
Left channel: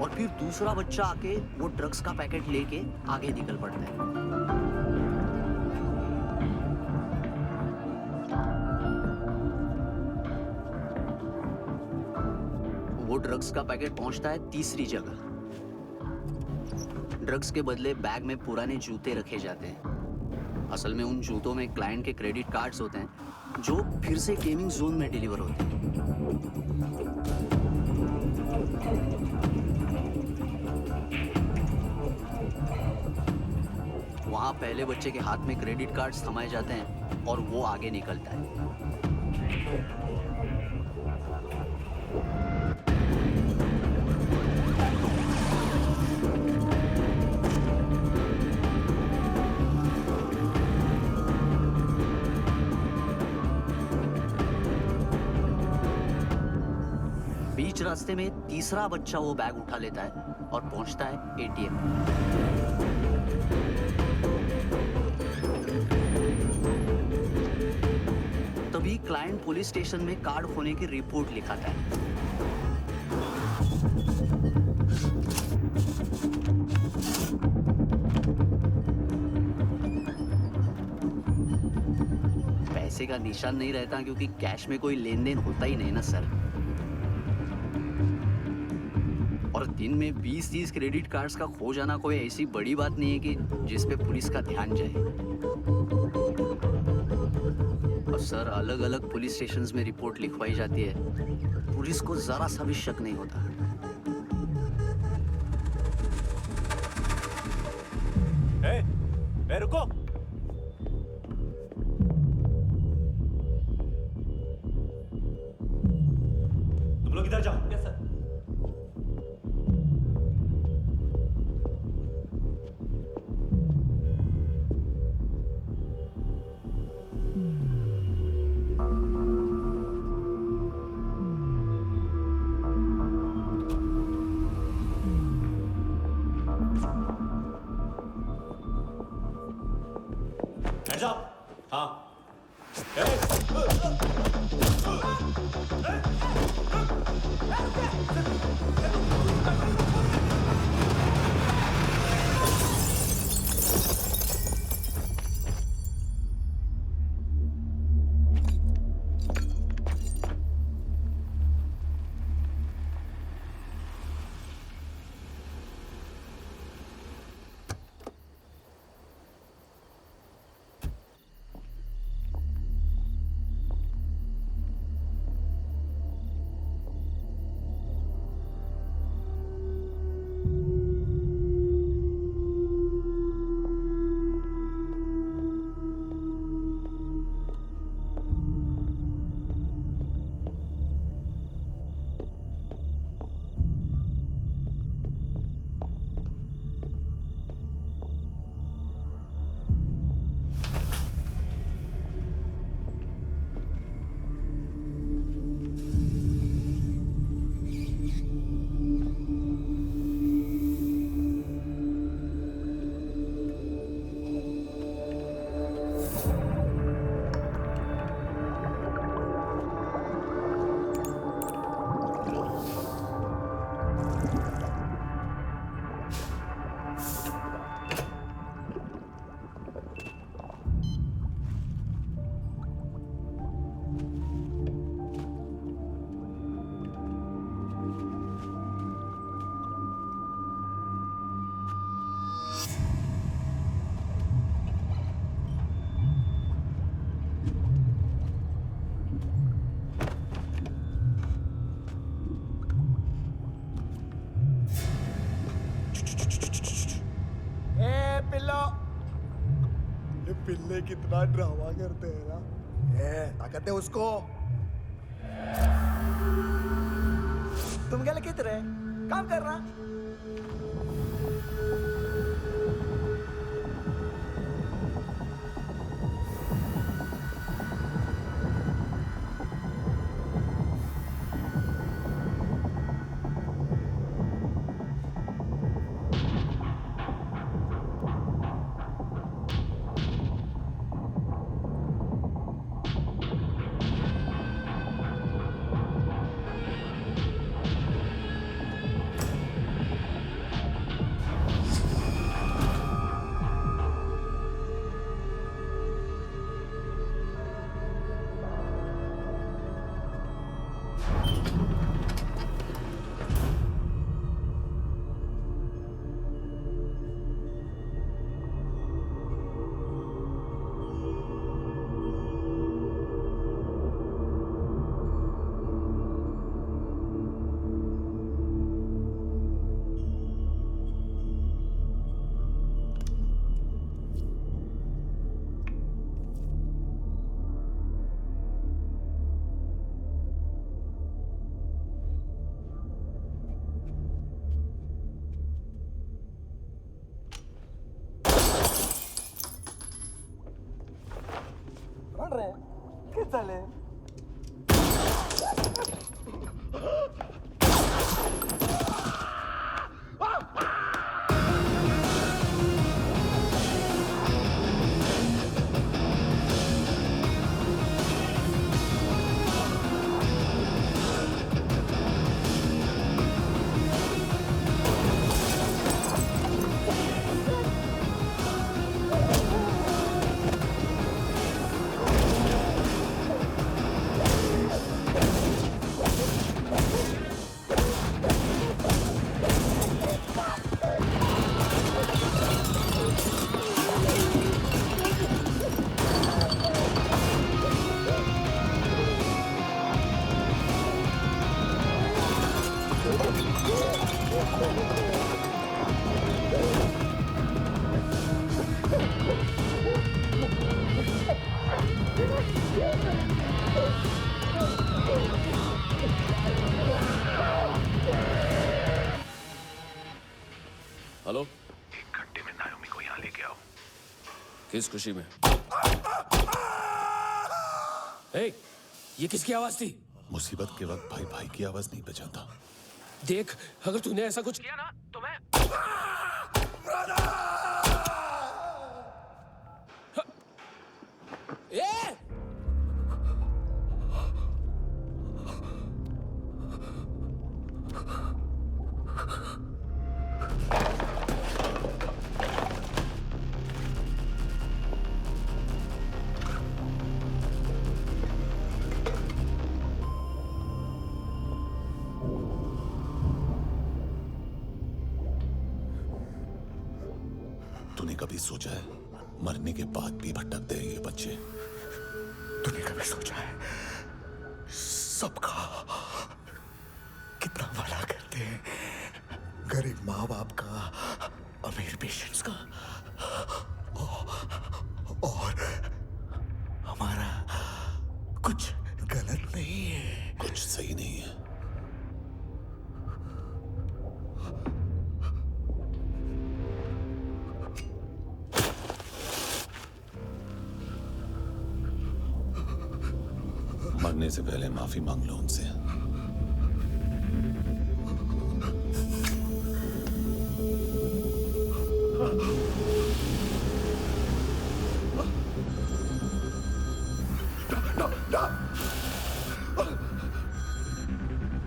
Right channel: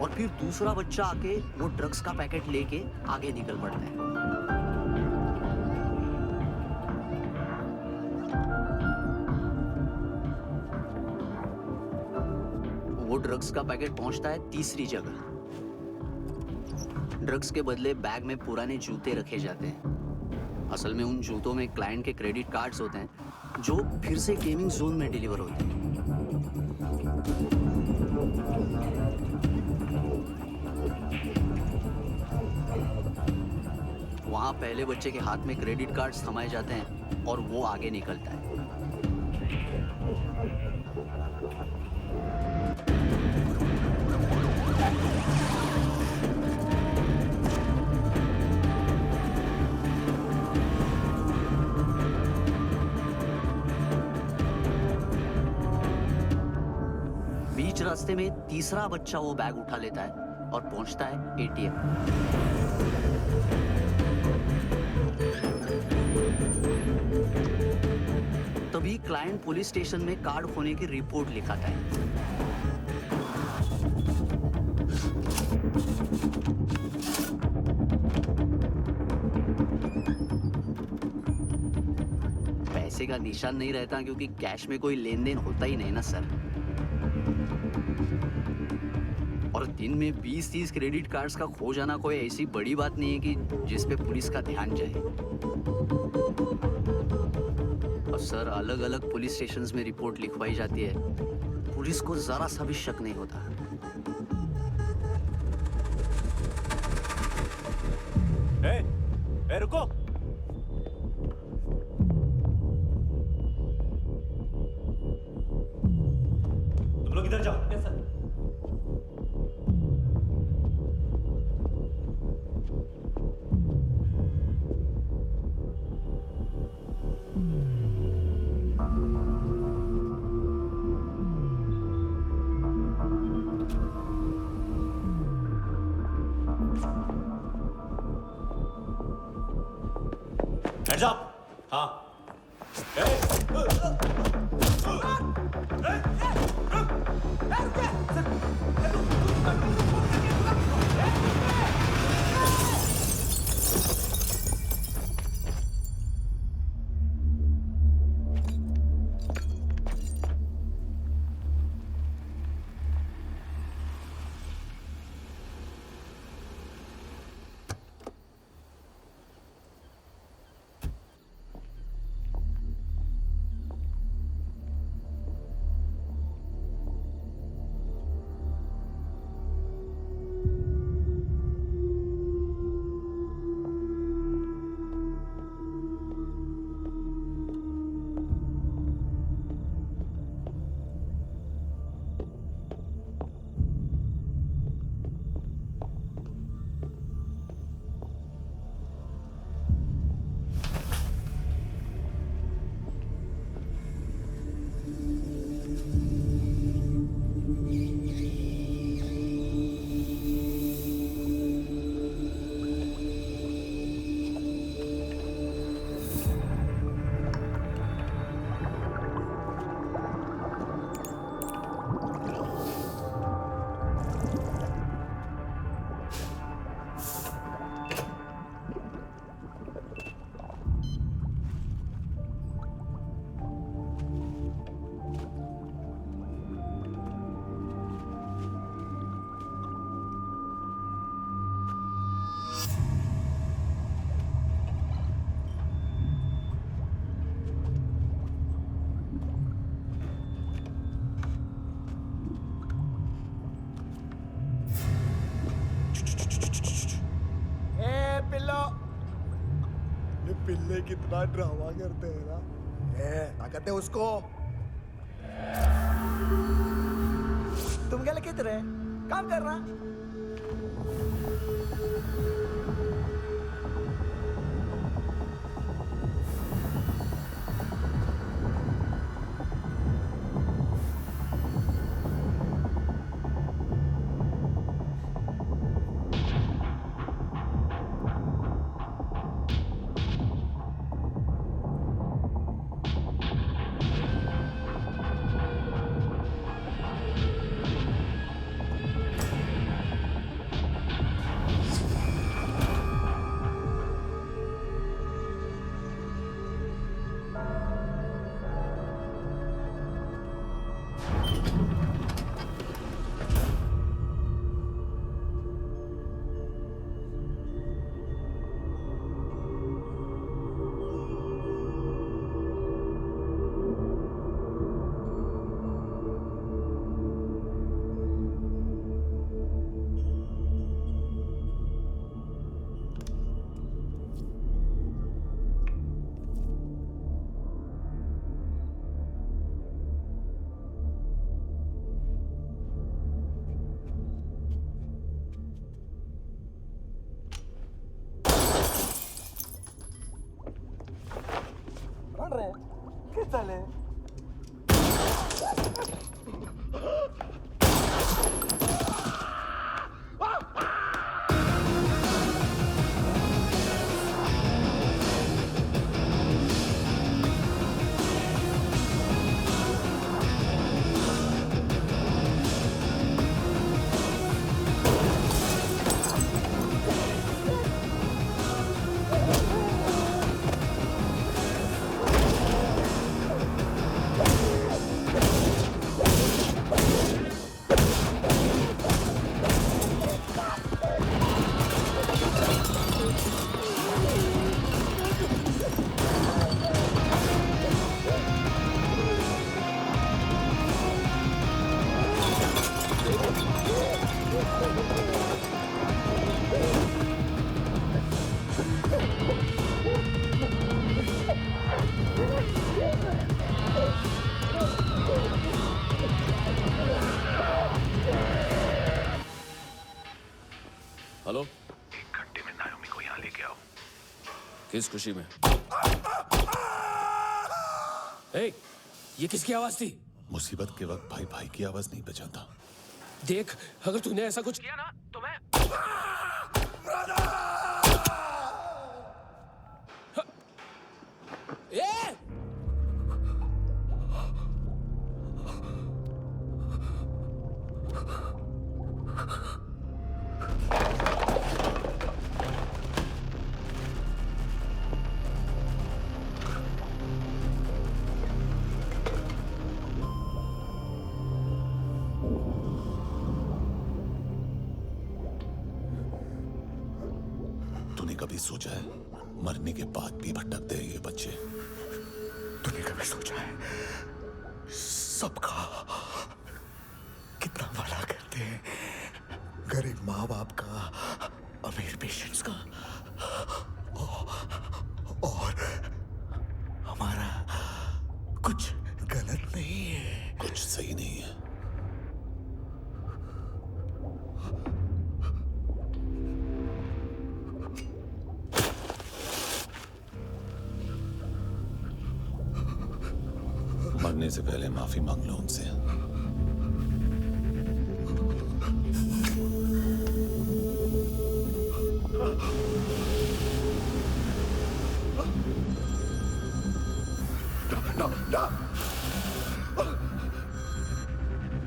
और फिर दूसरा बच्चा आके वो ड्रग्स का पैकेट लेके आगे निकल पड़ता है। वो ड्रग्स का पैकेट पहुंचता है तीसरी जगह। ड्रग्स के बदले बैग में पुराने जूते रखे जाते हैं। असल में उन जूतों में क्लाइंट के क्रेडिट कार्ड्स होते हैं जो फिर से गेमिंग जोन में डिलीवर होते हैं। वहां पहले बच्चे के हाथ में क्रेडिट कार्ड्स थमाए जाते हैं और वो आगे निकलता है। बीच रास्ते में तीसरा बच्चा वो बैग उठा लेता है और पहुंचता है एटीएम। तभी क्लाइंट पुलिस स्टेशन में कार्ड खोने की रिपोर्ट लिखाता है। पैसे का निशान नहीं रहता क्योंकि कैश में कोई लेन देन होता ही नहीं ना सर। और दिन में 20-30 क्रेडिट कार्ड्स का खो जाना कोई ऐसी बड़ी बात नहीं है कि जिस पे पुलिस का ध्यान जाए। और सर अलग अलग पुलिस स्टेशंस में रिपोर्ट लिखवाई जाती है, पुलिस को जरा सा भी शक नहीं होता। ए, रुको। तुम लोग इधर जाओ। Yes sir. Hands up! हाँ। ये पिल्ले कितना ड्रामा करते हैं ना। ये ताकत है उसको। तुम क्या किधर है? काम कर रहा? ¿Qué tal? हेलो, 1 घंटे में नायोमी को यहाँ लेके आओ। किस खुशी में? हे, ये किसकी आवाज थी? मुसीबत के वक्त भाई भाई की आवाज नहीं पहचानता। देख, अगर तूने ऐसा कुछ किया ना तो मैं ए! तूने कभी सोचा है मरने के बाद भी भटकते हैं ये बच्चे? तूने कभी सोचा है सबका कितना भला करते हैं? गरीब माँ बाप का, अमीर पेशेंट्स का, और हमारा कुछ गलत नहीं है। कुछ सही नहीं है। मरने से पहले माफी मांग लो उनसे।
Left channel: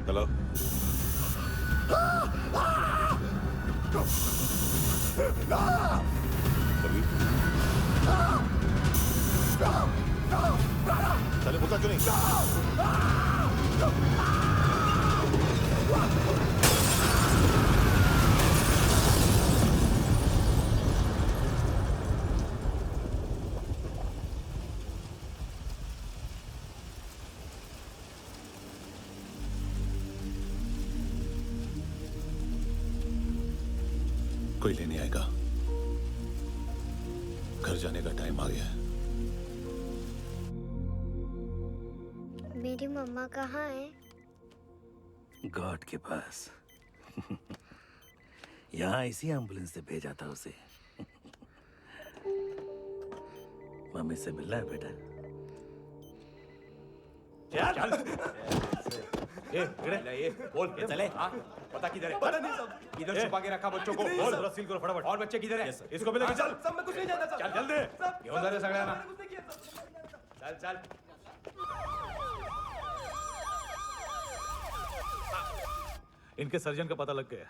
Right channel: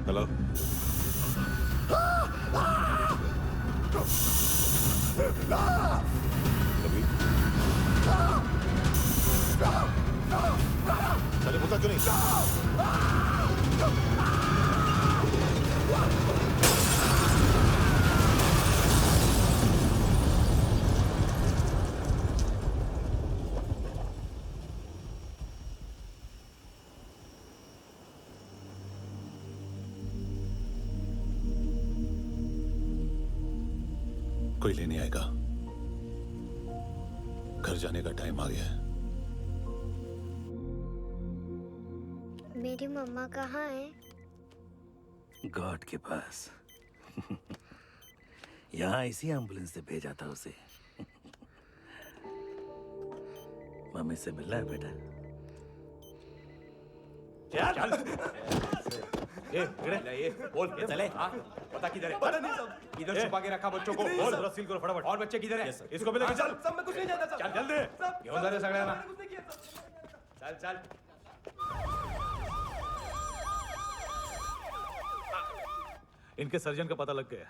हेलो, कभी चले बोलता क्यों नहीं? कोई लेने आएगा? घर घर जाने का टाइम आ गया है। मेरी मम्मा कहाँ है? गॉड के पास। यहाँ इसी एम्बुलेंस से भेजा था उसे। मम्मी से मिलना है बेटा। चल ये बोल ये चले हाँ पता किधर है? पता नहीं सब इधर छुपा के रखा बच्चों को। बोल पूरा सील करो फटाफट। और बच्चे किधर है? इसको भी लेके चल। सब में कुछ नहीं जानता सब। चल जल्दी घेऊन जा रे सगळ्यांना। चल चल इनके सर्जन का पता लग गया।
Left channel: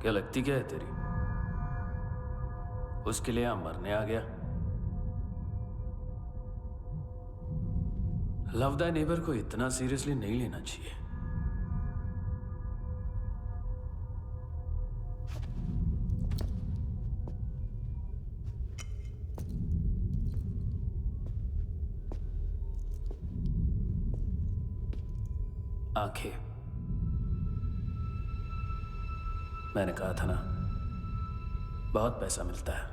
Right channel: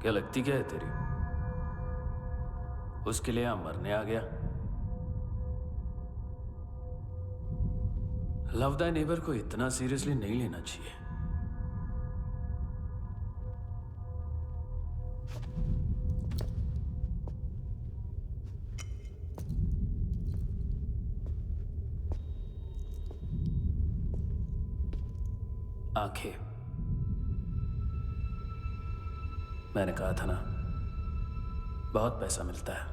क्या लगती क्या है तेरी? उसके लिए यहां मरने आ गया? लव द नेबर को इतना सीरियसली नहीं लेना चाहिए। आंखें, मैंने कहा था ना, बहुत पैसा मिलता है।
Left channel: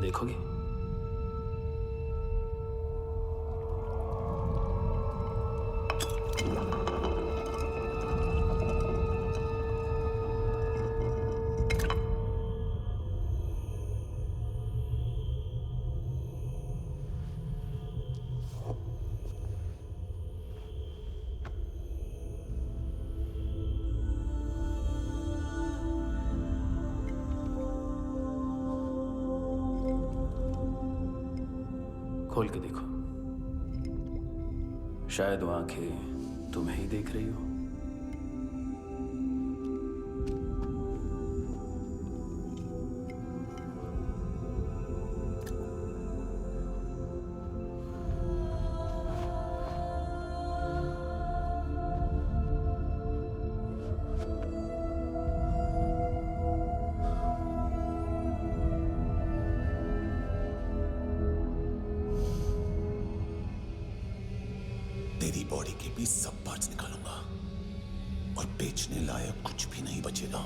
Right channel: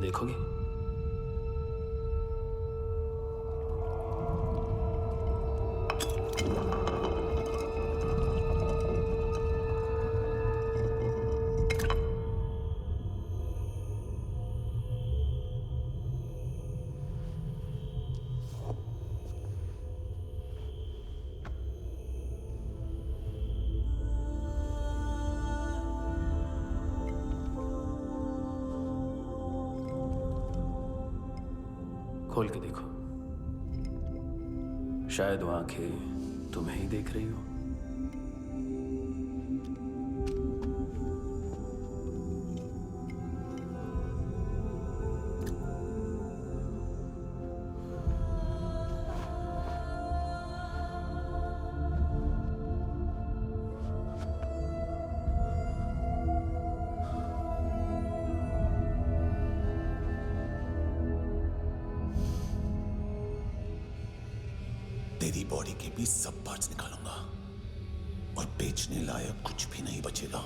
देखोगे? खोल के देखो, शायद वो आंखें तुम्हें ही देख रही हो। तेरी बॉडी के भी सब पार्ट्स निकालूंगा और बेचने लायक कुछ भी नहीं बचेगा।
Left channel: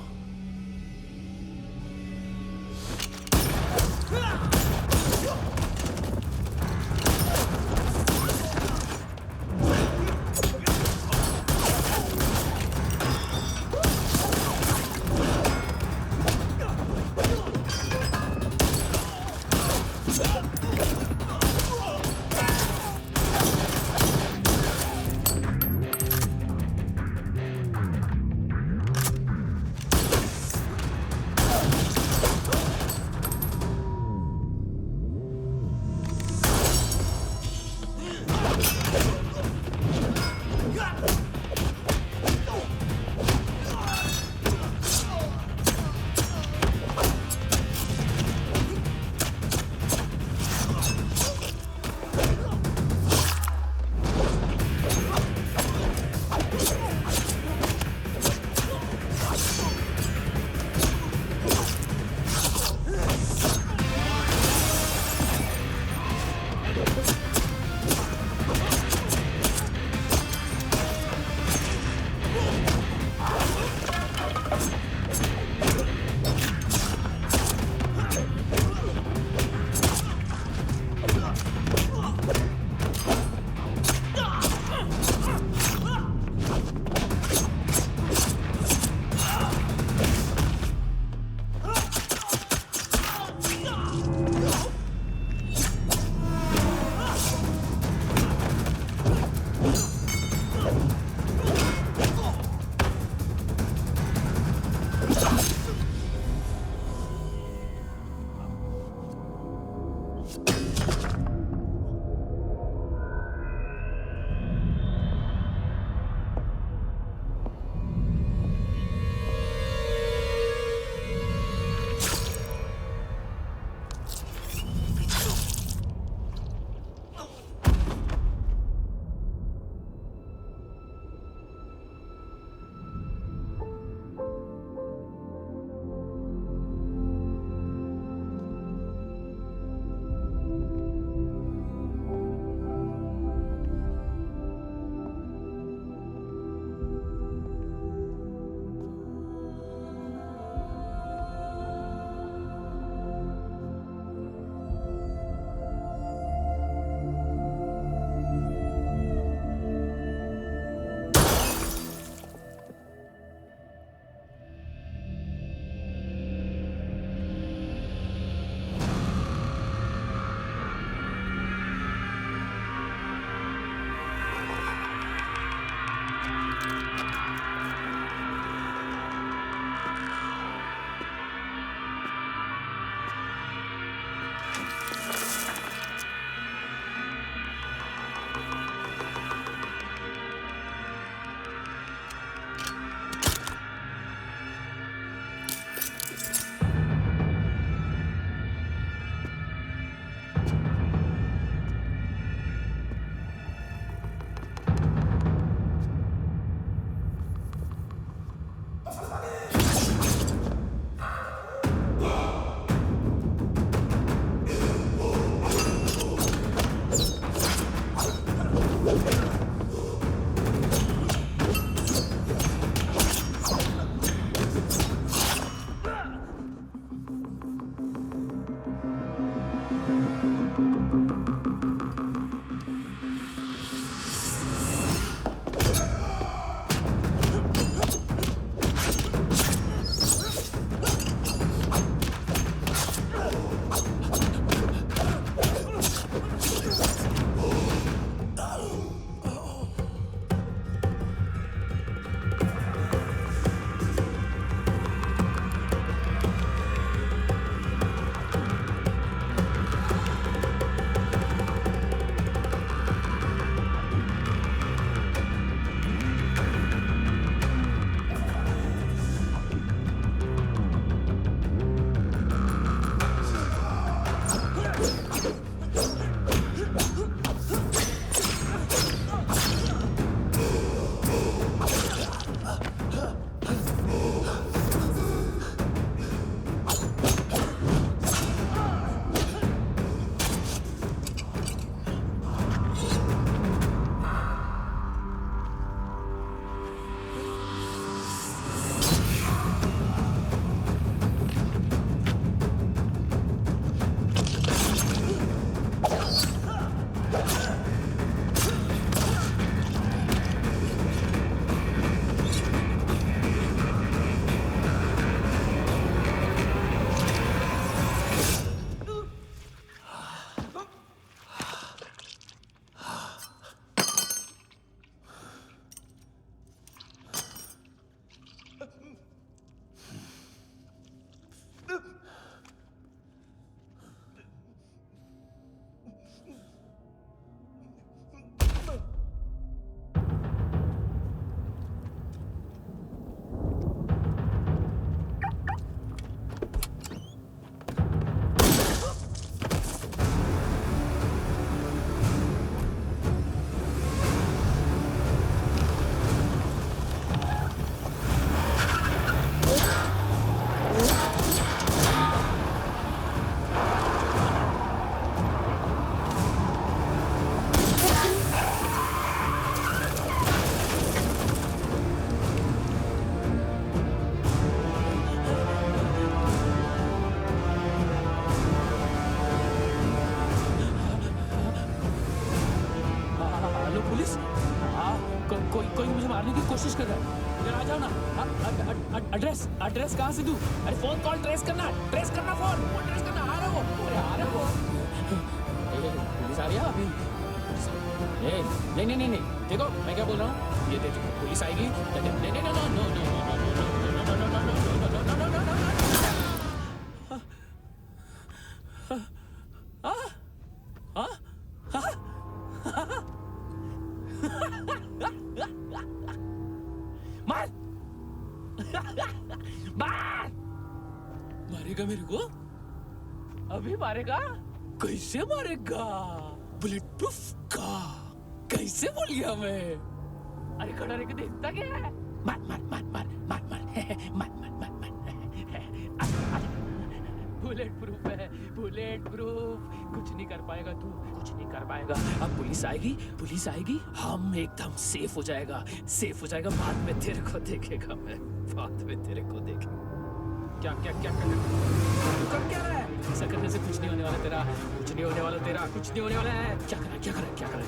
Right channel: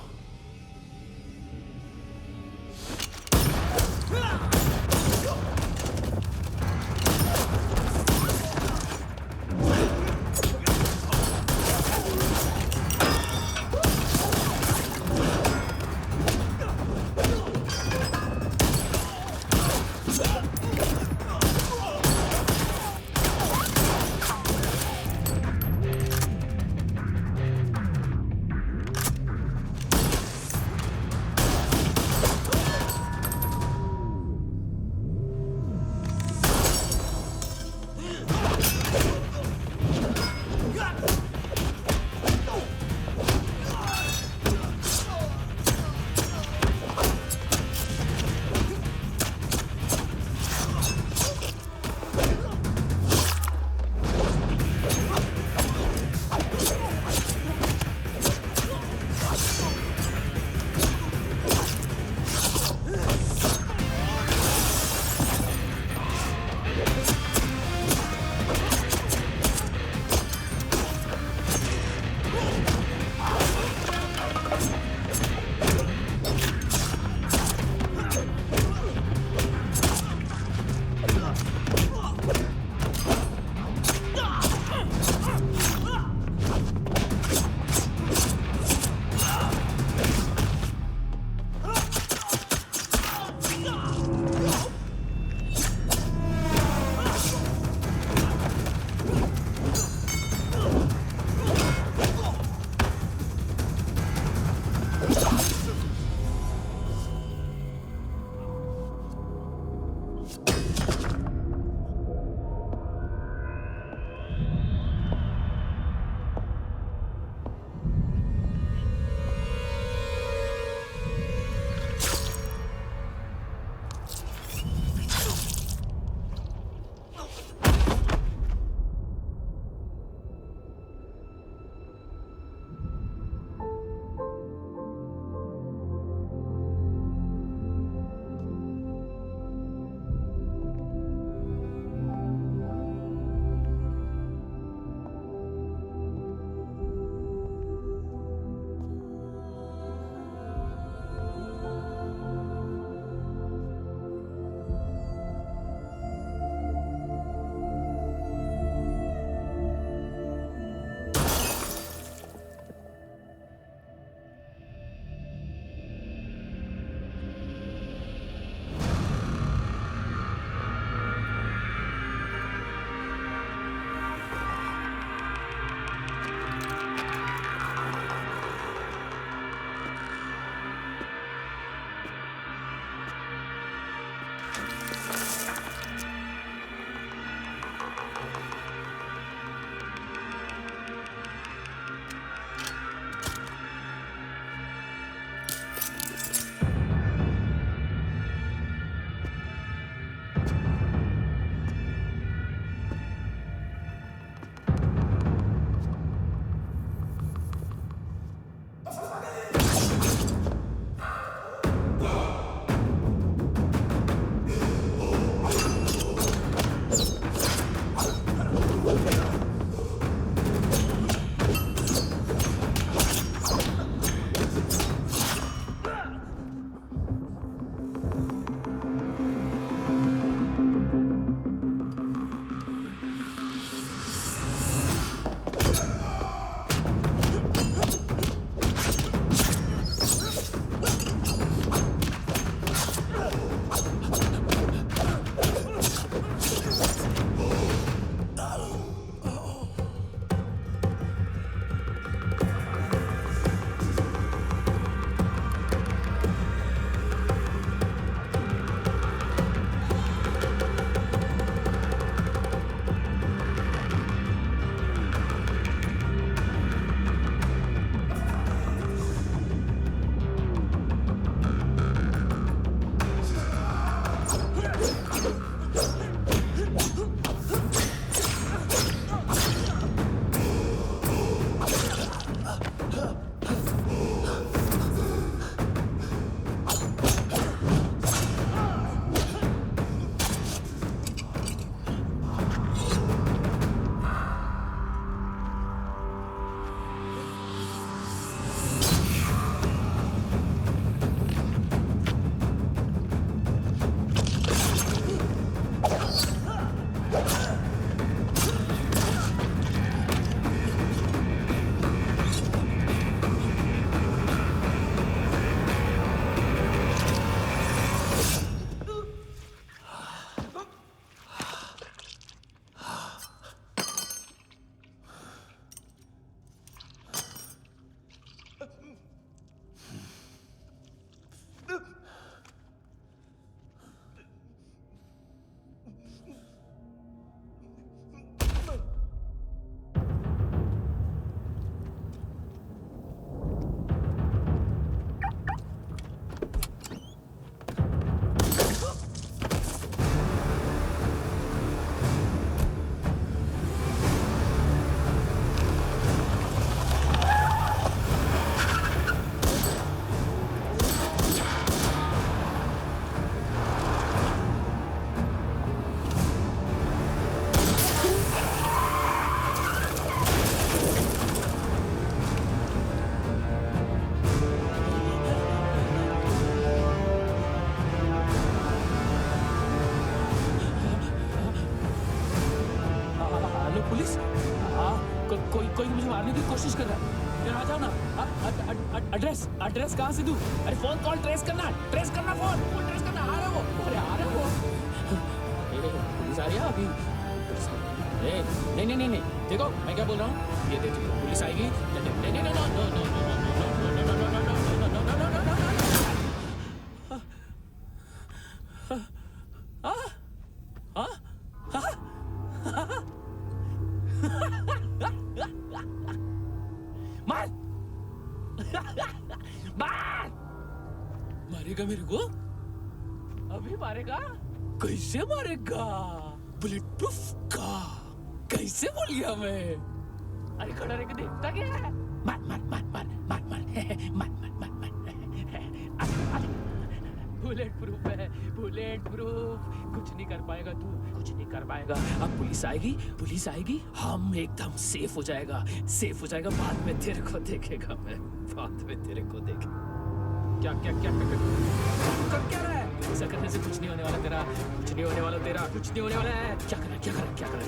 पुलिस? कोई कोई मुझे मारने की कोशिश कर रहा है। इधर आ जाओ ना। एड्रेस कहाँ से दूं? अरे फोन कॉल ट्रेस करना फोन ट्रेस करना। आ रहा वो, अरे आ रहा वो। पुलिस आ रही है अभी। नहीं, देखो मैं क्या बोल रहा हूँ, ये देखो पुलिस आएगी। मारेगा मेरे को? अभी मारेगा? कैसे मारेगा? बुलेट प्रूफ का कैसे बोल गया मैं? अरे खड़ा रह के देखता क्या है? मार बुलेट प्रूफ है, बुलेट प्रूफ। कुछ नहीं कर पाएगा तू, कुछ नहीं कर पाएगा। अब पुलिस आएगी, हम एकदम सेफ हो जाएगा। बाद में तेरे को देखेगा मैं, क्या कर क्या रहा है? ऐसा करने से कुछ नहीं होने वाला तेरा, कुछ नहीं होने वाला है। क्या कर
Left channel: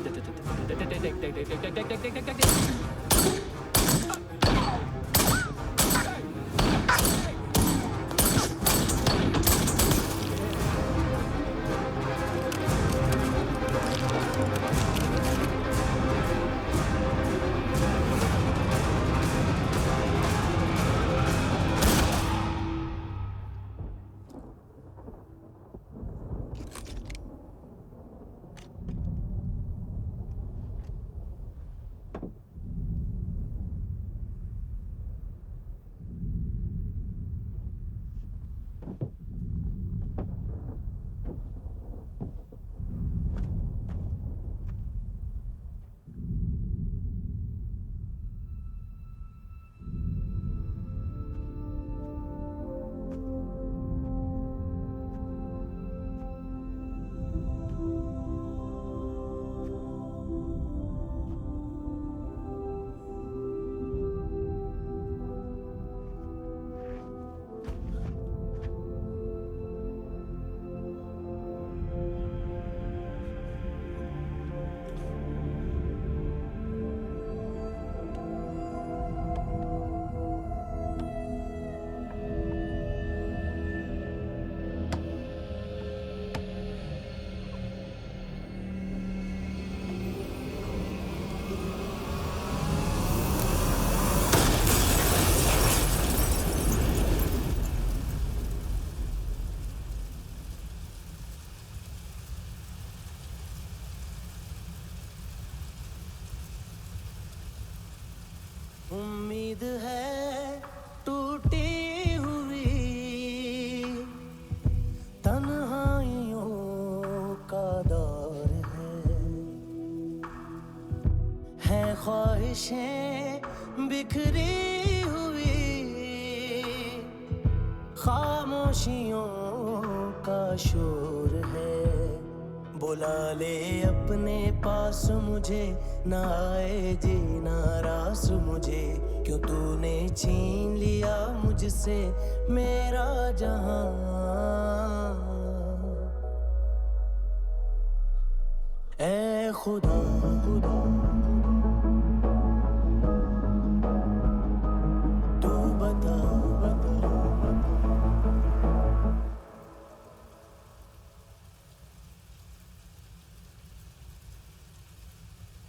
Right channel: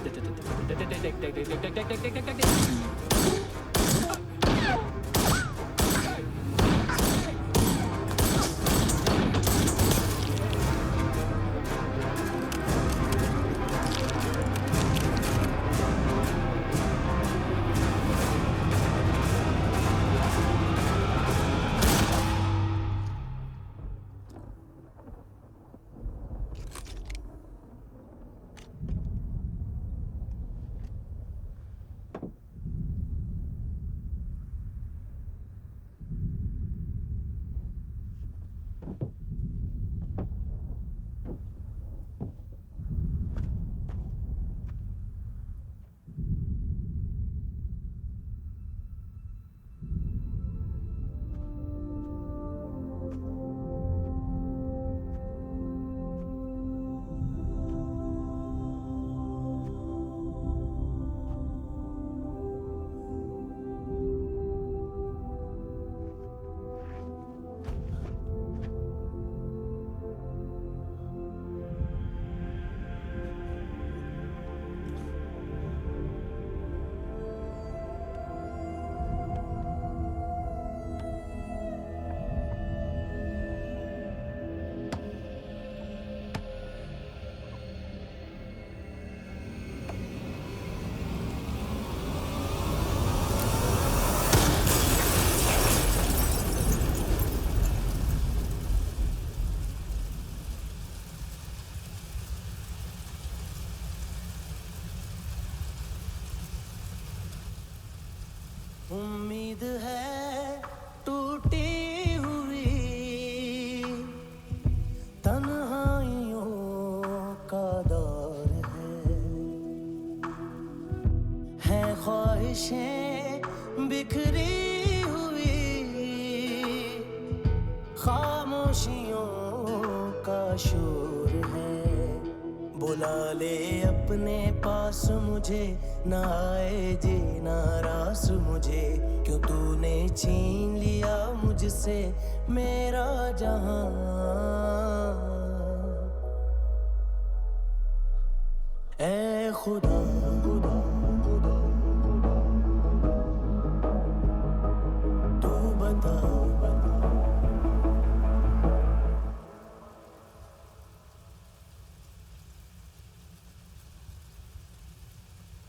उम्मीद है टूटी हुई तन्हाइयों का दौर है ख्वाहिशें बिखरी हुई खामोशियों का शोर है। बुला ले अपने पास मुझे, ना आए जीना रास मुझे, क्यों तूने छीन लिया मुझसे मेरा जहां। ऐ खुदा तू बता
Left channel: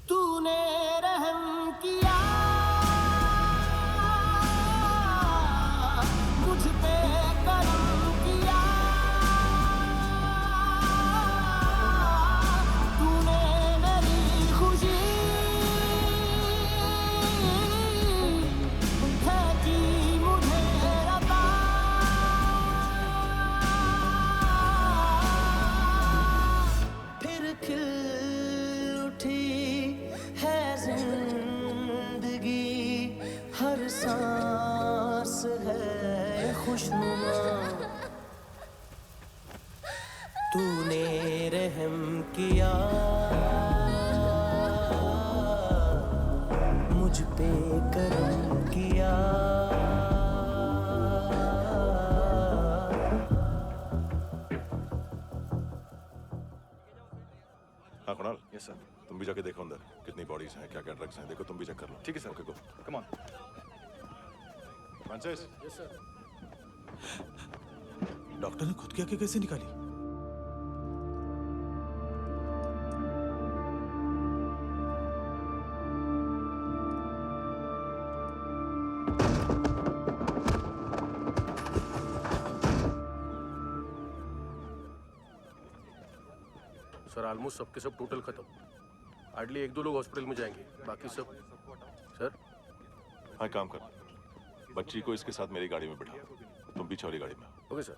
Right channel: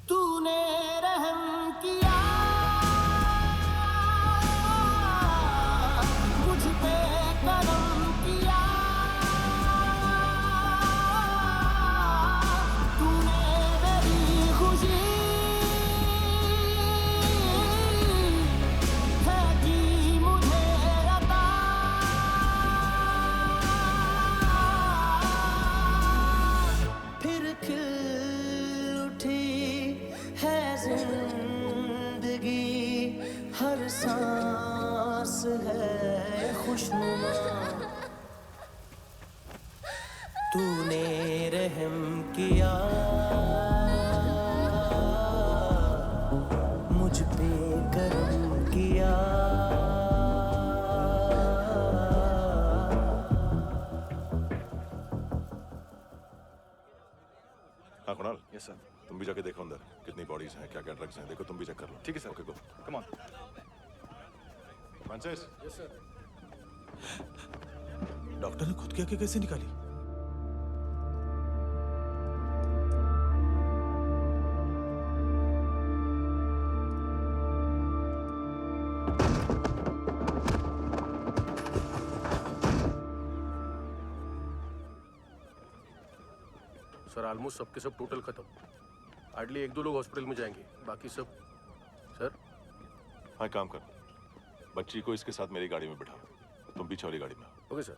तूने रहम किया मुझ पे, करम किया तूने मेरी खुशी है कि मुझे अता। फिर खिल उठी है जिंदगी, हर सांस है खुशनुमा। तूने रहम किया मुझ पे, करम किया। हाँ कुणाल, यस सर। तुम भी जाके देखो अंदर कितनी बॉडीज हैं, क्या क्या ड्रग्स हैं, देखो तुम भी चेक कर लो। ठीक है sir. Okay go. Come on. Francis. Yes sir. Doctor ने खुद की आंखें कैसे निकाली? सर ऑलमोस्ट सबके सब टोटल खत्म। हार्डली 1-2 लोग हॉस्पिटल में जाएंगे, बाकी सब। सर हाँ काम कर, बच्ची को इसके साथ मेरी गाड़ी में बिठा, तुम पीछे वाली गाड़ी में। Okay sir.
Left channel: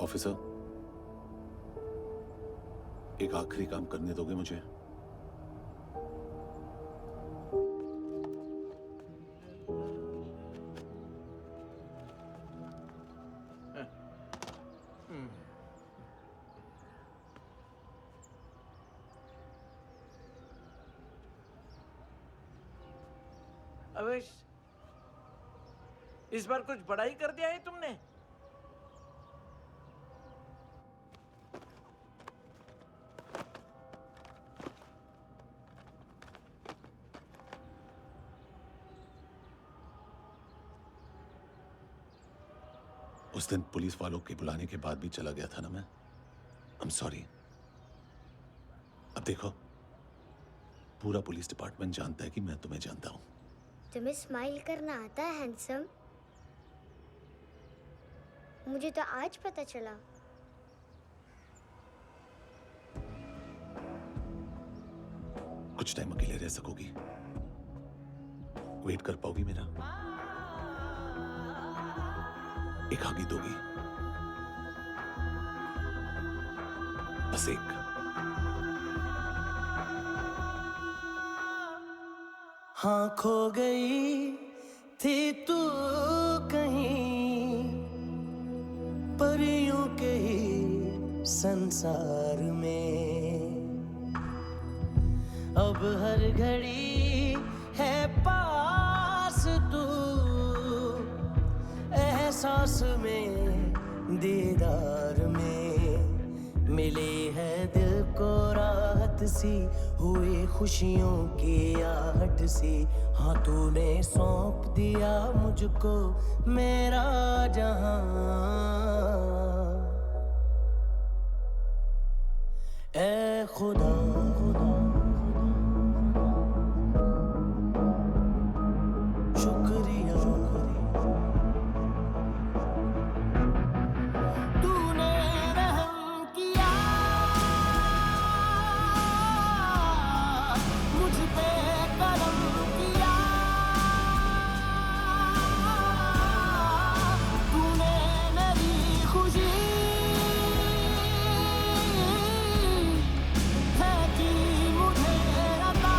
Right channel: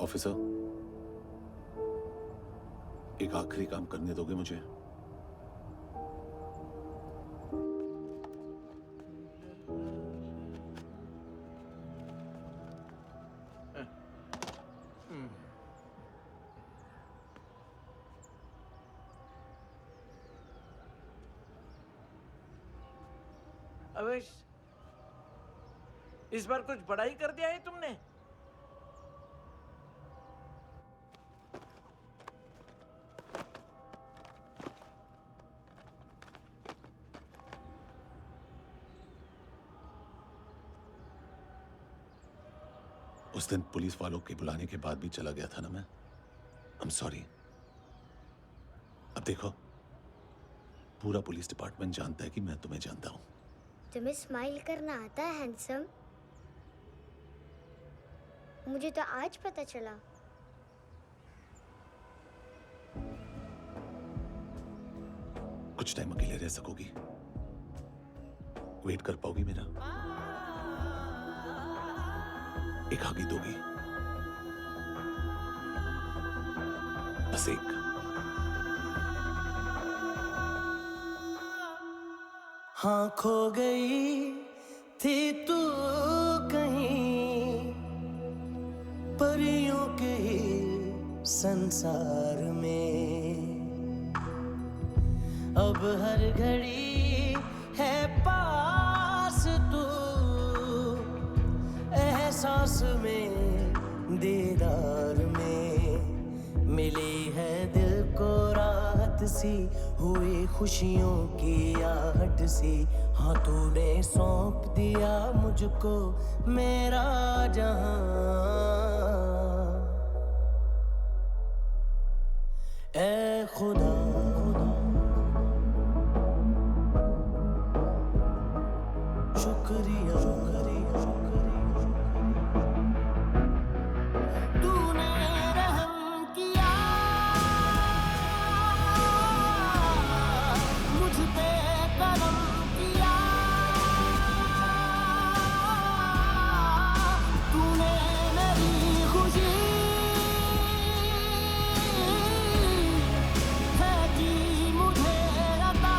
ऑफिसर, एक आखिरी काम करने दोगे मुझे? अवेश, इस बार कुछ बड़ा ही कर दिया है तुमने। उस दिन पुलिस वालों के बुलाने के बाद भी चला गया था ना मैं। I'm sorry। अब देखो, पूरा पुलिस डिपार्टमेंट जानता है कि मैं तुम्हें जानता हूं। तुम्हें स्माइल करना आता है हैंडसम? मुझे तो आज पता चला। कुछ टाइम अकेले रह सकोगी? वेट कर पाओगी मेरा? एक आगे दोगी? बस एक। हाँ खो गई थी तू कहीं परियों के ही संसार में, अब हर घड़ी है पास तू, एहसास में दीदार में, मिली है दिल को राहत सी, हुई खुशियों की आहट सी। हाँ तूने सौंप दिया मुझको मेरा जहां, ऐ खुदा शुक्रिया तूने रहम किया मुझ पे, करम किया तूने, मेरी खुशी है कि मुझे अता,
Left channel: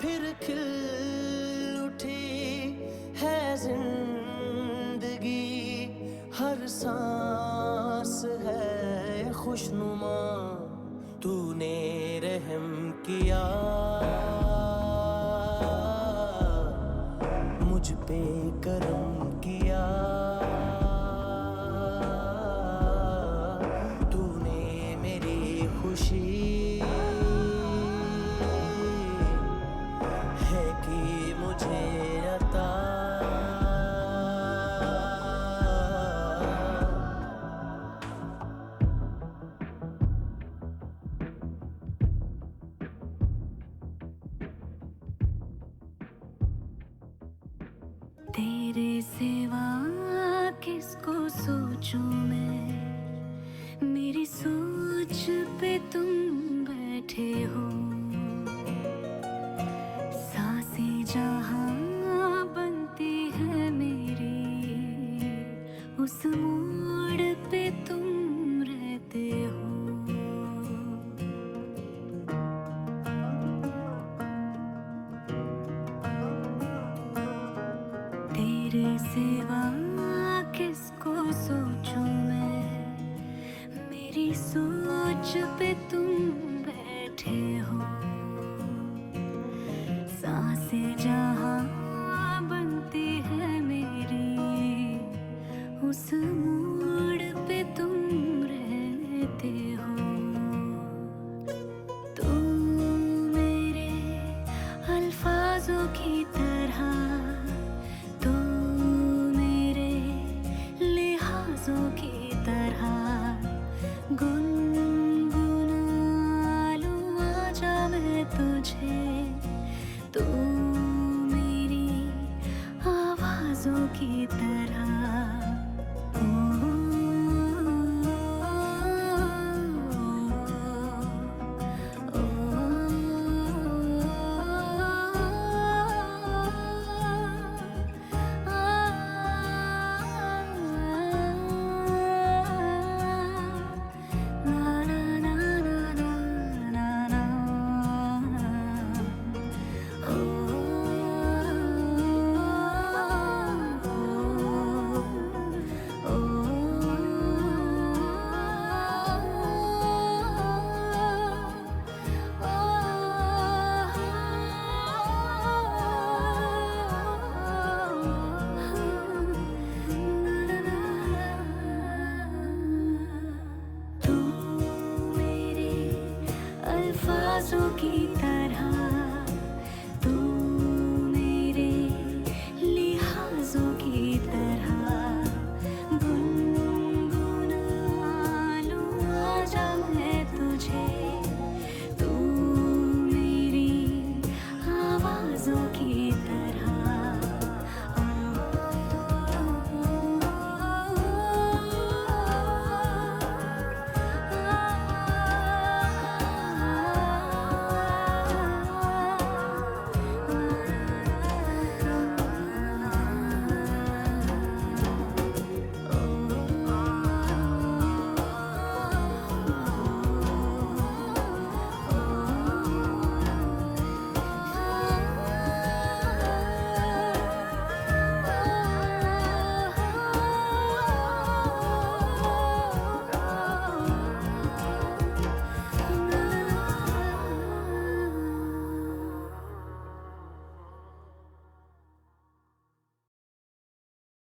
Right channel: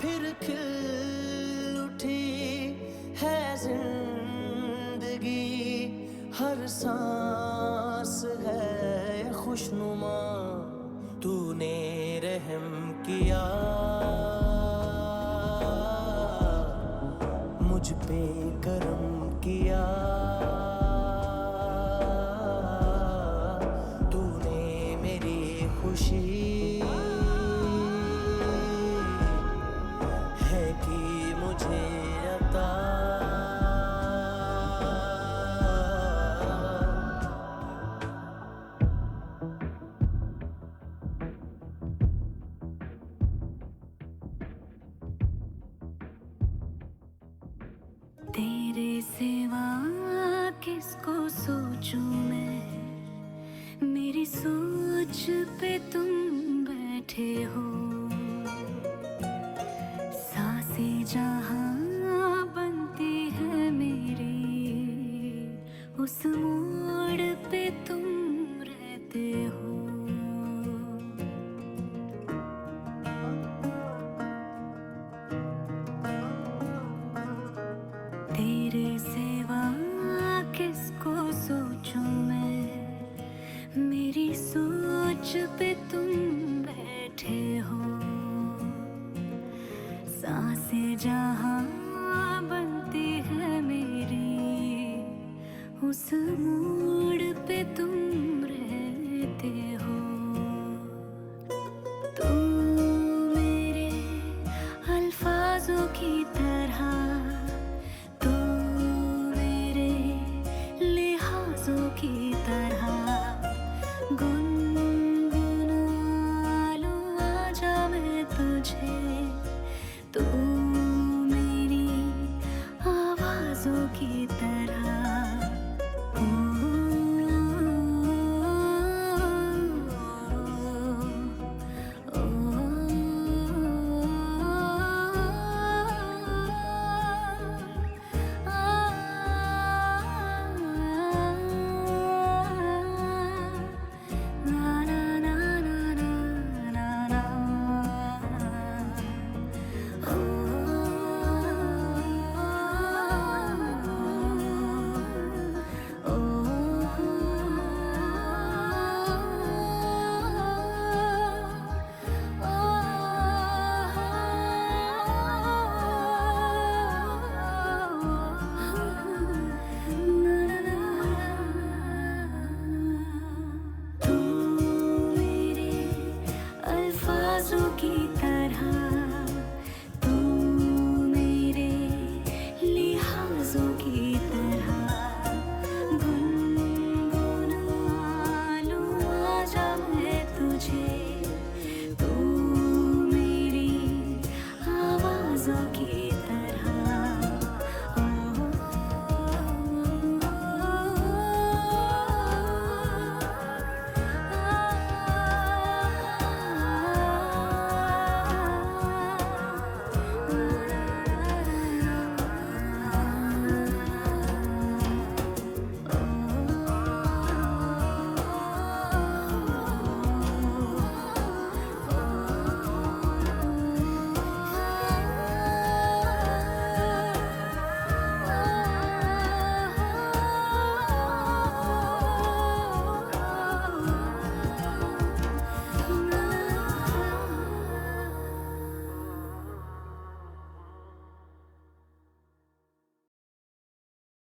फिर खिल उठी है जिंदगी, हर सांस है खुशनुमा, तूने रहम किया मुझ पे, करम किया तूने, मेरी खुशी है कि मुझे अता। तेरे सिवा किसको सोचूं मैं, मेरी सोच पे तुम बैठे हो, सांसें जहां बनती है मेरी, उस मोड़ पे तुम रहते हो। तेरे सिवा किसको सोचूं मैं, मेरी सोच पे तुम बैठे हो। सांसें जहां बनती है मेरी, उस मोड़ पे तुम रहते हो। तुम मेरे अल्फाजों की तरह, तू मेरे लिहाजों की तरह, गुनगुना लूं आजा मैं तुझे, तू मेरी आवाजों की तरह। तू मेरे अल्फाजों की तरह,